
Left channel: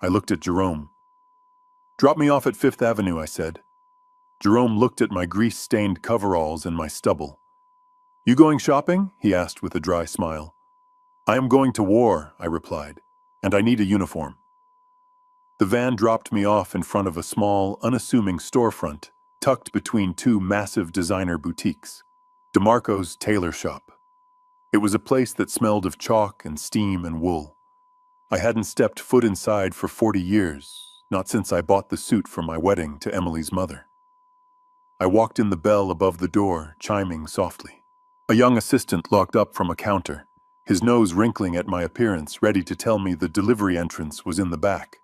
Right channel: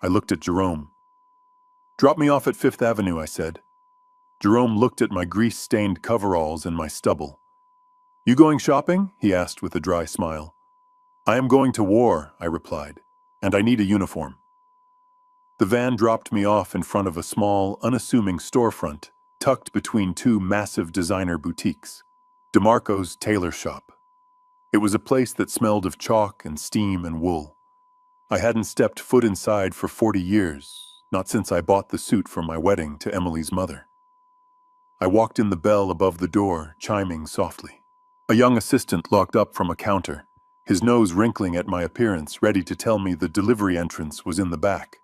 I looked at Jerome. "Drop me off at Fifth Avenue," I said. Jerome looked at my grease-stained coveralls and my stubble. "You going shopping?" he asked with a dry smile. "I am going to war," I replied, "and I need a uniform." The van dropped me off in front of a small, unassuming storefront, tucked between two massive designer boutiques. DeMarco's tailor shop. It was a place that smelled of chalk and steam and wool. I hadn't stepped foot inside for 40 years, not since I bought the suit for my wedding to Emily's mother. I walked in, the bell above the door chiming softly. A young assistant locked up from a counter, his nose wrinkling at my appearance, ready to tell me the delivery entrance was in the back.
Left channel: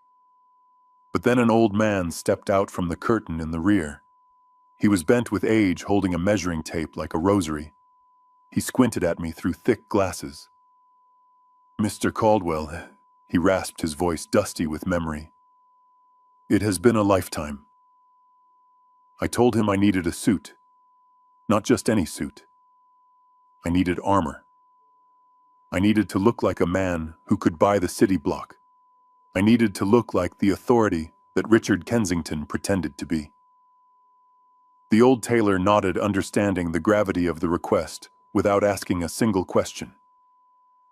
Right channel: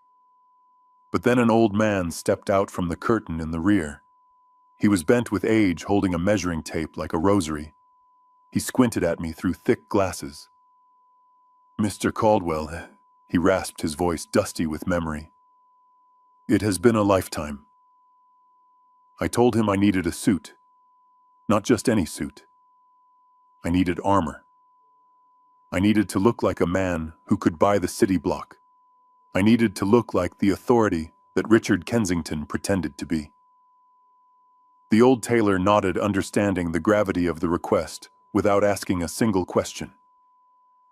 But then an old man stepped out from the curtain in the rear. He was bent with age, holding a measuring tape like a rosary. He squinted at me through thick glasses. "Mr. Caldwell," he rasped, his voice dusty with memory. "It has been a lifetime." I told him I needed a suit. Not just any suit. I needed armor. I needed to look like a man who could buy the city block. I needed to look like the authority that Richard Kensington pretended to be. The old tailor nodded, understanding the gravity of the request, without asking a single question.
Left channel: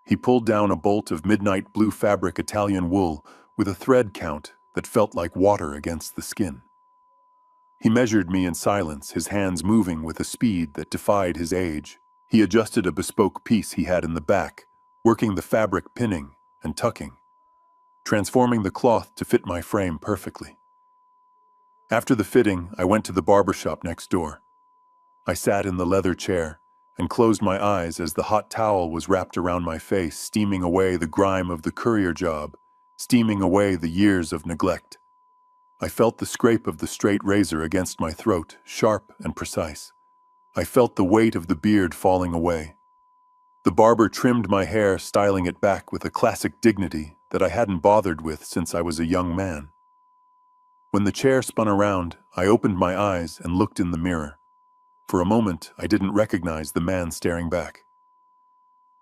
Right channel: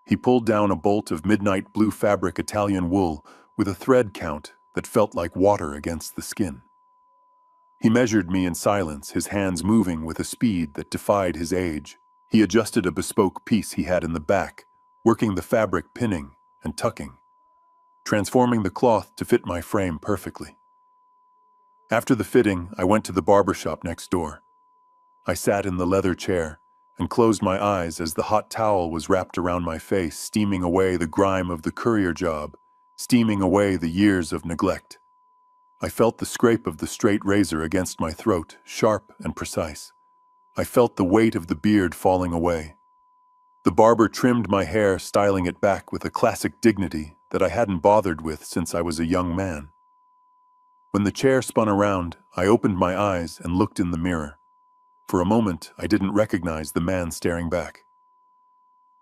He pulled down a bolt of midnight blue fabric Italian wool with a thread count that felt like water against the skin. He measured me in silence, his hands moving with a speed that defied his age. He adjusted a bespoke piece he had in the back, working the fabric, pinning and tucking, transforming the cloth to fit my frame perfectly. After the fitting, I went to the barber shop next door. I sat in the leather chair and closed my eyes as the hot towel was wrapped around my face, steaming away the grime of the courier job, steaming away the years of neglect. I felt the scrape of the straight razor against my throat, sharp and precise. I felt the weight of the beard falling away. The barber trimmed my hair, styling it back with a classic dignity that I hadn't bothered with since I was a young man. When the chair spun around, I opened my eyes and looked in the mirror. For a moment, I didn't recognize the man staring back.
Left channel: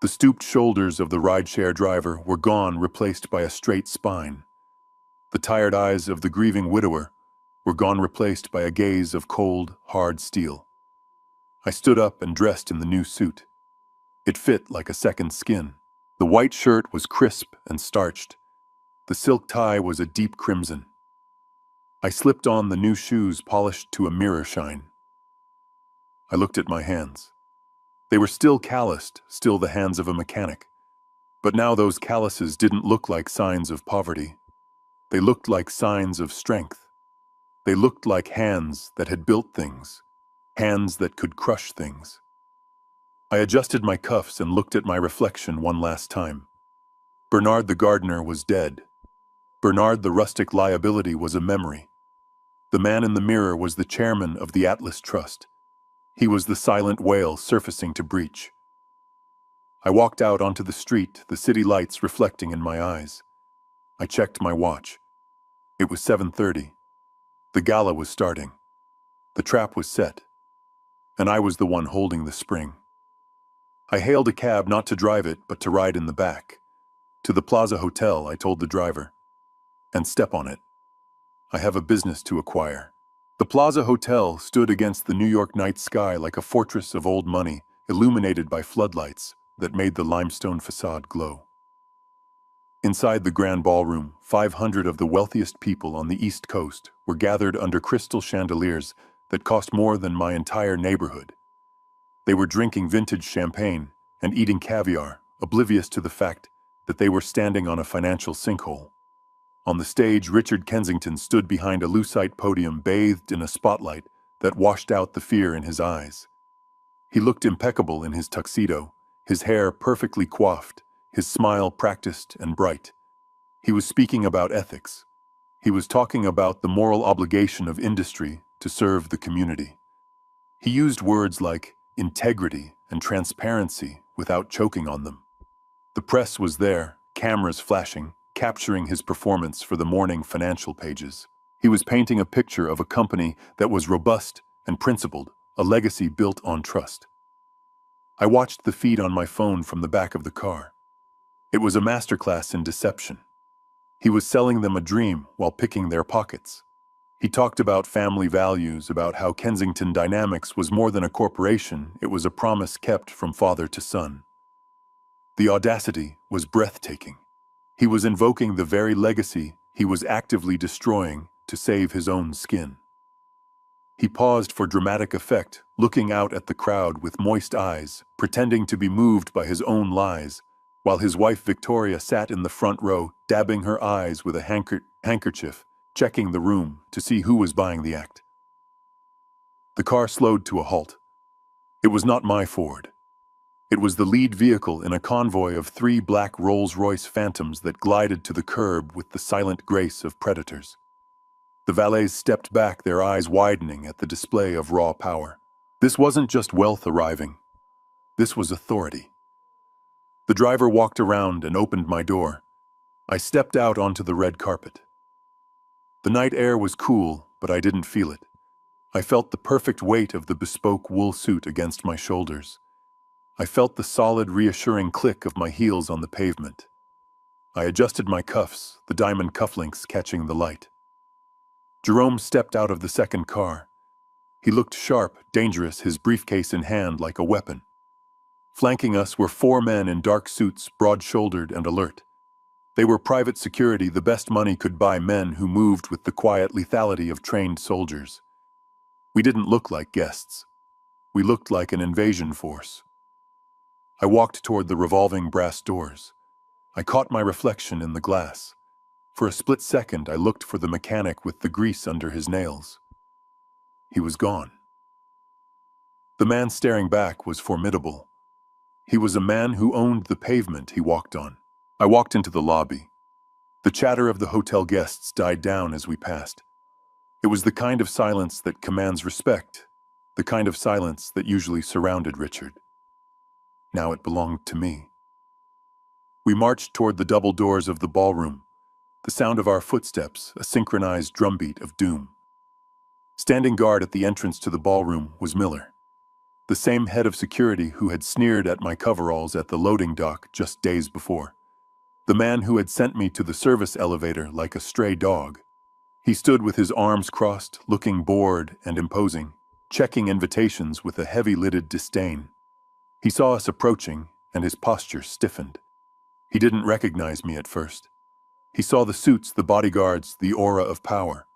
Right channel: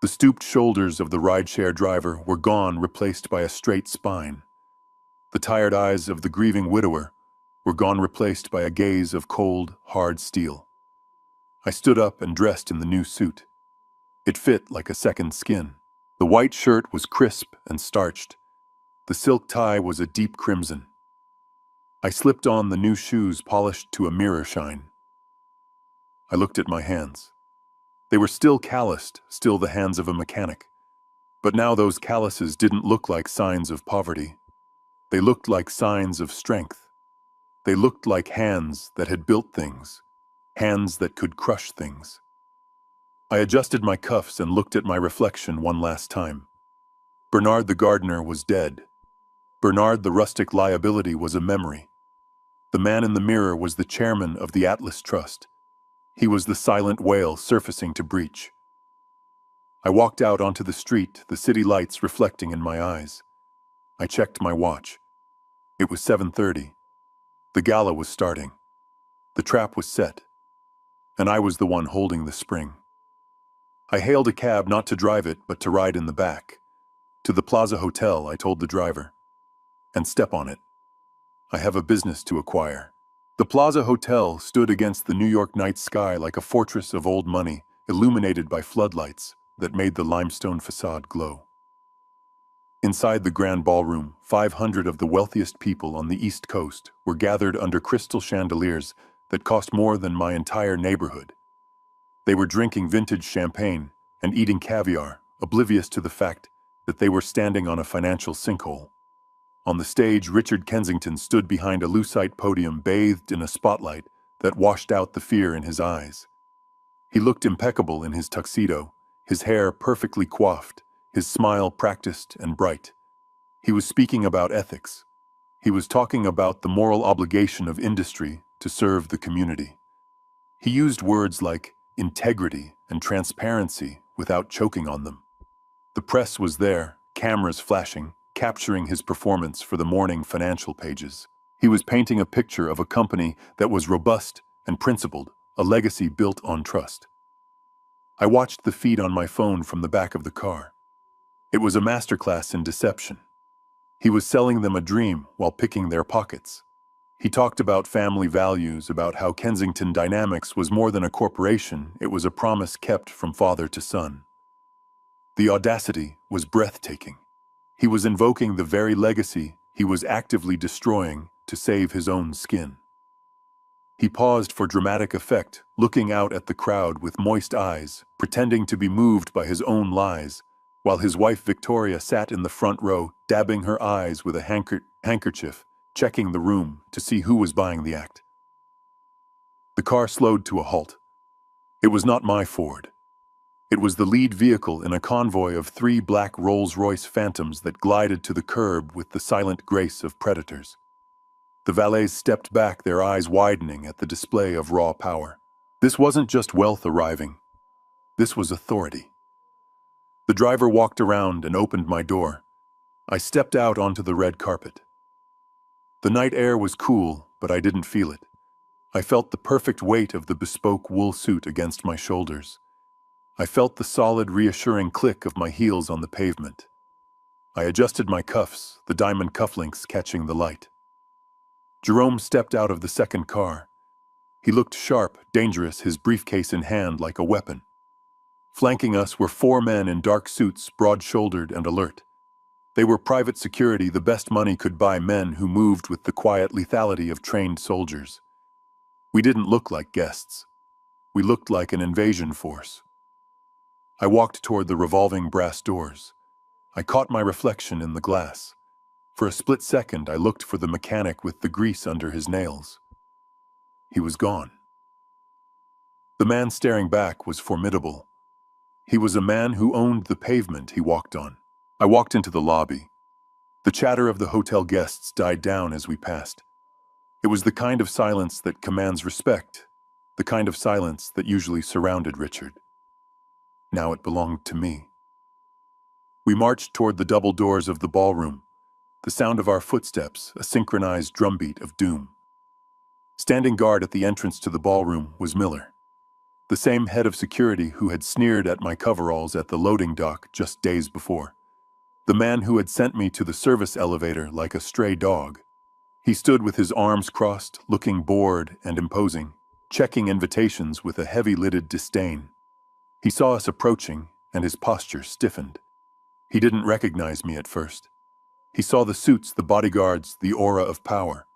The stooped shoulders of the rideshare driver were gone, replaced by a straight spine. The tired eyes of the grieving widower were gone, replaced by a gaze of cold, hard steel. I stood up and dressed in the new suit. It fit like a second skin. The white shirt was crisp and starched. The silk tie was a deep crimson. I slipped on the new shoes, polished to a mirror shine. I looked at my hands. They were still calloused, still the hands of a mechanic. But now those calluses didn't look like signs of poverty. They looked like signs of strength. They looked like hands that had built things, hands that could crush things. I adjusted my cuffs and looked at my reflection one last time. Bernard the gardener was dead. Bernard the rustic liability was a memory. The man in the mirror was the chairman of the Atlas Trust. He was the silent whale surfacing to breach. I walked out onto the street, the city lights reflecting in my eyes. I checked my watch. It was 7:30. The gala was starting. The trap was set, and I was the one holding the spring. I hailed a cab not to drive it, but to ride in the back. To the Plaza Hotel, I told the driver. And step on it. I have a business to acquire. The Plaza Hotel stood against the New York night sky like a fortress of old money, illuminated by floodlights that made the limestone facade glow. Inside the grand ballroom, 500 of the wealthiest people on the East Coast were gathered under crystal chandeliers that cost more than my entire neighborhood. They were drinking vintage champagne and eating caviar, oblivious to the fact that they were standing on a financial sinkhole. On the stage, Richard Kensington stood behind a lucite podium bathed in a spotlight that washed out the fear in his eyes. He looked impeccable in his tuxedo, his hair perfectly coiffed, his smile practiced and bright. He was speaking about ethics. He was talking about the moral obligation of industry to serve the community. He used words like integrity and transparency without choking on them. The press was there, cameras flashing, capturing his performance for the morning financial pages. He was painting a picture of a company that was robust and principled, a legacy built on trust. I watched the feed on my phone from the back of the car. It was a masterclass in deception. He was selling them a dream while picking their pockets. He talked about family values, about how Kensington Dynamics was more than a corporation, it was a promise kept from father to son. The audacity was breathtaking. He was invoking the very legacy he was actively destroying to save his own skin. He paused for dramatic effect, looking out at the crowd with moist eyes, pretending to be moved by his own lies, while his wife Victoria sat in the front row, dabbing her eyes with a handkerchief, checking the room to see who was buying the act. The car slowed to a halt. It was not my Ford. It was the lead vehicle in a convoy of 3 black Rolls-Royce Phantoms that glided to the curb with the silent grace of predators. The valets stepped back, their eyes widening at the display of raw power. This wasn't just wealth arriving. This was authority. The driver walked around and opened my door. I stepped out onto the red carpet. The night air was cool, but I didn't feel it. I felt the perfect weight of the bespoke wool suit against my shoulders. I felt the solid, reassuring click of my heels on the pavement. I adjusted my cuffs, the diamond cufflinks catching the light. Jerome stepped out of the second car. He looked sharp, dangerous, his briefcase in hand like a weapon. Flanking us were 4 men in dark suits, broad-shouldered and alert. They were private security, the best money could buy, men who moved with the quiet lethality of trained soldiers. We didn't look like guests. We looked like an invasion force. I walked toward the revolving brass doors. I caught my reflection in the glass. For a split second, I looked for the mechanic with the grease under his nails. He was gone. The man staring back was formidable. He was a man who owned the pavement he walked on. I walked into the lobby. The chatter of the hotel guests died down as we passed. It was the kind of silence that commands respect, the kind of silence that usually surrounded Richard. Now it belonged to me. We marched toward the double doors of the ballroom, the sound of our footsteps, a synchronized drumbeat of doom. Standing guard at the entrance to the ballroom was Miller, the same head of security who had sneered at my coveralls at the loading dock just days before. The man who had sent me to the service elevator like a stray dog. He stood with his arms crossed, looking bored and imposing, checking invitations with a heavy-lidded disdain. He saw us approaching, and his posture stiffened. He didn't recognize me at first. He saw the suits, the bodyguards, the aura of power.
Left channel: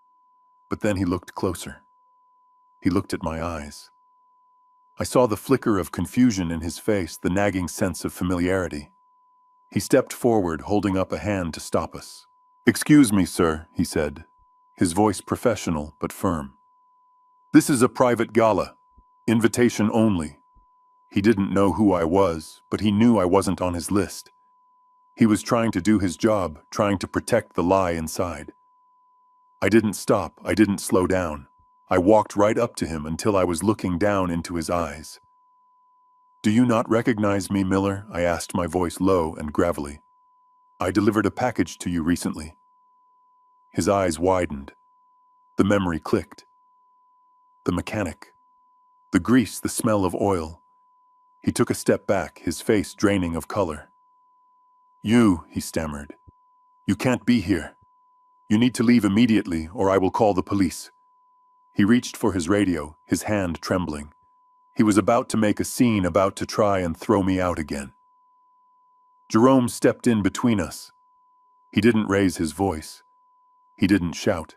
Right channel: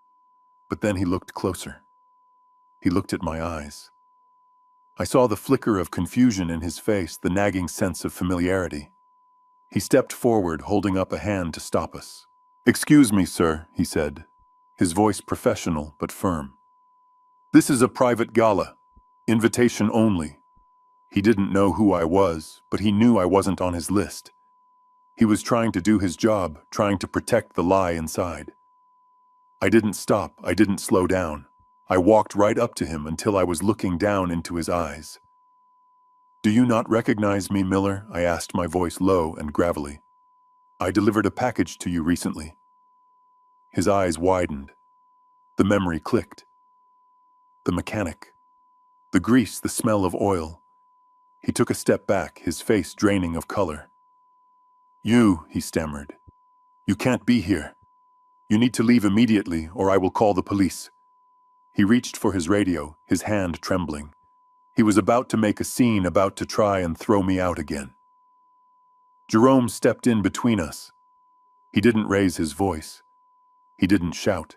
But then he looked closer. He looked at my eyes. I saw the flicker of confusion in his face, the nagging sense of familiarity. He stepped forward, holding up a hand to stop us. "Excuse me, sir," he said, his voice professional but firm. "This is a private gala. Invitation only." He didn't know who I was, but he knew I wasn't on his list. He was trying to do his job, trying to protect the lie inside. I didn't stop, I didn't slow down. I walked right up to him until I was looking down into his eyes. "Do you not recognize me, Miller?" I asked, my voice low and gravelly. "I delivered a package to you recently." His eyes widened. The memory clicked. The mechanic. The grease, the smell of oil. He took a step back, his face draining of color. "You," he stammered. "You can't be here. You need to leave immediately, or I will call the police." He reached for his radio, his hand trembling. He was about to make a scene, about to try and throw me out again. Jerome stepped in between us. He didn't raise his voice. He didn't shout.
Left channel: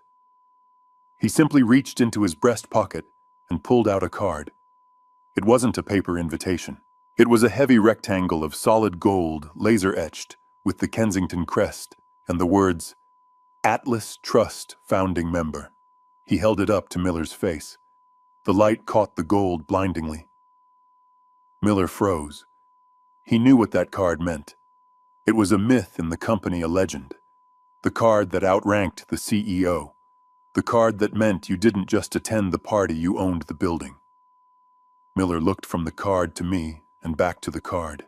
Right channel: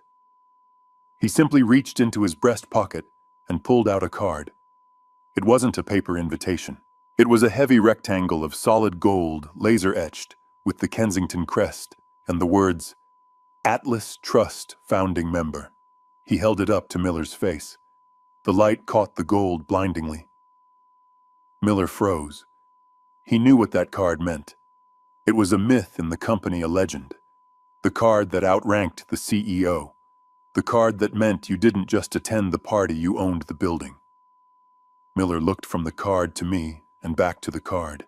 He simply reached into his breast pocket and pulled out a card. It wasn't a paper invitation. It was a heavy rectangle of solid gold, laser-etched, with the Kensington crest and the words, "Atlas Trust Founding Member." He held it up to Miller's face. The light caught the gold blindingly. Miller froze. He knew what that card meant. It was a myth in the company, a legend. The card that outranked the CEO. The card that meant you didn't just attend the party, you owned the building. Miller looked from the card to me and back to the card.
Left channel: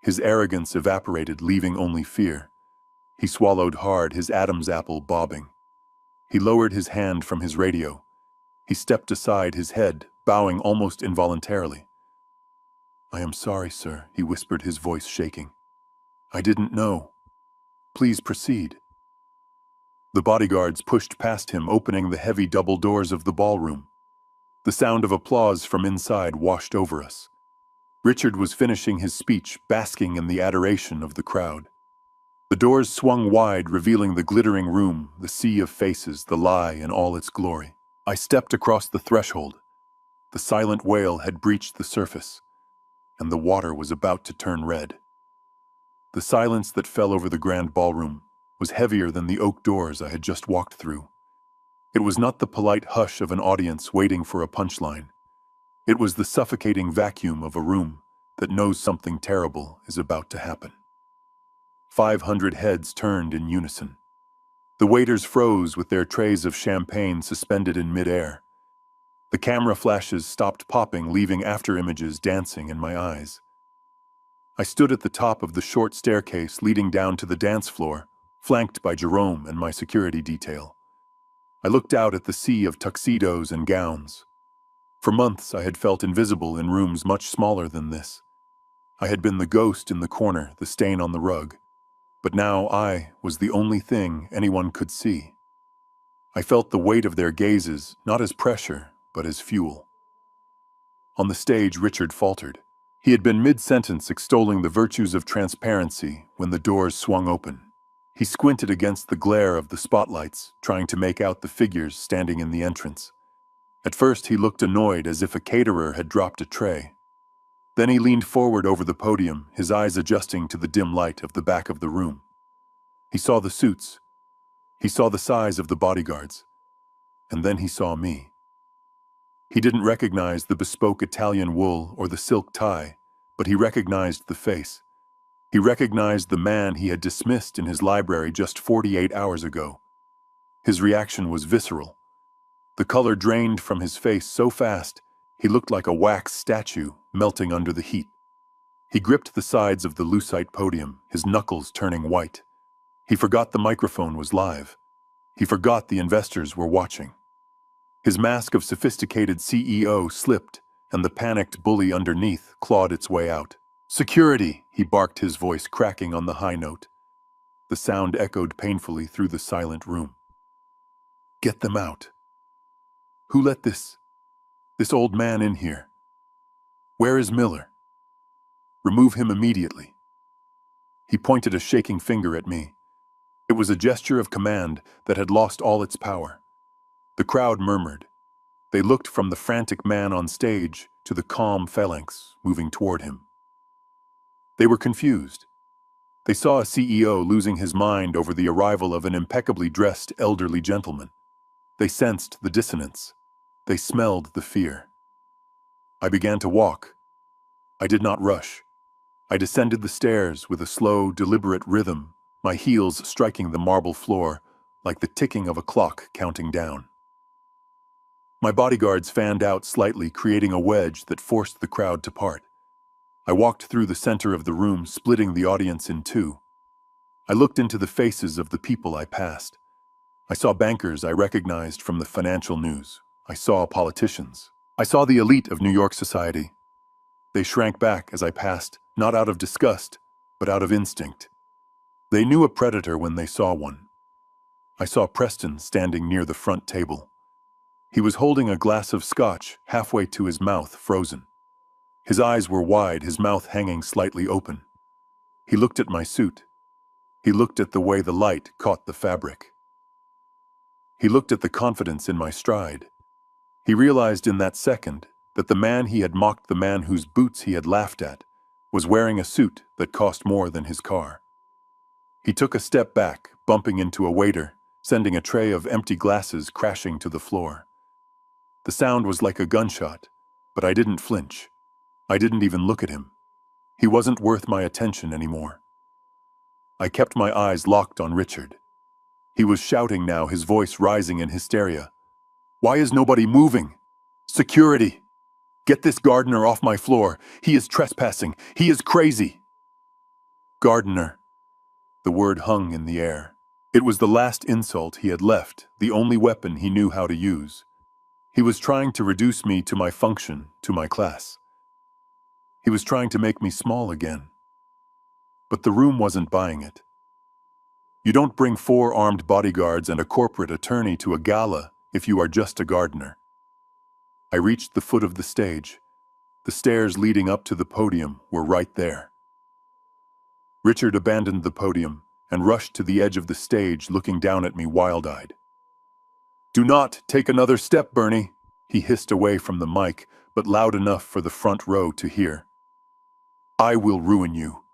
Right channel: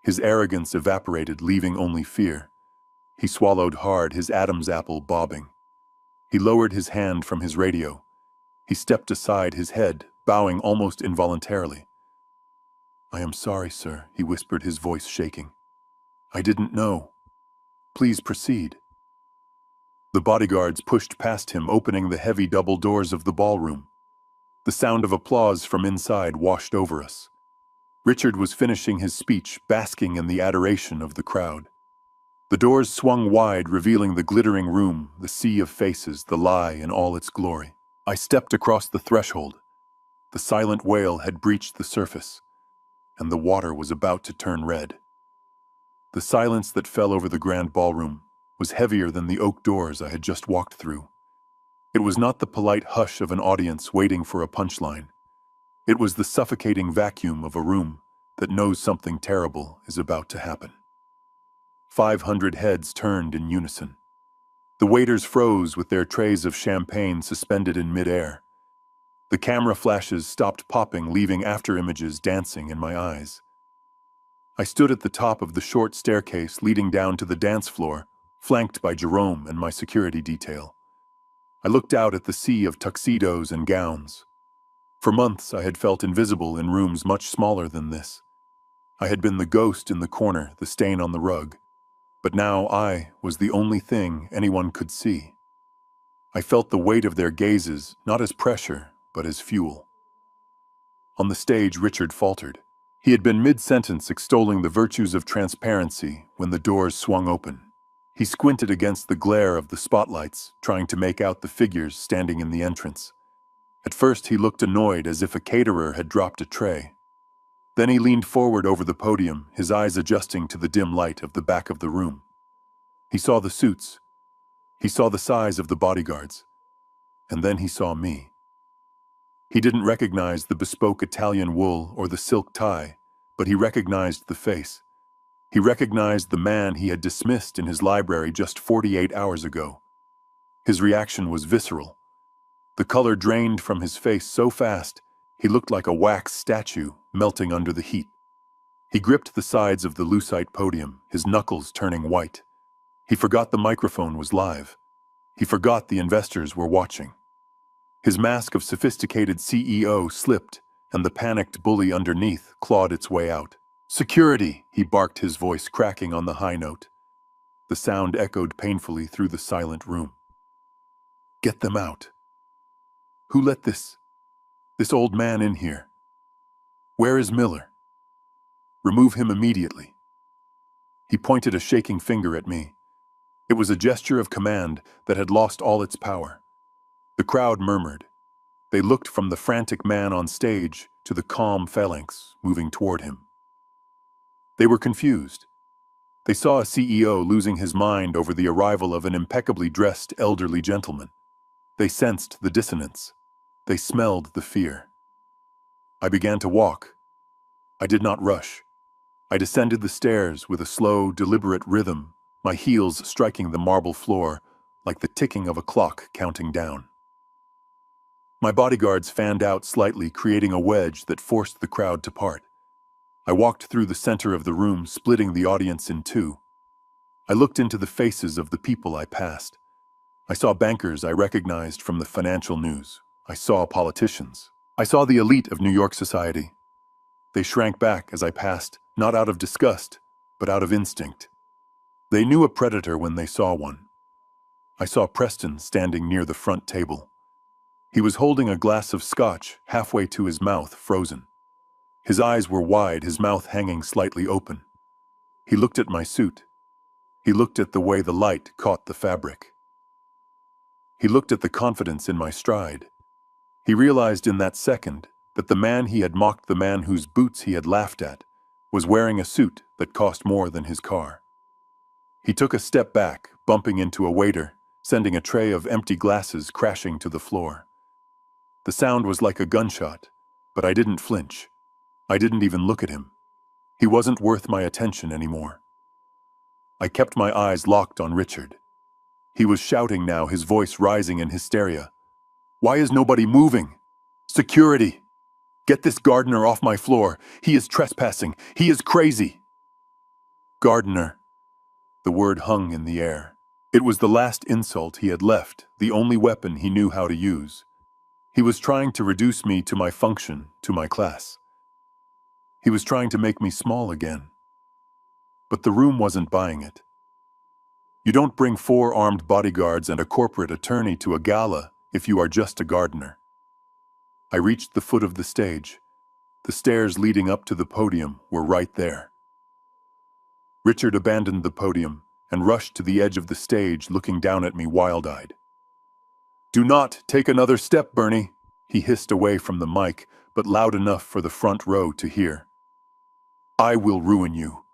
His arrogance evaporated, leaving only fear. He swallowed hard, his Adam's apple bobbing. He lowered his hand from his radio. He stepped aside, his head bowing almost involuntarily. "I am sorry, sir," he whispered, his voice shaking. "I didn't know. Please proceed." The bodyguards pushed past him, opening the heavy double doors of the ballroom. The sound of applause from inside washed over us. Richard was finishing his speech, basking in the adoration of the crowd. The doors swung wide, revealing the glittering room, the sea of faces, the lie in all its glory. I stepped across the threshold. The silent whale had breached the surface, and the water was about to turn red. The silence that fell over the grand ballroom was heavier than the oak doors I had just walked through. It was not the polite hush of an audience waiting for a punchline. It was the suffocating vacuum of a room that knows something terrible is about to happen. 500 heads turned in unison. The waiters froze with their trays of champagne suspended in midair. The camera flashes stopped popping, leaving after-images dancing in my eyes. I stood at the top of the short staircase leading down to the dance floor, flanked by Jerome and my security detail. I looked out at the sea of tuxedos and gowns. For months I had felt invisible in rooms much smaller than this. I had been the ghost in the corner, the stain on the rug. But now I was the only thing anyone could see. I felt the weight of their gazes, not as pressure, but as fuel. On the stage, Richard faltered. He had been mid-sentence extolling the virtues of transparency when the doors swung open. He squinted against the glare of the spotlights, trying to make out the figures standing in the entrance. At first he looked annoyed, as if a caterer had dropped a tray. Then he leaned forward over the podium, his eyes adjusting to the dim light of the back of the room. He saw the suits. He saw the size of the bodyguards. And then he saw me. He didn't recognize the bespoke Italian wool or the silk tie, but he recognized the face. He recognized the man he had dismissed in his library just 48 hours ago. His reaction was visceral. The color drained from his face so fast, he looked like a wax statue melting under the heat. He gripped the sides of the lucite podium, his knuckles turning white. He forgot the microphone was live. He forgot the investors were watching. His mask of sophisticated CEO slipped, and the panicked bully underneath clawed its way out. "Security!" he barked, his voice cracking on the high note. The sound echoed painfully through the silent room. "Get them out. Who let this old man in here? Where is Miller? Remove him immediately." He pointed a shaking finger at me. It was a gesture of command that had lost all its power. The crowd murmured. They looked from the frantic man on stage to the calm phalanx moving toward him. They were confused. They saw a CEO losing his mind over the arrival of an impeccably dressed elderly gentleman. They sensed the dissonance. They smelled the fear. I began to walk. I did not rush. I descended the stairs with a slow, deliberate rhythm, my heels striking the marble floor like the ticking of a clock counting down. My bodyguards fanned out slightly, creating a wedge that forced the crowd to part. I walked through the center of the room, splitting the audience in two. I looked into the faces of the people I passed. I saw bankers I recognized from the financial news. I saw politicians. I saw the elite of New York society. They shrank back as I passed, not out of disgust, but out of instinct. They knew a predator when they saw one. I saw Preston standing near the front table. He was holding a glass of scotch halfway to his mouth, frozen. His eyes were wide, his mouth hanging slightly open. He looked at my suit. He looked at the way the light caught the fabric. He looked at the confidence in my stride. He realized in that second that the man he had mocked, the man whose boots he had laughed at, was wearing a suit that cost more than his car. He took a step back, bumping into a waiter, sending a tray of empty glasses crashing to the floor. The sound was like a gunshot, but I didn't flinch. I didn't even look at him. He wasn't worth my attention anymore. I kept my eyes locked on Richard. He was shouting now, his voice rising in hysteria. "Why is nobody moving? Security! Get this gardener off my floor. He is trespassing. He is crazy." Gardener. The word hung in the air. It was the last insult he had left, the only weapon he knew how to use. He was trying to reduce me to my function, to my class. He was trying to make me small again. But the room wasn't buying it. You don't bring 4 armed bodyguards and a corporate attorney to a gala if you are just a gardener. I reached the foot of the stage. The stairs leading up to the podium were right there. Richard abandoned the podium and rushed to the edge of the stage, looking down at me wild-eyed. "Do not take another step, Bernie," he hissed away from the mic, but loud enough for the front row to hear. "I will ruin you.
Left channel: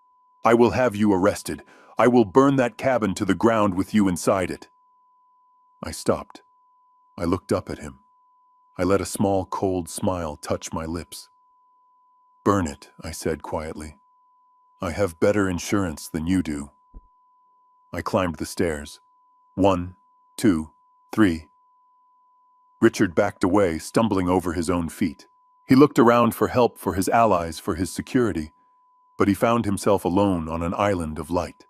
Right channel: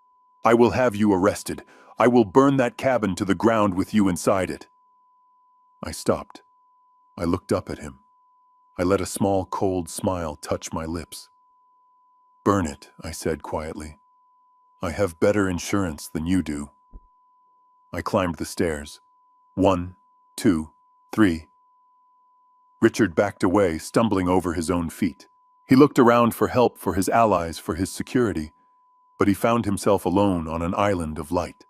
I will have you arrested. I will burn that cabin to the ground with you inside it." I stopped. I looked up at him. I let a small, cold smile touch my lips. "Burn it," I said quietly. "I have better insurance than you do." I climbed the stairs. 1, 2, 3. Richard backed away, stumbling over his own feet. He looked around for help, for his allies, for his security, but he found himself alone on an island of light.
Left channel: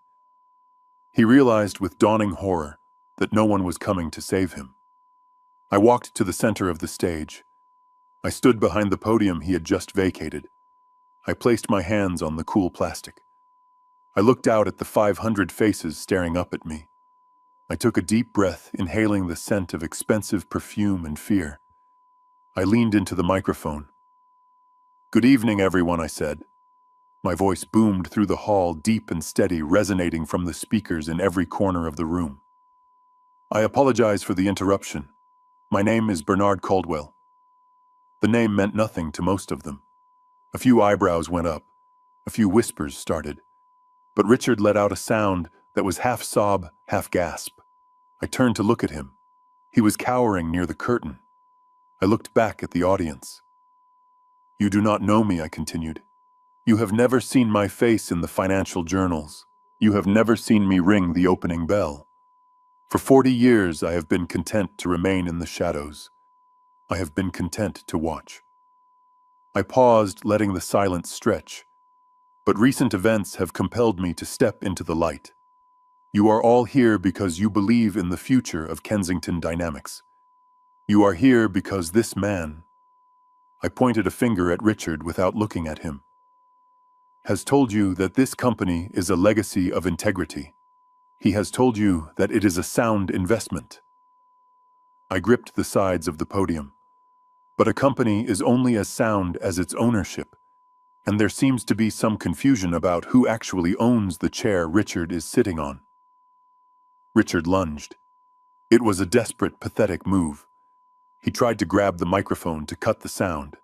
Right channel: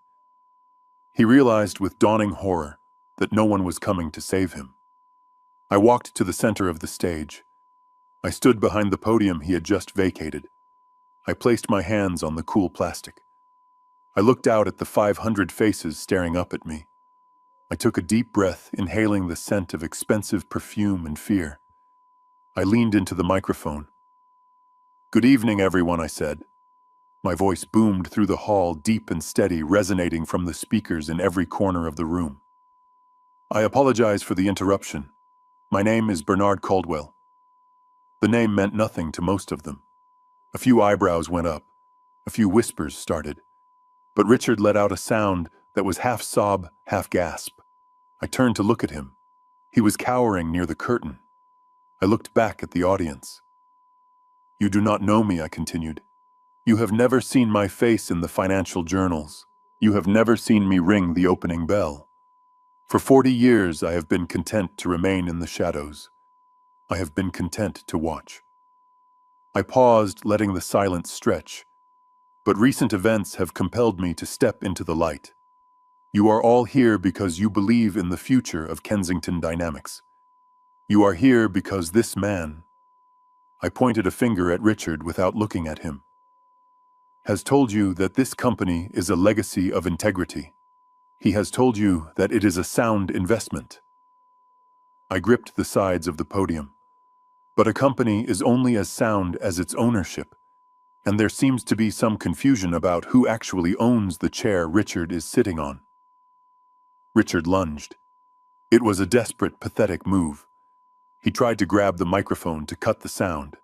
He realized with dawning horror that no one was coming to save him. I walked to the center of the stage. I stood behind the podium he had just vacated. I placed my hands on the cool plastic. I looked out at the 500 faces staring up at me. I took a deep breath, inhaling the scent of expensive perfume and fear. I leaned into the microphone. "Good evening, everyone," I said. My voice boomed through the hall, deep and steady, resonating from the speakers in every corner of the room. "I apologize for the interruption. My name is Bernard Caldwell." The name meant nothing to most of them. A few eyebrows went up. A few whispers started. But Richard let out a sound that was half sob, half gasp. I turned to look at him. He was cowering near the curtain. I looked back at the audience. "You do not know me," I continued. "You have never seen my face in the financial journals. You have never seen me ring the opening bell. For 40 years I have been content to remain in the shadows. I have been content to watch." I paused, letting the silence stretch. But recent events have compelled me to step into the light. You are all here because you believe in the future of Kensington Dynamics. You are here because this man, I pointed a finger at Richard without looking at him, has told you that this company is a legacy of integrity. He has told you that it is a sound investment. I gripped the sides of the podium. But a company is only as sound as its ownership, and there seems to be some confusion about who actually owns the chair Richard is sitting on. Richard lunged. It was a desperate, pathetic move. He tried to grab the microphone to cut the sound.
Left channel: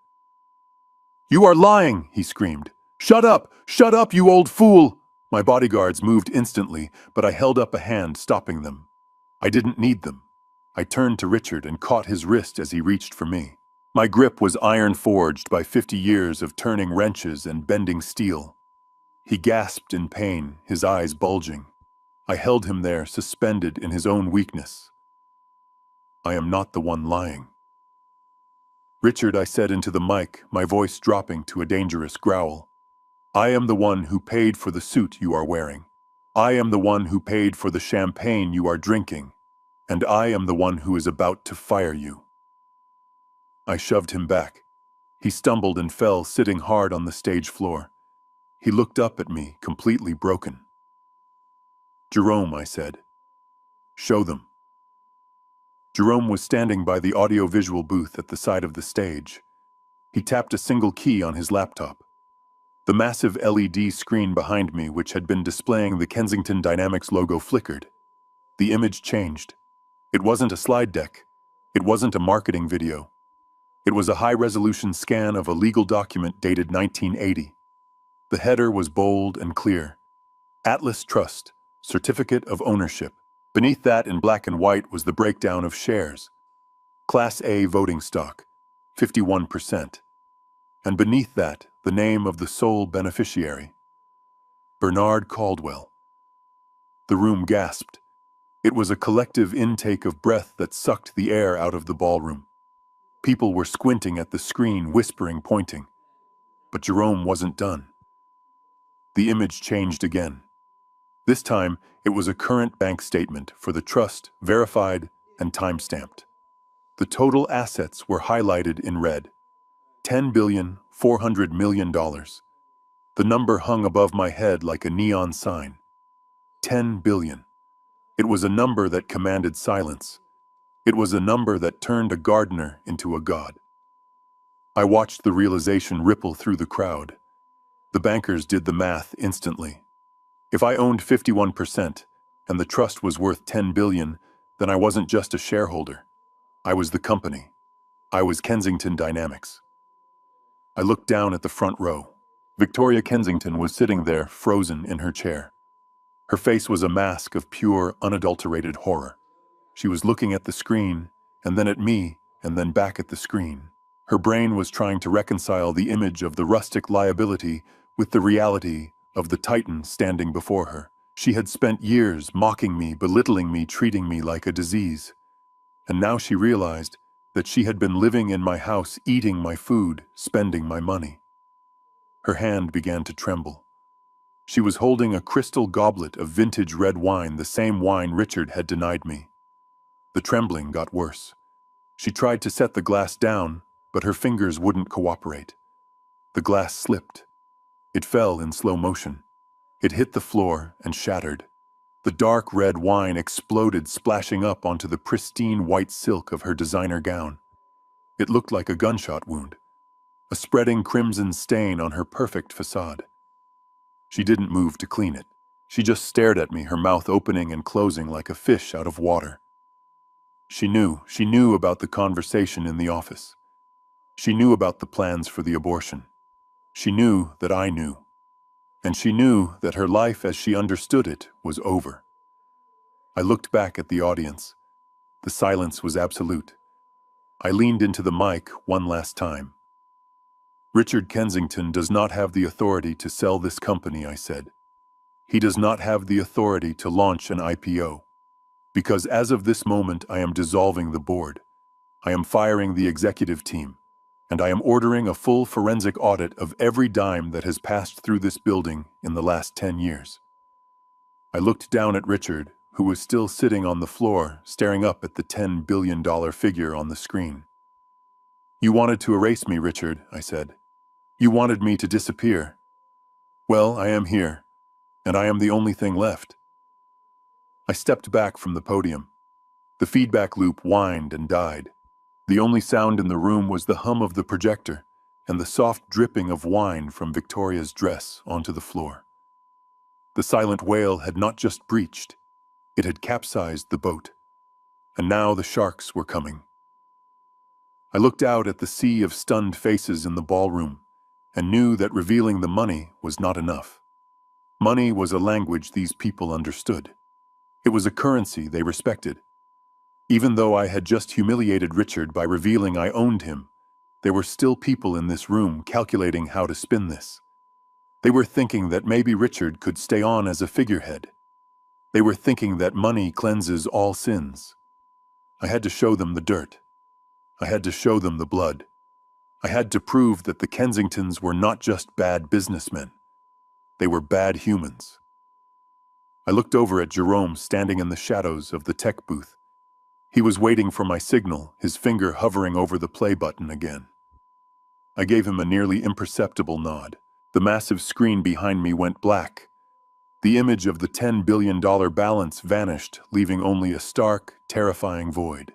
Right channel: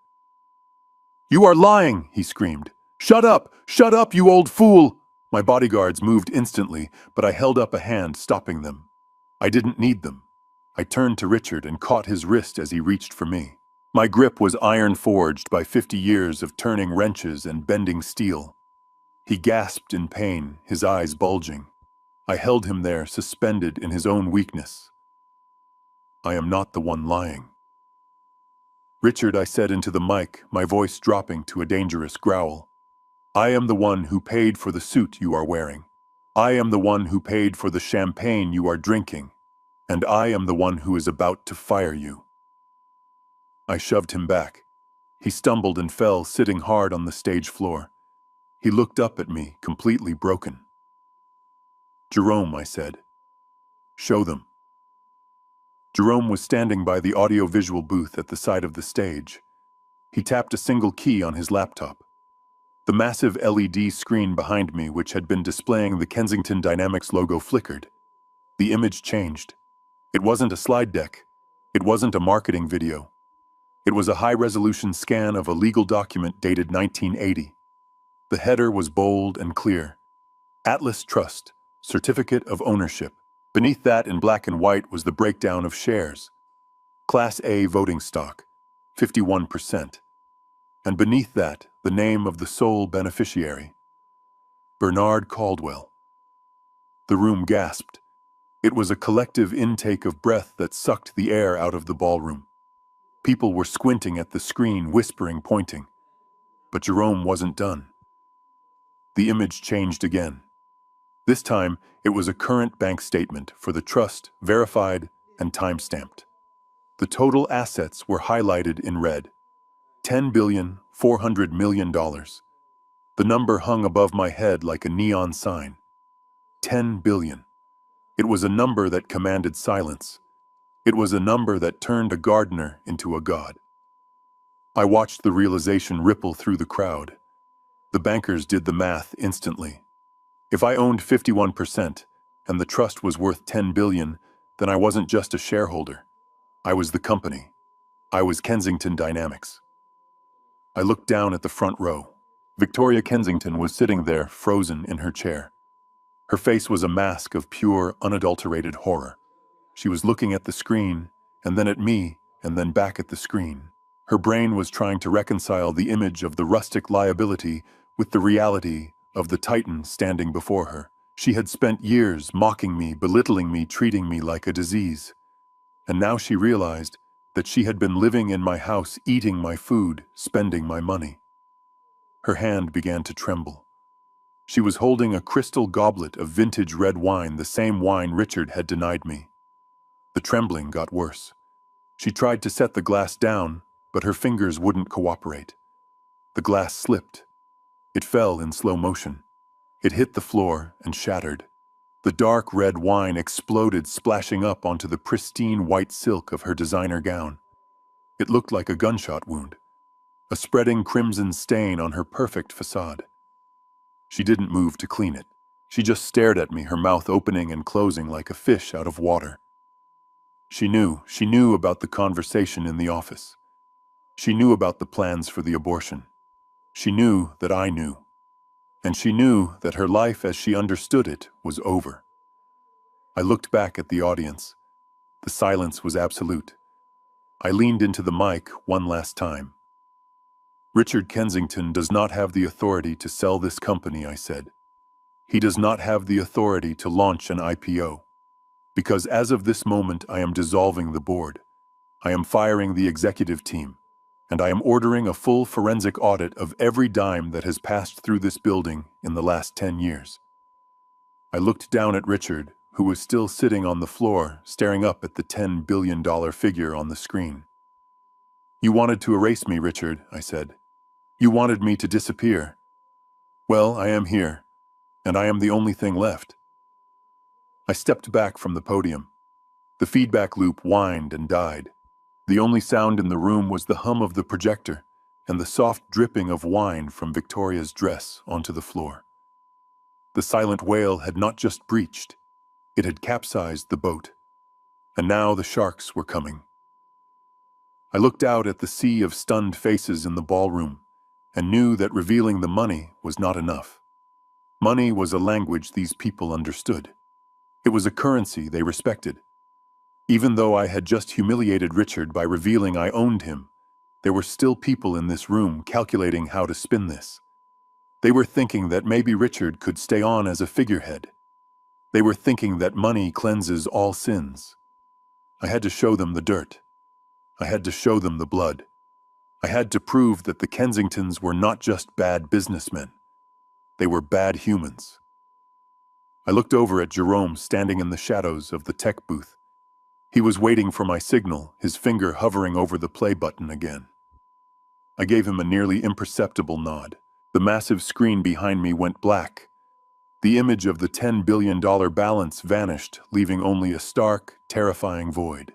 "You are lying," he screamed. "Shut up! Shut up, you old fool!" My bodyguards moved instantly, but I held up a hand, stopping them. I didn't need them. I turned to Richard and caught his wrist as he reached for me. My grip was iron-forged by 50 years of turning wrenches and bending steel. He gasped in pain, his eyes bulging. I held him there, suspended in his own weakness. "I am not the one lying." "Richard," I said into the mic, my voice dropping to a dangerous growl. "I am the one who paid for the suit you are wearing. I am the one who paid for the champagne you are drinking. And I am the one who is about to fire you. I shoved him back. He stumbled and fell, sitting hard on the stage floor. He looked up at me, completely broken. Jerome, I said. Show them. Jerome was standing by the audio-visual booth at the side of the stage. He tapped a single key on his laptop. The massive LED screen behind me, which had been displaying the Kensington Dynamics logo, flickered. The image changed. It wasn't a slide deck. It wasn't a marketing video. It was a high-resolution scan of a legal document dated 1980. The header was bold and clear. Atlas Trust, Certificate of Ownership. Beneath that, in black and white, was the breakdown of shares. Class A voting stock, 51%. And beneath that, the name of the sole beneficiary, Bernard Caldwell. The room gasped. It was a collective intake of breath that sucked the air out of the ballroom. People were squinting at the screen, whispering, pointing. But Jerome wasn't done. The image changed again. This time, it was a current bank statement for the trust, verified and time-stamped. The total assets were highlighted in red. $10,400,000,000. The number hung above my head like a neon sign. 10 billion. It was a number that commanded silence. It was a number that turned a gardener into a god. I watched the realization ripple through the crowd. The bankers did the math instantly. If I owned 51% and the trust was worth 10 billion, then I wasn't just a shareholder. I was the company. I was Kensington Dynamics. I looked down at the front row. Victoria Kensington was sitting there, frozen in her chair. Her face was a mask of pure, unadulterated horror. She was looking at the screen, and then at me, and then back at the screen. Her brain was trying to reconcile the image of the rustic liability with the reality of the titan standing before her. She had spent years mocking me, belittling me, treating me like a disease. And now she realized that she had been living in my house, eating my food, spending my money. Her hand began to tremble. She was holding a crystal goblet of vintage red wine, the same wine Richard had denied me. The trembling got worse. She tried to set the glass down, but her fingers wouldn't cooperate. The glass slipped. It fell in slow motion. It hit the floor and shattered. The dark red wine exploded, splashing up onto the pristine white silk of her designer gown. It looked like a gunshot wound, a spreading crimson stain on her perfect facade. She didn't move to clean it. She just stared at me, her mouth opening and closing like a fish out of water. She knew about the conversation in the office. She knew about the plans for the abortion. She knew that I knew. And she knew that her life as she understood it was over. I looked back at the audience. The silence was absolute. I leaned into the mic one last time. Richard Kensington does not have the authority to sell this company, I said. He does not have the authority to launch an IPO. Because as of this moment, I am dissolving the board. I am firing the executive team. And I am ordering a full forensic audit of every dime that has passed through this building in the last 10 years. I looked down at Richard, who was still sitting on the floor, staring up at the $10 billion figure on the screen. You wanted to erase me, Richard, I said. You wanted me to disappear. Well, I am here, and I am the only thing left. I stepped back from the podium. The feedback loop whined and died. The only sound in the room was the hum of the projector and the soft dripping of wine from Victoria's dress onto the floor. The silent whale had not just breached, it had capsized the boat. And now the sharks were coming. I looked out at the sea of stunned faces in the ballroom and knew that revealing the money was not enough. Money was a language these people understood. It was a currency they respected. Even though I had just humiliated Richard by revealing I owned him, there were still people in this room calculating how to spin this. They were thinking that maybe Richard could stay on as a figurehead. They were thinking that money cleanses all sins. I had to show them the dirt. I had to show them the blood. I had to prove that the Kensingtons were not just bad businessmen. They were bad humans. I looked over at Jerome standing in the shadows of the tech booth. He was waiting for my signal, his finger hovering over the play button again. I gave him a nearly imperceptible nod. The massive screen behind me went black. The image of the $10 billion balance vanished, leaving only a stark, terrifying void.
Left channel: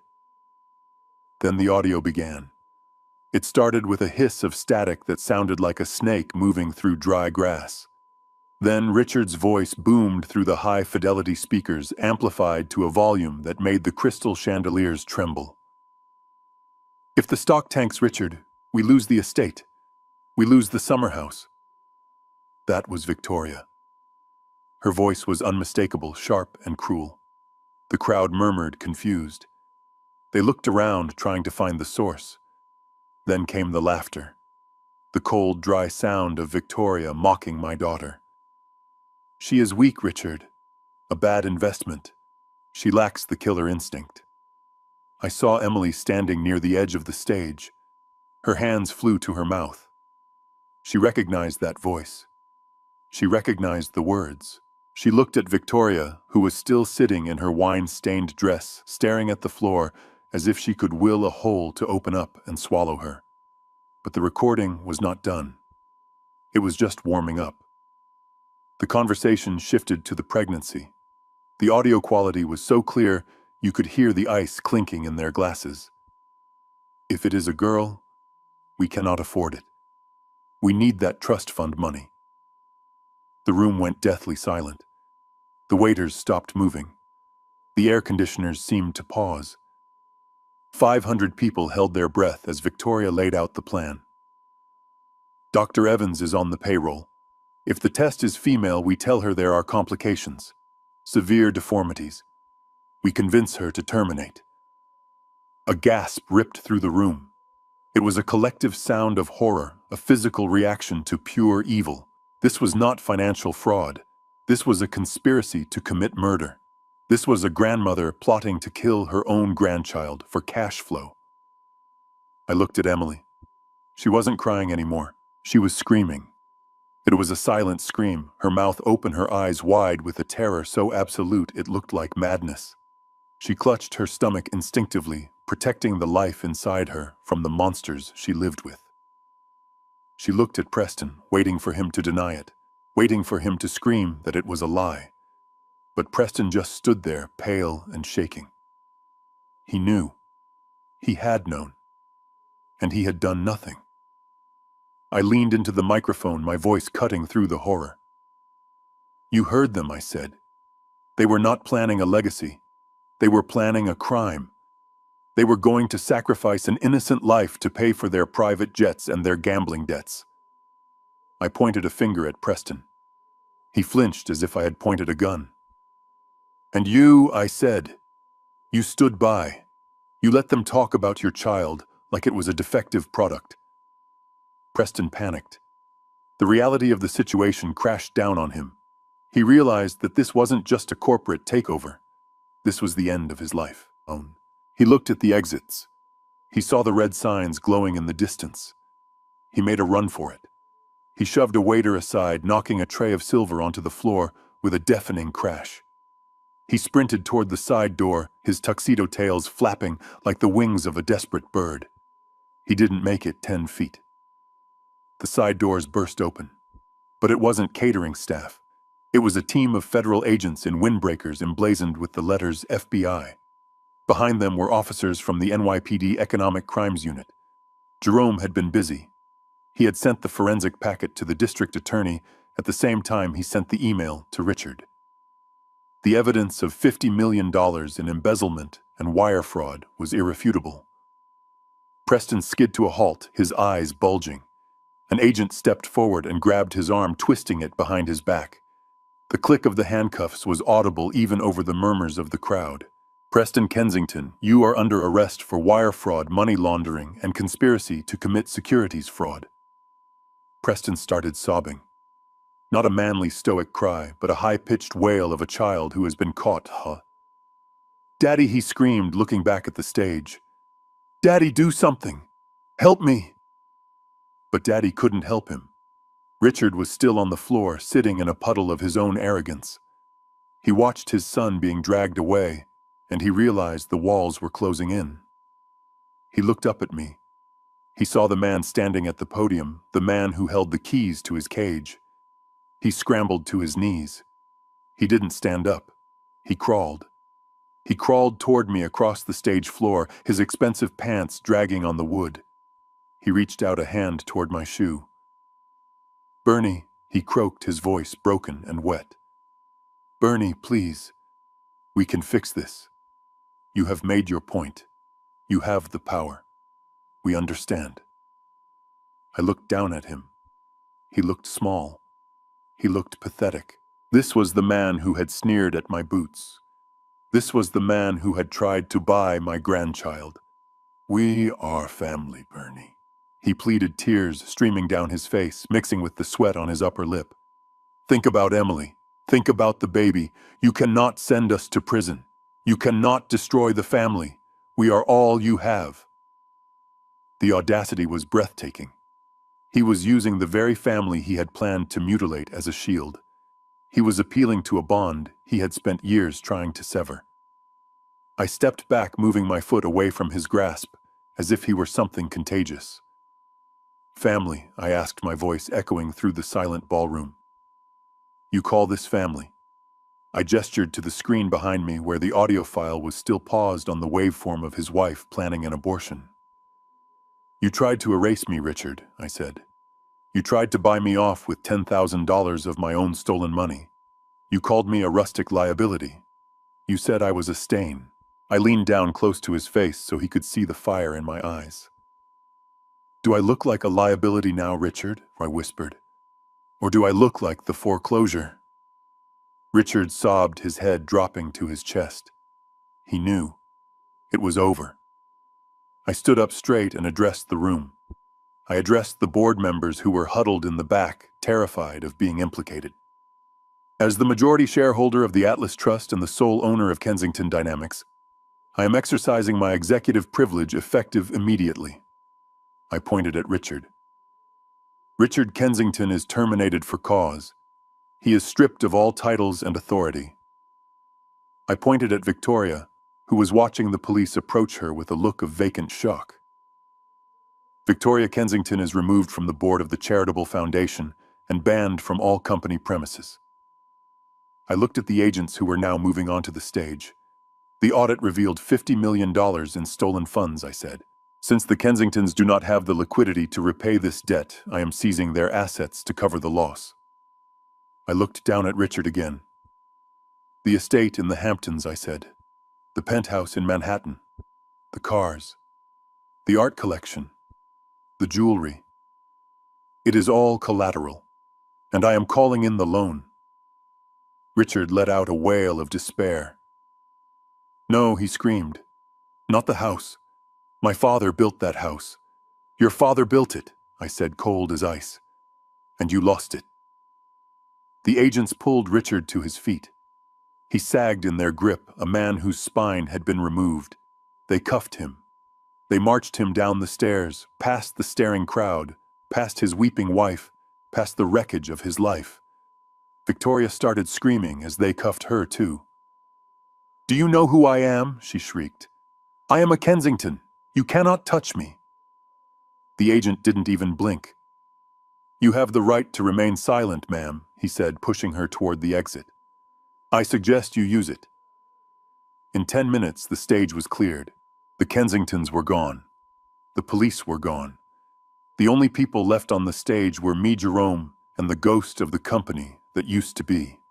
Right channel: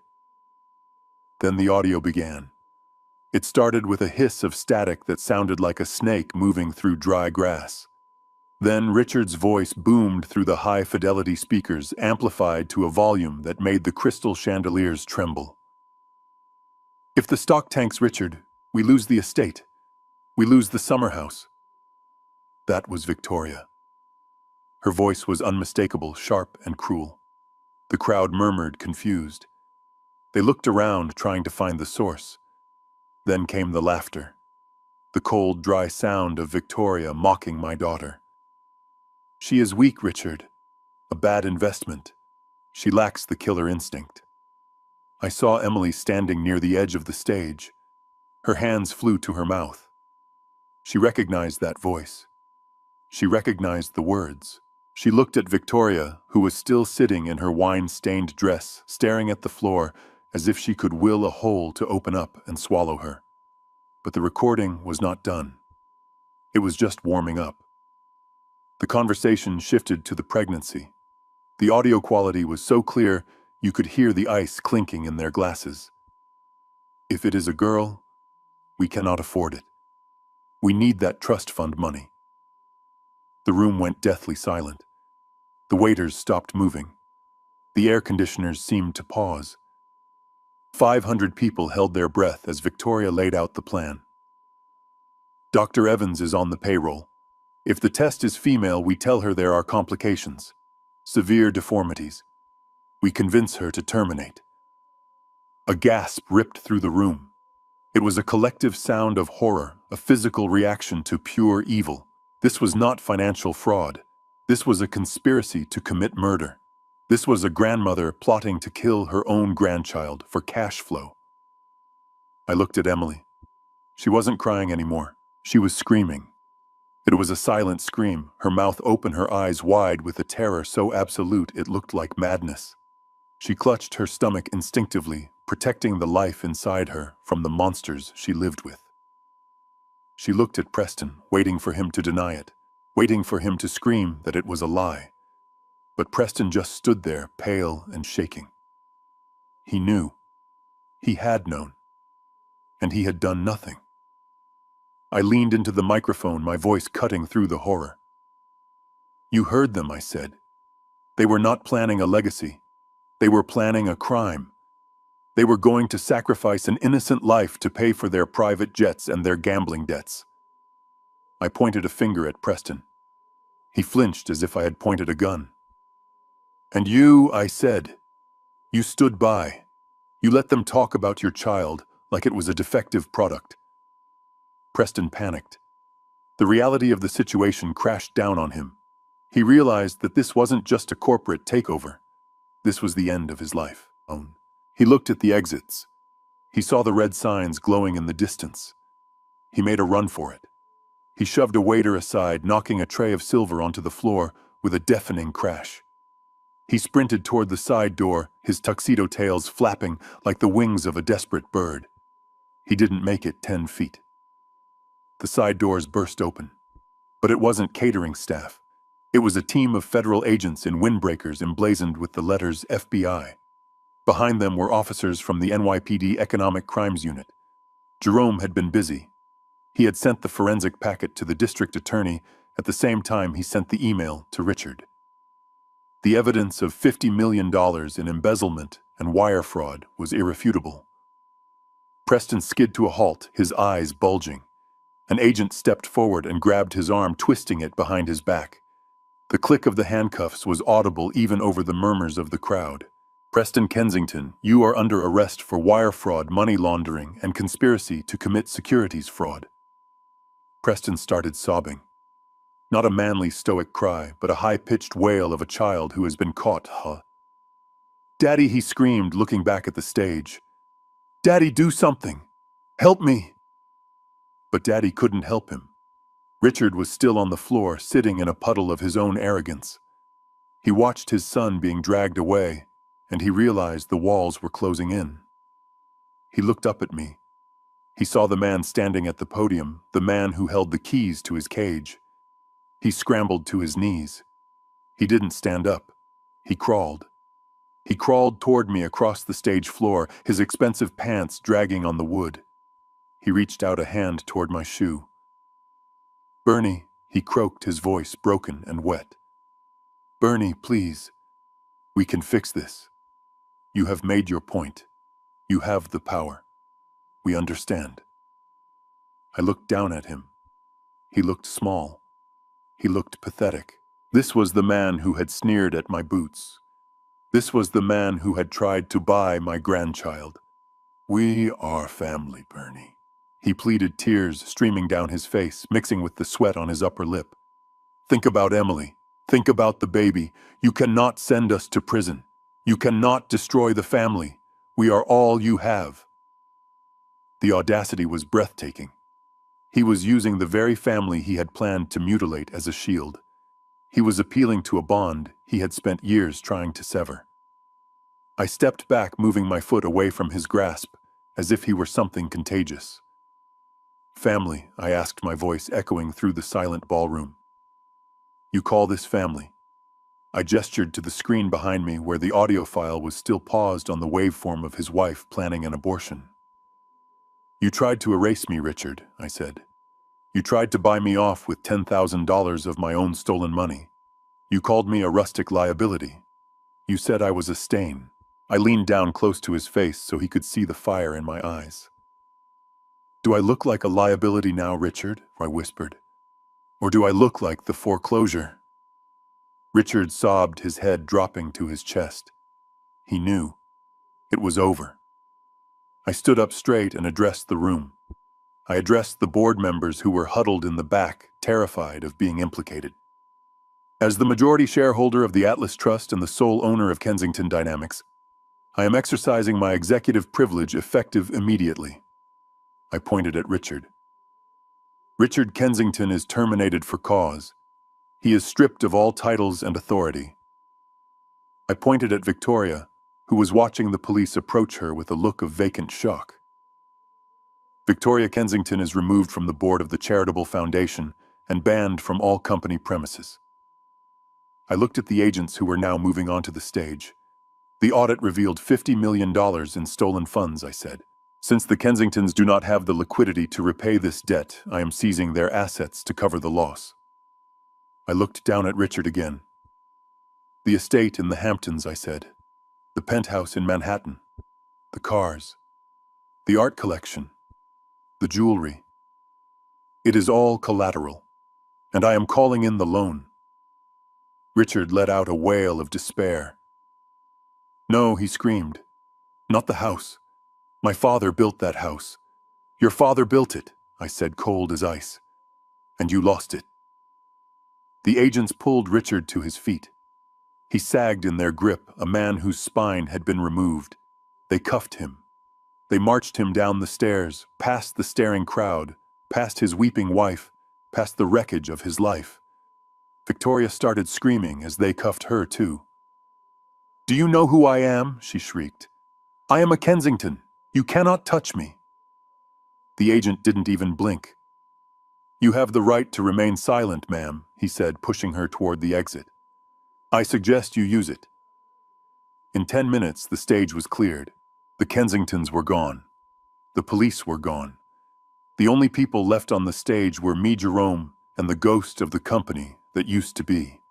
Then the audio began. It started with a hiss of static that sounded like a snake moving through dry grass. Then Richard's voice boomed through the high-fidelity speakers, amplified to a volume that made the crystal chandeliers tremble. "If the stock tanks, Richard, we lose the estate. We lose the summer house." That was Victoria. Her voice was unmistakable, sharp and cruel. The crowd murmured, confused. They looked around, trying to find the source. Then came the laughter. The cold, dry sound of Victoria mocking my daughter. "She is weak, Richard. A bad investment. She lacks the killer instinct." I saw Emily standing near the edge of the stage. Her hands flew to her mouth. She recognized that voice. She recognized the words. She looked at Victoria, who was still sitting in her wine-stained dress, staring at the floor as if she could will a hole to open up and swallow her. But the recording was not done. It was just warming up. The conversation shifted to the pregnancy. The audio quality was so clear you could hear the ice clinking in their glasses. "If it is a girl, we cannot afford it. We need that trust fund money." The room went deathly silent. The waiters stopped moving. The air conditioners seemed to pause. 500 people held their breath as Victoria laid out the plan. "Dr. Evans is on the payroll. If the test is female, we tell her there are complications. Severe deformities. We convince her to terminate." A gasp ripped through the room. It was a collective sound of horror, a physical reaction to pure evil. This was not financial fraud. This was a conspiracy to commit murder. This was a grandmother plotting to kill her own grandchild for cash flow. I looked at Emily. She wasn't crying anymore. She was screaming. It was a silent scream, her mouth open, her eyes wide with a terror so absolute it looked like madness. She clutched her stomach instinctively, protecting the life inside her from the monsters she lived with. She looked at Preston, waiting for him to deny it, waiting for him to scream that it was a lie. But Preston just stood there, pale and shaking. He knew. He had known. And he had done nothing. I leaned into the microphone, my voice cutting through the horror. "You heard them," I said. "They were not planning a legacy. They were planning a crime. They were going to sacrifice an innocent life to pay for their private jets and their gambling debts." I pointed a finger at Preston. He flinched as if I had pointed a gun. "And you," I said, "you stood by. You let them talk about your child like it was a defective product." Preston panicked. The reality of the situation crashed down on him. He realized that this wasn't just a corporate takeover. This was the end of his life. He looked at the exits. He saw the red signs glowing in the distance. He made a run for it. He shoved a waiter aside, knocking a tray of silver onto the floor with a deafening crash. He sprinted toward the side door, his tuxedo tails flapping like the wings of a desperate bird. He didn't make it 10 feet. The side doors burst open. But it wasn't catering staff. It was a team of federal agents in windbreakers emblazoned with the letters FBI. Behind them were officers from the NYPD Economic Crimes Unit. Jerome had been busy. He had sent the forensic packet to the district attorney at the same time he sent the email to Richard. The evidence of $50 million in embezzlement and wire fraud was irrefutable. Preston skid to a halt, his eyes bulging. An agent stepped forward and grabbed his arm, twisting it behind his back. The click of the handcuffs was audible even over the murmurs of the crowd. "Preston Kensington, you are under arrest for wire fraud, money laundering, and conspiracy to commit securities fraud." Preston started sobbing. Not a manly, stoic cry, but a high-pitched wail of a child who has been caught. "Daddy," he screamed, looking back at the stage. "Daddy, do something! Help me!" But Daddy couldn't help him. Richard was still on the floor, sitting in a puddle of his own arrogance. He watched his son being dragged away, and he realized the walls were closing in. He looked up at me. He saw the man standing at the podium, the man who held the keys to his cage. He scrambled to his knees. He didn't stand up. He crawled. He crawled toward me across the stage floor, his expensive pants dragging on the wood. He reached out a hand toward my shoe. "Bernie," he croaked, his voice broken and wet. "Bernie, please. We can fix this. You have made your point. You have the power. We understand." I looked down at him. He looked small. He looked pathetic. This was the man who had sneered at my boots. This was the man who had tried to buy my grandchild. "We are family, Bernie." He pleaded, tears streaming down his face, mixing with the sweat on his upper lip. "Think about Emily. Think about the baby. You cannot send us to prison. You cannot destroy the family. We are all you have." The audacity was breathtaking. He was using the very family he had planned to mutilate as a shield. He was appealing to a bond he had spent years trying to sever. I stepped back, moving my foot away from his grasp, as if he were something contagious. "Family," I asked, my voice echoing through the silent ballroom. "You call this family?" I gestured to the screen behind me where the audio file was still paused on the waveform of his wife planning an abortion. "You tried to erase me, Richard," I said. "You tried to buy me off with $10,000 of my own stolen money. You called me a rustic liability. You said I was a stain." I leaned down close to his face so he could see the fire in my eyes. "Do I look like a liability now, Richard?" I whispered. "Or do I look like the foreclosure?" Richard sobbed, his head dropping to his chest. He knew. It was over. I stood up straight and addressed the room. I addressed the board members who were huddled in the back, terrified of being implicated. "As the majority shareholder of the Atlas Trust and the sole owner of Kensington Dynamics, I am exercising my executive privilege effective immediately." I pointed at Richard. "Richard Kensington is terminated for cause. He is stripped of all titles and authority." I pointed at Victoria, who was watching the police approach her with a look of vacant shock. "Victoria Kensington is removed from the board of the charitable foundation and banned from all company premises." I looked at the agents who were now moving onto the stage. "The audit revealed $50 million in stolen funds," I said. "Since the Kensingtons do not have the liquidity to repay this debt, I am seizing their assets to cover the loss." I looked down at Richard again. "The estate in the Hamptons," I said. "The penthouse in Manhattan. The cars. The art collection. The jewelry. It is all collateral, and I am calling in the loan." Richard let out a wail of despair. "No," he screamed. "Not the house. My father built that house. Your father built it," I said, cold as ice. "And you lost it." The agents pulled Richard to his feet. He sagged in their grip, a man whose spine had been removed. They cuffed him. They marched him down the stairs, past the staring crowd, past his weeping wife, past the wreckage of his life. Victoria started screaming as they cuffed her too. "Do you know who I am?" she shrieked. "I am a Kensington. You cannot touch me." The agent didn't even blink. "You have the right to remain silent, ma'am," he said, pushing her toward the exit. "I suggest you use it." In 10 minutes, the stage was cleared. The Kensingtons were gone. The police were gone. The only people left on the stage were me, Jerome, and the ghost of the company that used to be.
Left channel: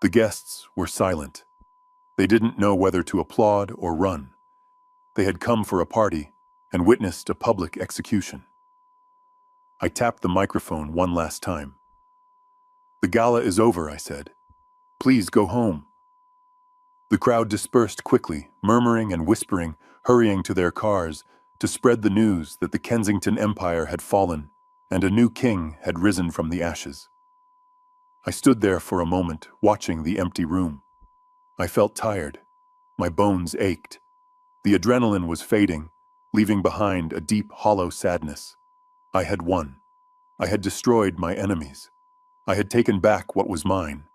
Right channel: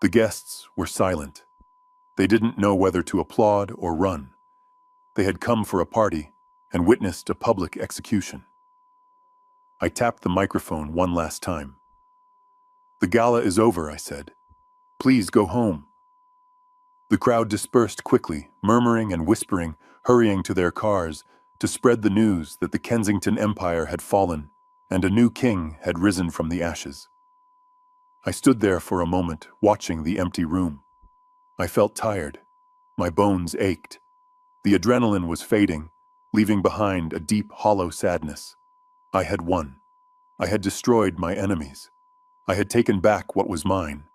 The guests were silent. They didn't know whether to applaud or run. They had come for a party and witnessed a public execution. I tapped the microphone one last time. "The gala is over," I said. "Please go home." The crowd dispersed quickly, murmuring and whispering, hurrying to their cars to spread the news that the Kensington Empire had fallen and a new king had risen from the ashes. I stood there for a moment, watching the empty room. I felt tired. My bones ached. The adrenaline was fading, leaving behind a deep, hollow sadness. I had won. I had destroyed my enemies. I had taken back what was mine,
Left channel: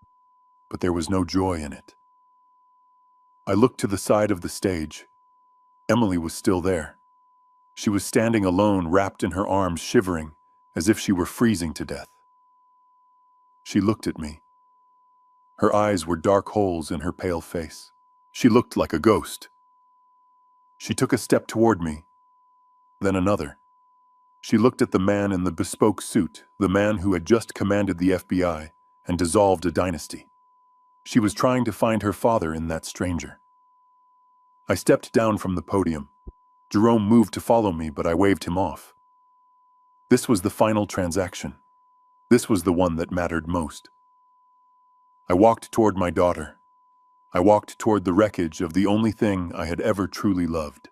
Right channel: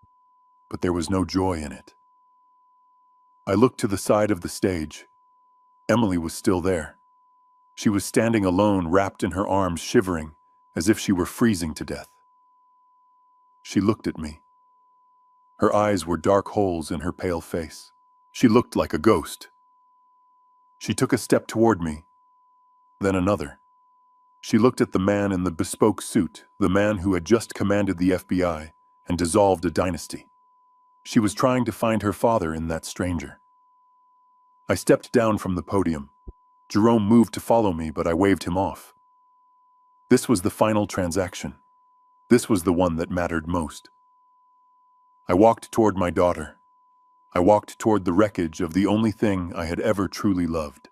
but there was no joy in it. I looked to the side of the stage. Emily was still there. She was standing alone, wrapped in her arms, shivering, as if she were freezing to death. She looked at me. Her eyes were dark holes in her pale face. She looked like a ghost. She took a step toward me, then another. She looked at the man in the bespoke suit, the man who had just commanded the FBI and dissolved a dynasty. She was trying to find her father in that stranger. I stepped down from the podium. Jerome moved to follow me, but I waved him off. This was the final transaction. This was the one that mattered most. I walked toward my daughter. I walked toward the wreckage of the only thing I had ever truly loved.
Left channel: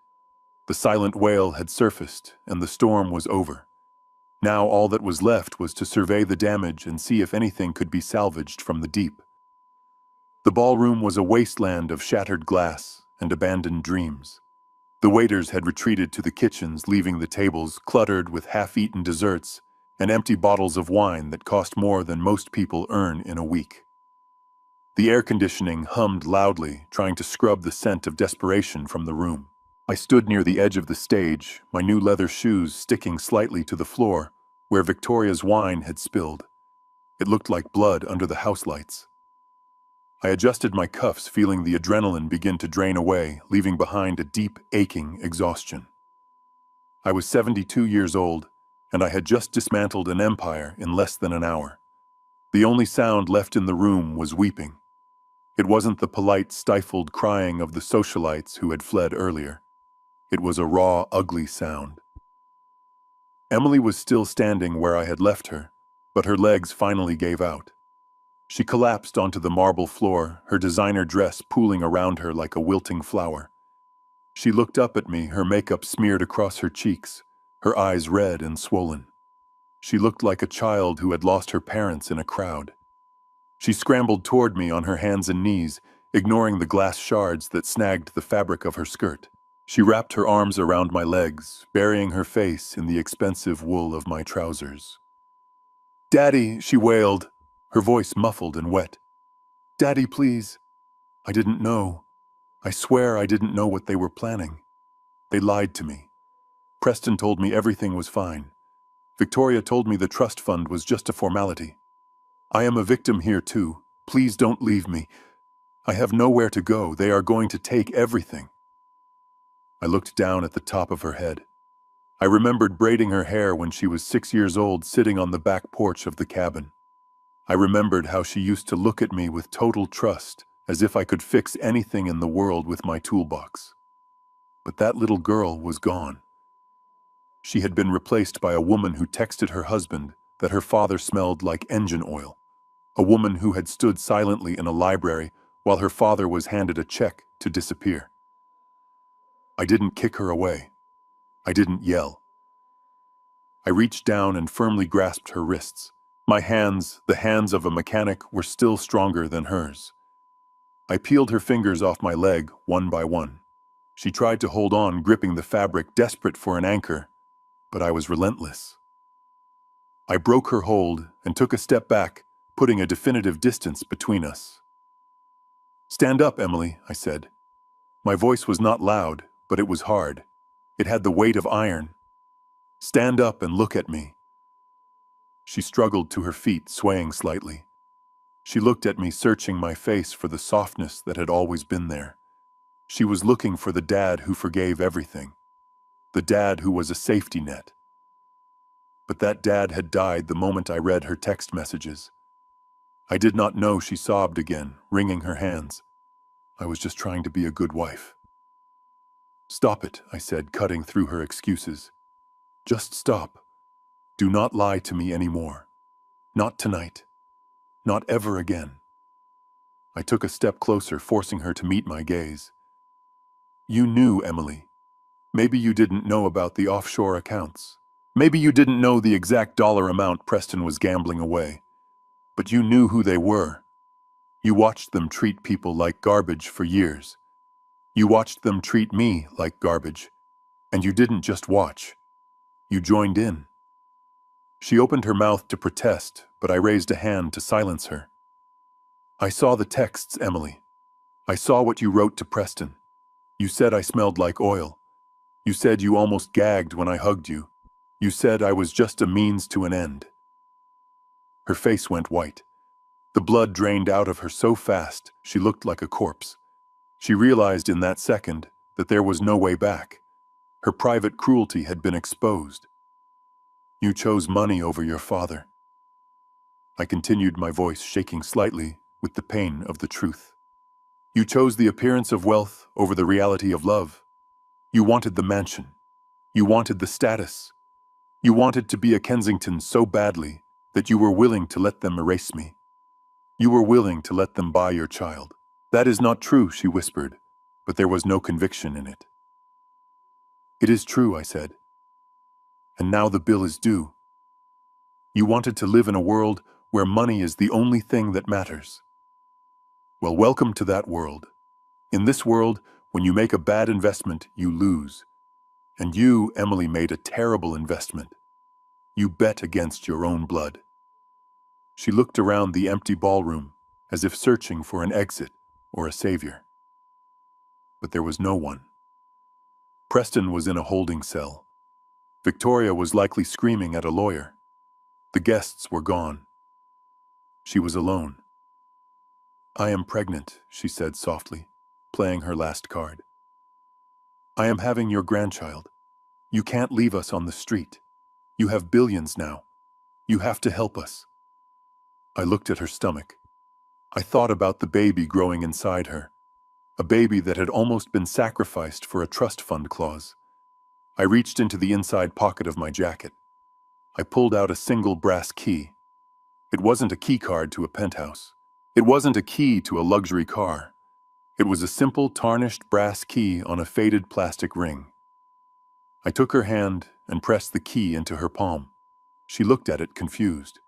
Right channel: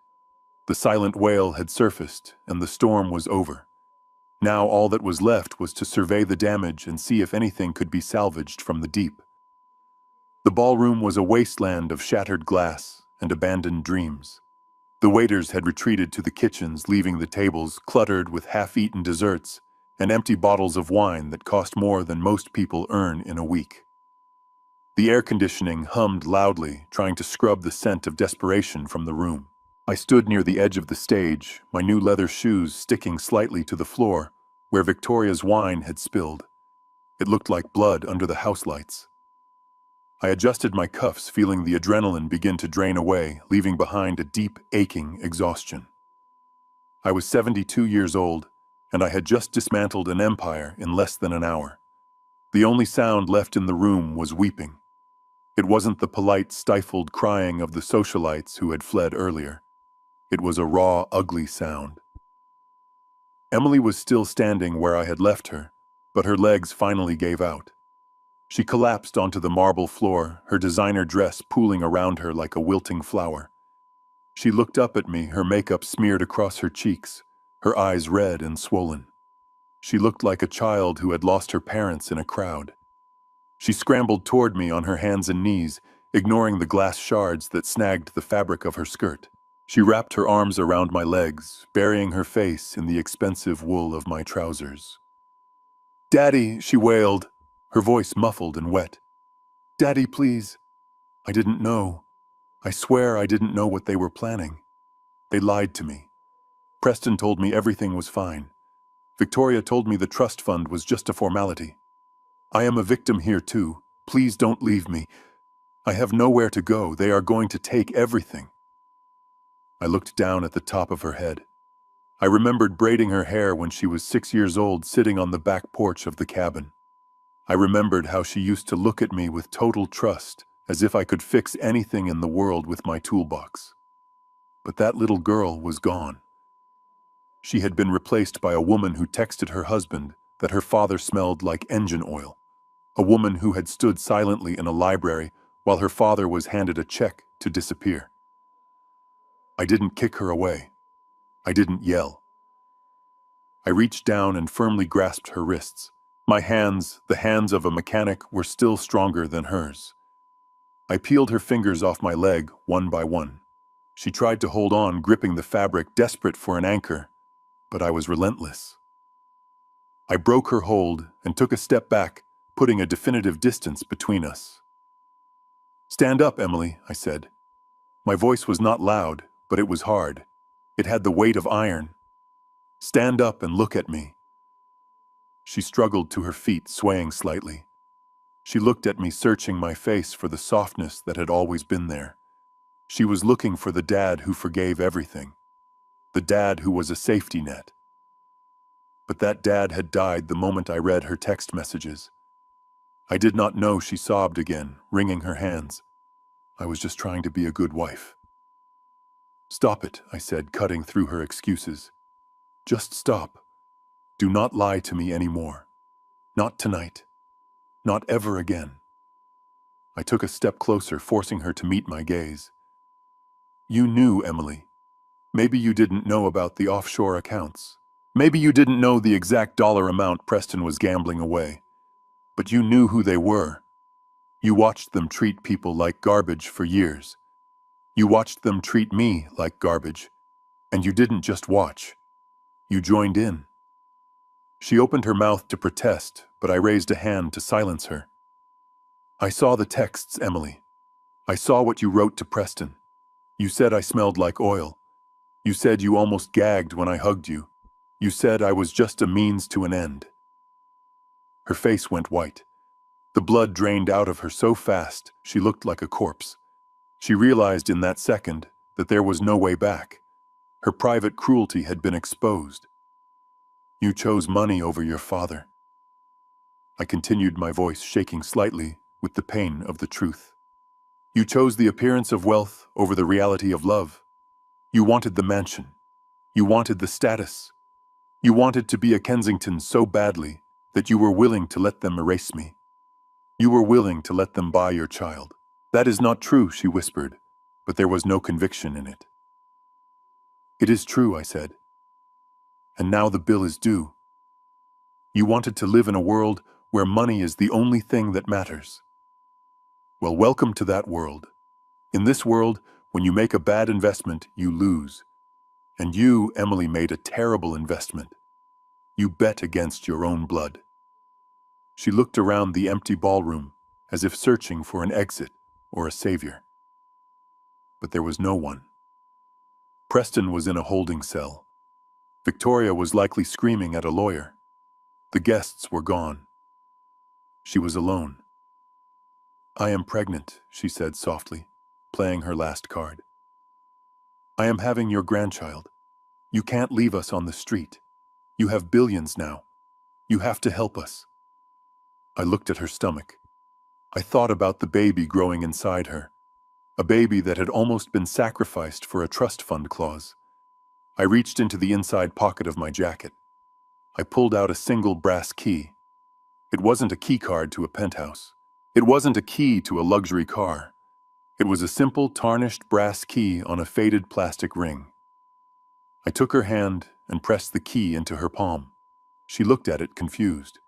The silent whale had surfaced, and the storm was over. Now all that was left was to survey the damage and see if anything could be salvaged from the deep. The ballroom was a wasteland of shattered glass and abandoned dreams. The waiters had retreated to the kitchens, leaving the tables cluttered with half-eaten desserts and empty bottles of wine that cost more than most people earn in a week. The air conditioning hummed loudly, trying to scrub the scent of desperation from the room. I stood near the edge of the stage, my new leather shoes sticking slightly to the floor, where Victoria's wine had spilled. It looked like blood under the house lights. I adjusted my cuffs, feeling the adrenaline begin to drain away, leaving behind a deep, aching exhaustion. I was 72 years old, and I had just dismantled an empire in less than an hour. The only sound left in the room was weeping. It wasn't the polite, stifled crying of the socialites who had fled earlier. It was a raw, ugly sound. Emily was still standing where I had left her, but her legs finally gave out. She collapsed onto the marble floor, her designer dress pooling around her like a wilting flower. She looked up at me, her makeup smeared across her cheeks, her eyes red and swollen. She looked like a child who had lost her parents in a crowd. She scrambled toward me on her hands and knees, ignoring the glass shards that snagged the fabric of her skirt. She wrapped her arms around my legs, burying her face in the expensive wool of my trousers. "Daddy," she wailed, her voice muffled and wet. "Daddy, please." I didn't know. I swear I didn't know what they were planning. They lied to me. Preston told me everything was fine. Victoria told me the trust fund was just a formality. I am a victim here too. Please don't leave me. I have nowhere to go. They are going to take everything. I looked down at the top of her head. I remembered braiding her hair when she was 6 years old, sitting on the back porch of the cabin. I remembered how she used to look at me with total trust, as if I could fix anything in the world with my toolbox. But that little girl was gone. She had been replaced by a woman who texted her husband that her father smelled like engine oil. A woman who had stood silently in a library while her father was handed a check to disappear. I didn't kick her away. I didn't yell. I reached down and firmly grasped her wrists. My hands, the hands of a mechanic, were still stronger than hers. I peeled her fingers off my leg, one by one. She tried to hold on, gripping the fabric, desperate for an anchor, but I was relentless. I broke her hold and took a step back, putting a definitive distance between us. "Stand up, Emily," I said. My voice was not loud, but it was hard. It had the weight of iron. "Stand up and look at me." She struggled to her feet, swaying slightly. She looked at me, searching my face for the softness that had always been there. She was looking for the dad who forgave everything. The dad who was a safety net. But that dad had died the moment I read her text messages. I did not know she sobbed again, wringing her hands. I was just trying to be a good wife. "Stop it," I said, cutting through her excuses. "Just stop. Do not lie to me anymore. Not tonight. Not ever again." I took a step closer, forcing her to meet my gaze. "You knew, Emily. Maybe you didn't know about the offshore accounts. Maybe you didn't know the exact dollar amount Preston was gambling away. But you knew who they were. You watched them treat people like garbage for years. You watched them treat me like garbage. And you didn't just watch. You joined in." She opened her mouth to protest, but I raised a hand to silence her. "I saw the texts, Emily. I saw what you wrote to Preston. You said I smelled like oil. You said you almost gagged when I hugged you. You said I was just a means to an end." Her face went white. The blood drained out of her so fast, she looked like a corpse. She realized in that second that there was no way back. Her private cruelty had been exposed. "You chose money over your father." I continued, my voice shaking slightly with the pain of the truth. "You chose the appearance of wealth over the reality of love. You wanted the mansion. You wanted the status. You wanted to be a Kensington so badly that you were willing to let them erase me. You were willing to let them buy your child." "That is not true," she whispered, but there was no conviction in it. "It is true," I said. "And now the bill is due. You wanted to live in a world where money is the only thing that matters. Well, welcome to that world. In this world, when you make a bad investment, you lose. And you, Emily, made a terrible investment. You bet against your own blood." She looked around the empty ballroom, as if searching for an exit or a savior. But there was no one. Preston was in a holding cell. Victoria was likely screaming at a lawyer. The guests were gone. She was alone. "I am pregnant," she said softly, playing her last card. "I am having your grandchild. You can't leave us on the street. You have billions now. You have to help us." I looked at her stomach. I thought about the baby growing inside her, a baby that had almost been sacrificed for a trust fund clause. I reached into the inside pocket of my jacket. I pulled out a single brass key. It wasn't a key card to a penthouse. It wasn't a key to a luxury car. It was a simple, tarnished brass key on a faded plastic ring. I took her hand and pressed the key into her palm. She looked at it confused.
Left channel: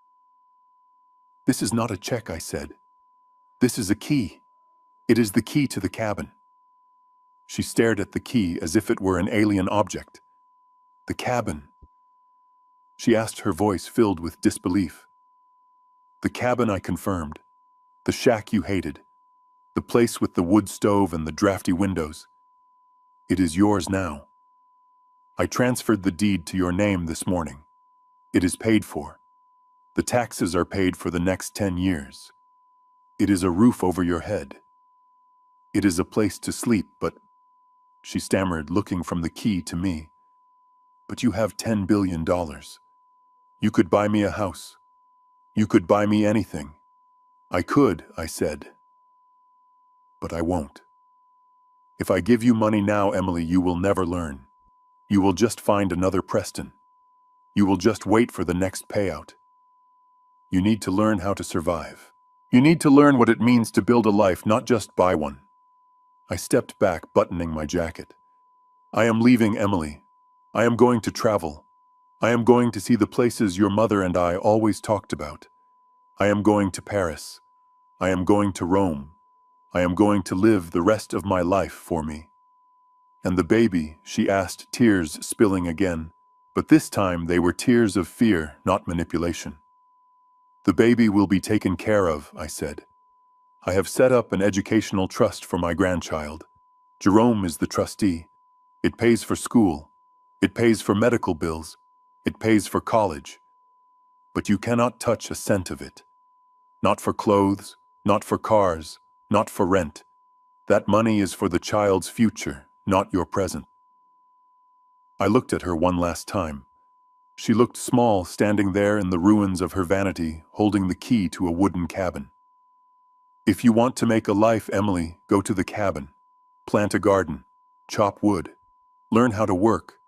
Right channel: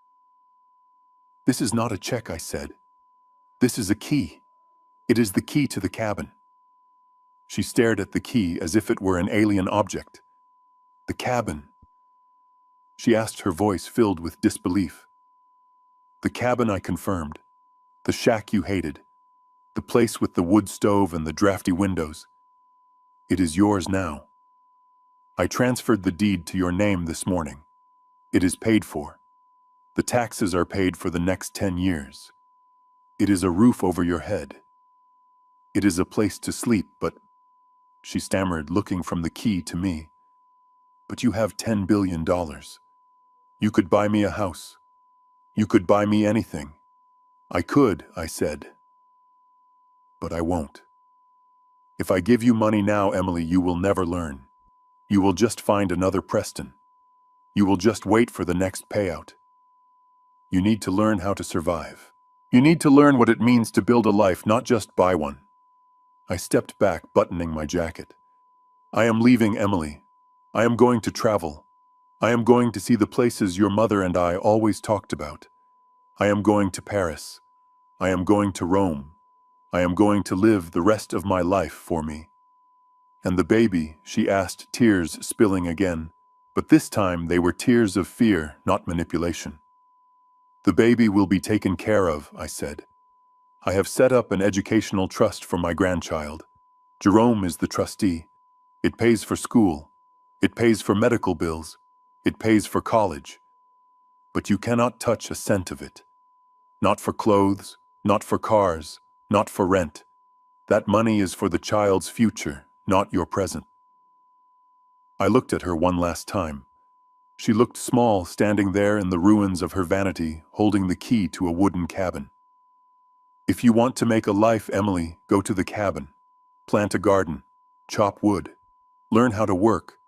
"This is not a check," I said. "This is a key. It is the key to the cabin." She stared at the key as if it were an alien object. "The cabin?" she asked, her voice filled with disbelief. "The cabin," I confirmed. "The shack you hated. The place with the wood stove and the drafty windows. It is yours now. I transferred the deed to your name this morning. It is paid for. The taxes are paid for the next 10 years. It is a roof over your head. It is a place to sleep, but—" she stammered, looking from the key to me. "But you have $10 billion. You could buy me a house. You could buy me anything." "I could," I said. "But I won't. If I give you money now, Emily, you will never learn. You will just find another Preston. You will just wait for the next payout. You need to learn how to survive. You need to learn what it means to build a life, not just buy one." I stepped back, buttoning my jacket. "I am leaving, Emily. I am going to travel. I am going to see the places your mother and I always talked about. I am going to Paris. I am going to Rome. I am going to live the rest of my life for me." "And the baby?" she asked, tears spilling again. But this time they were tears of fear, not manipulation. "The baby will be taken care of," I said. "I have set up an educational trust for my grandchild. Jerome is the trustee. It pays for school. It pays for medical bills. It pays for college. But you cannot touch a cent of it. Not for clothes, not for cars, not for rent. That money is for the child's future, not your present." I looked at her one last time. She looked small, standing there in the ruins of her vanity, holding the key to a wooden cabin. "If you want to make a life, Emily, go to the cabin. Plant a garden. Chop wood. Learn how to work.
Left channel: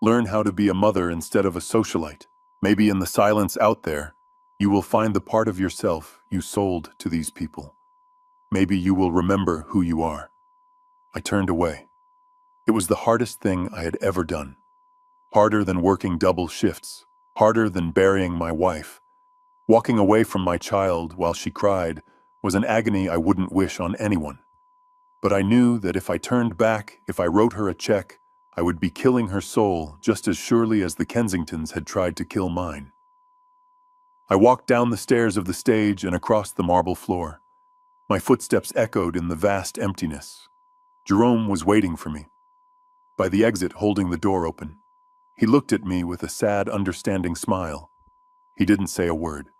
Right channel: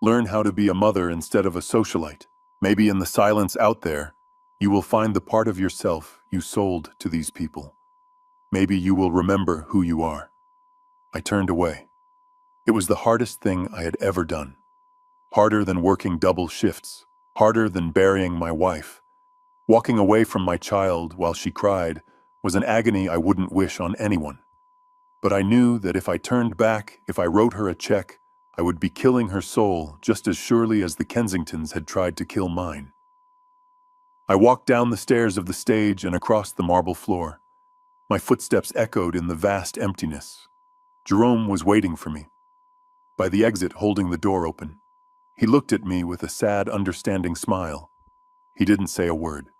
Learn how to be a mother instead of a socialite. Maybe in the silence out there, you will find the part of yourself you sold to these people. Maybe you will remember who you are." I turned away. It was the hardest thing I had ever done. Harder than working double shifts. Harder than burying my wife. Walking away from my child while she cried was an agony I wouldn't wish on anyone. But I knew that if I turned back, if I wrote her a check, I would be killing her soul just as surely as the Kensingtons had tried to kill mine. I walked down the stairs of the stage and across the marble floor. My footsteps echoed in the vast emptiness. Jerome was waiting for me, by the exit holding the door open. He looked at me with a sad, understanding smile. He didn't say a word.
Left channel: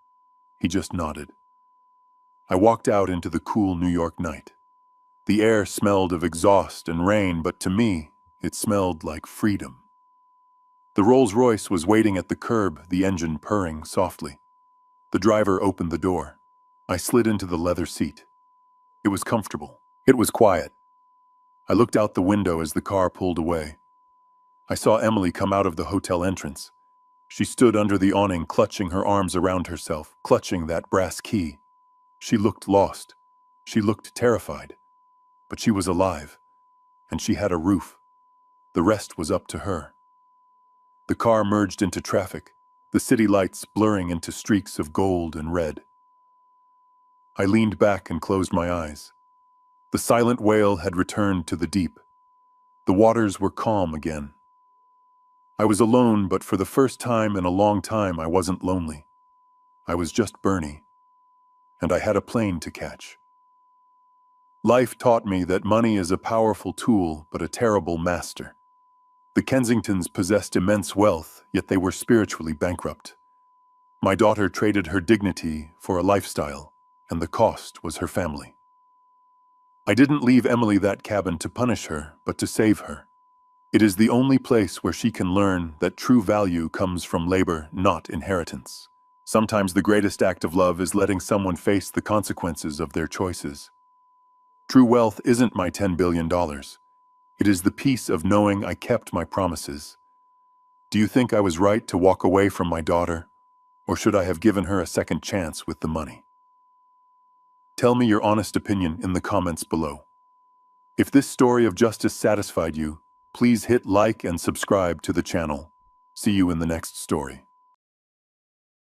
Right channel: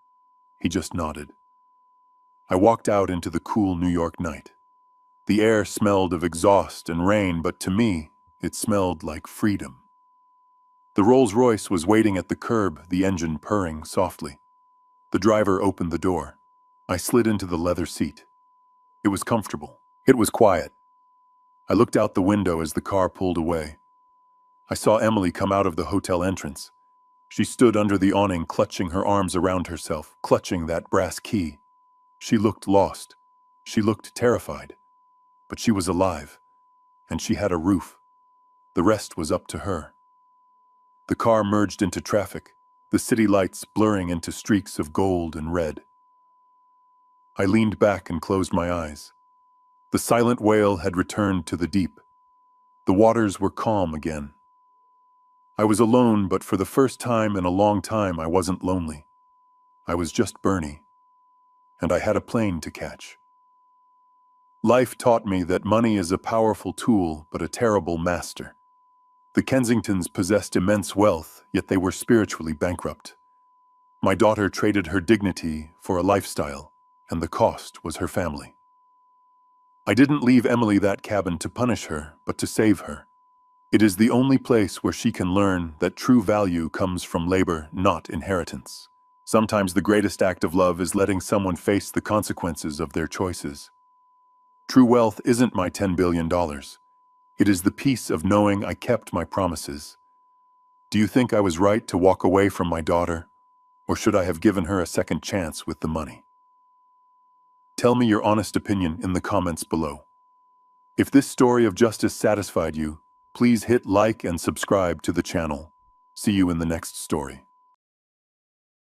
He just nodded. I walked out into the cool New York night. The air smelled of exhaust and rain, but to me, it smelled like freedom. The Rolls-Royce was waiting at the curb, the engine purring softly. The driver opened the door. I slid into the leather seat. It was comfortable. It was quiet. I looked out the window as the car pulled away. I saw Emily come out of the hotel entrance. She stood under the awning, clutching her arms around herself, clutching that brass key. She looked lost. She looked terrified. But she was alive, and she had a roof. The rest was up to her. The car merged into traffic, the city lights blurring into streaks of gold and red. I leaned back and closed my eyes. The silent wail had returned to the deep. The waters were calm again. I was alone, but for the first time in a long time I wasn't lonely. I was just Bernie, and I had a plane to catch. Life taught me that money is a powerful tool, but a terrible master. The Kensingtons possessed immense wealth, yet they were spiritually bankrupt. My daughter traded her dignity for a lifestyle, and the cost was her family. I didn't leave Emily that cabin to punish her, but to save her. It is the only place where she can learn that true value comes from labor, not inheritance. Sometimes the greatest act of love is letting someone face the consequences of their choices. True wealth isn't my $10 billion. It is the peace of knowing I kept my promises. Do you think I was right to walk away from my daughter, or should I have given her a second chance with the money? Tell me your honest opinion in the comments below. If this story of justice satisfied you, please hit like and subscribe to the channel. See you in the next story.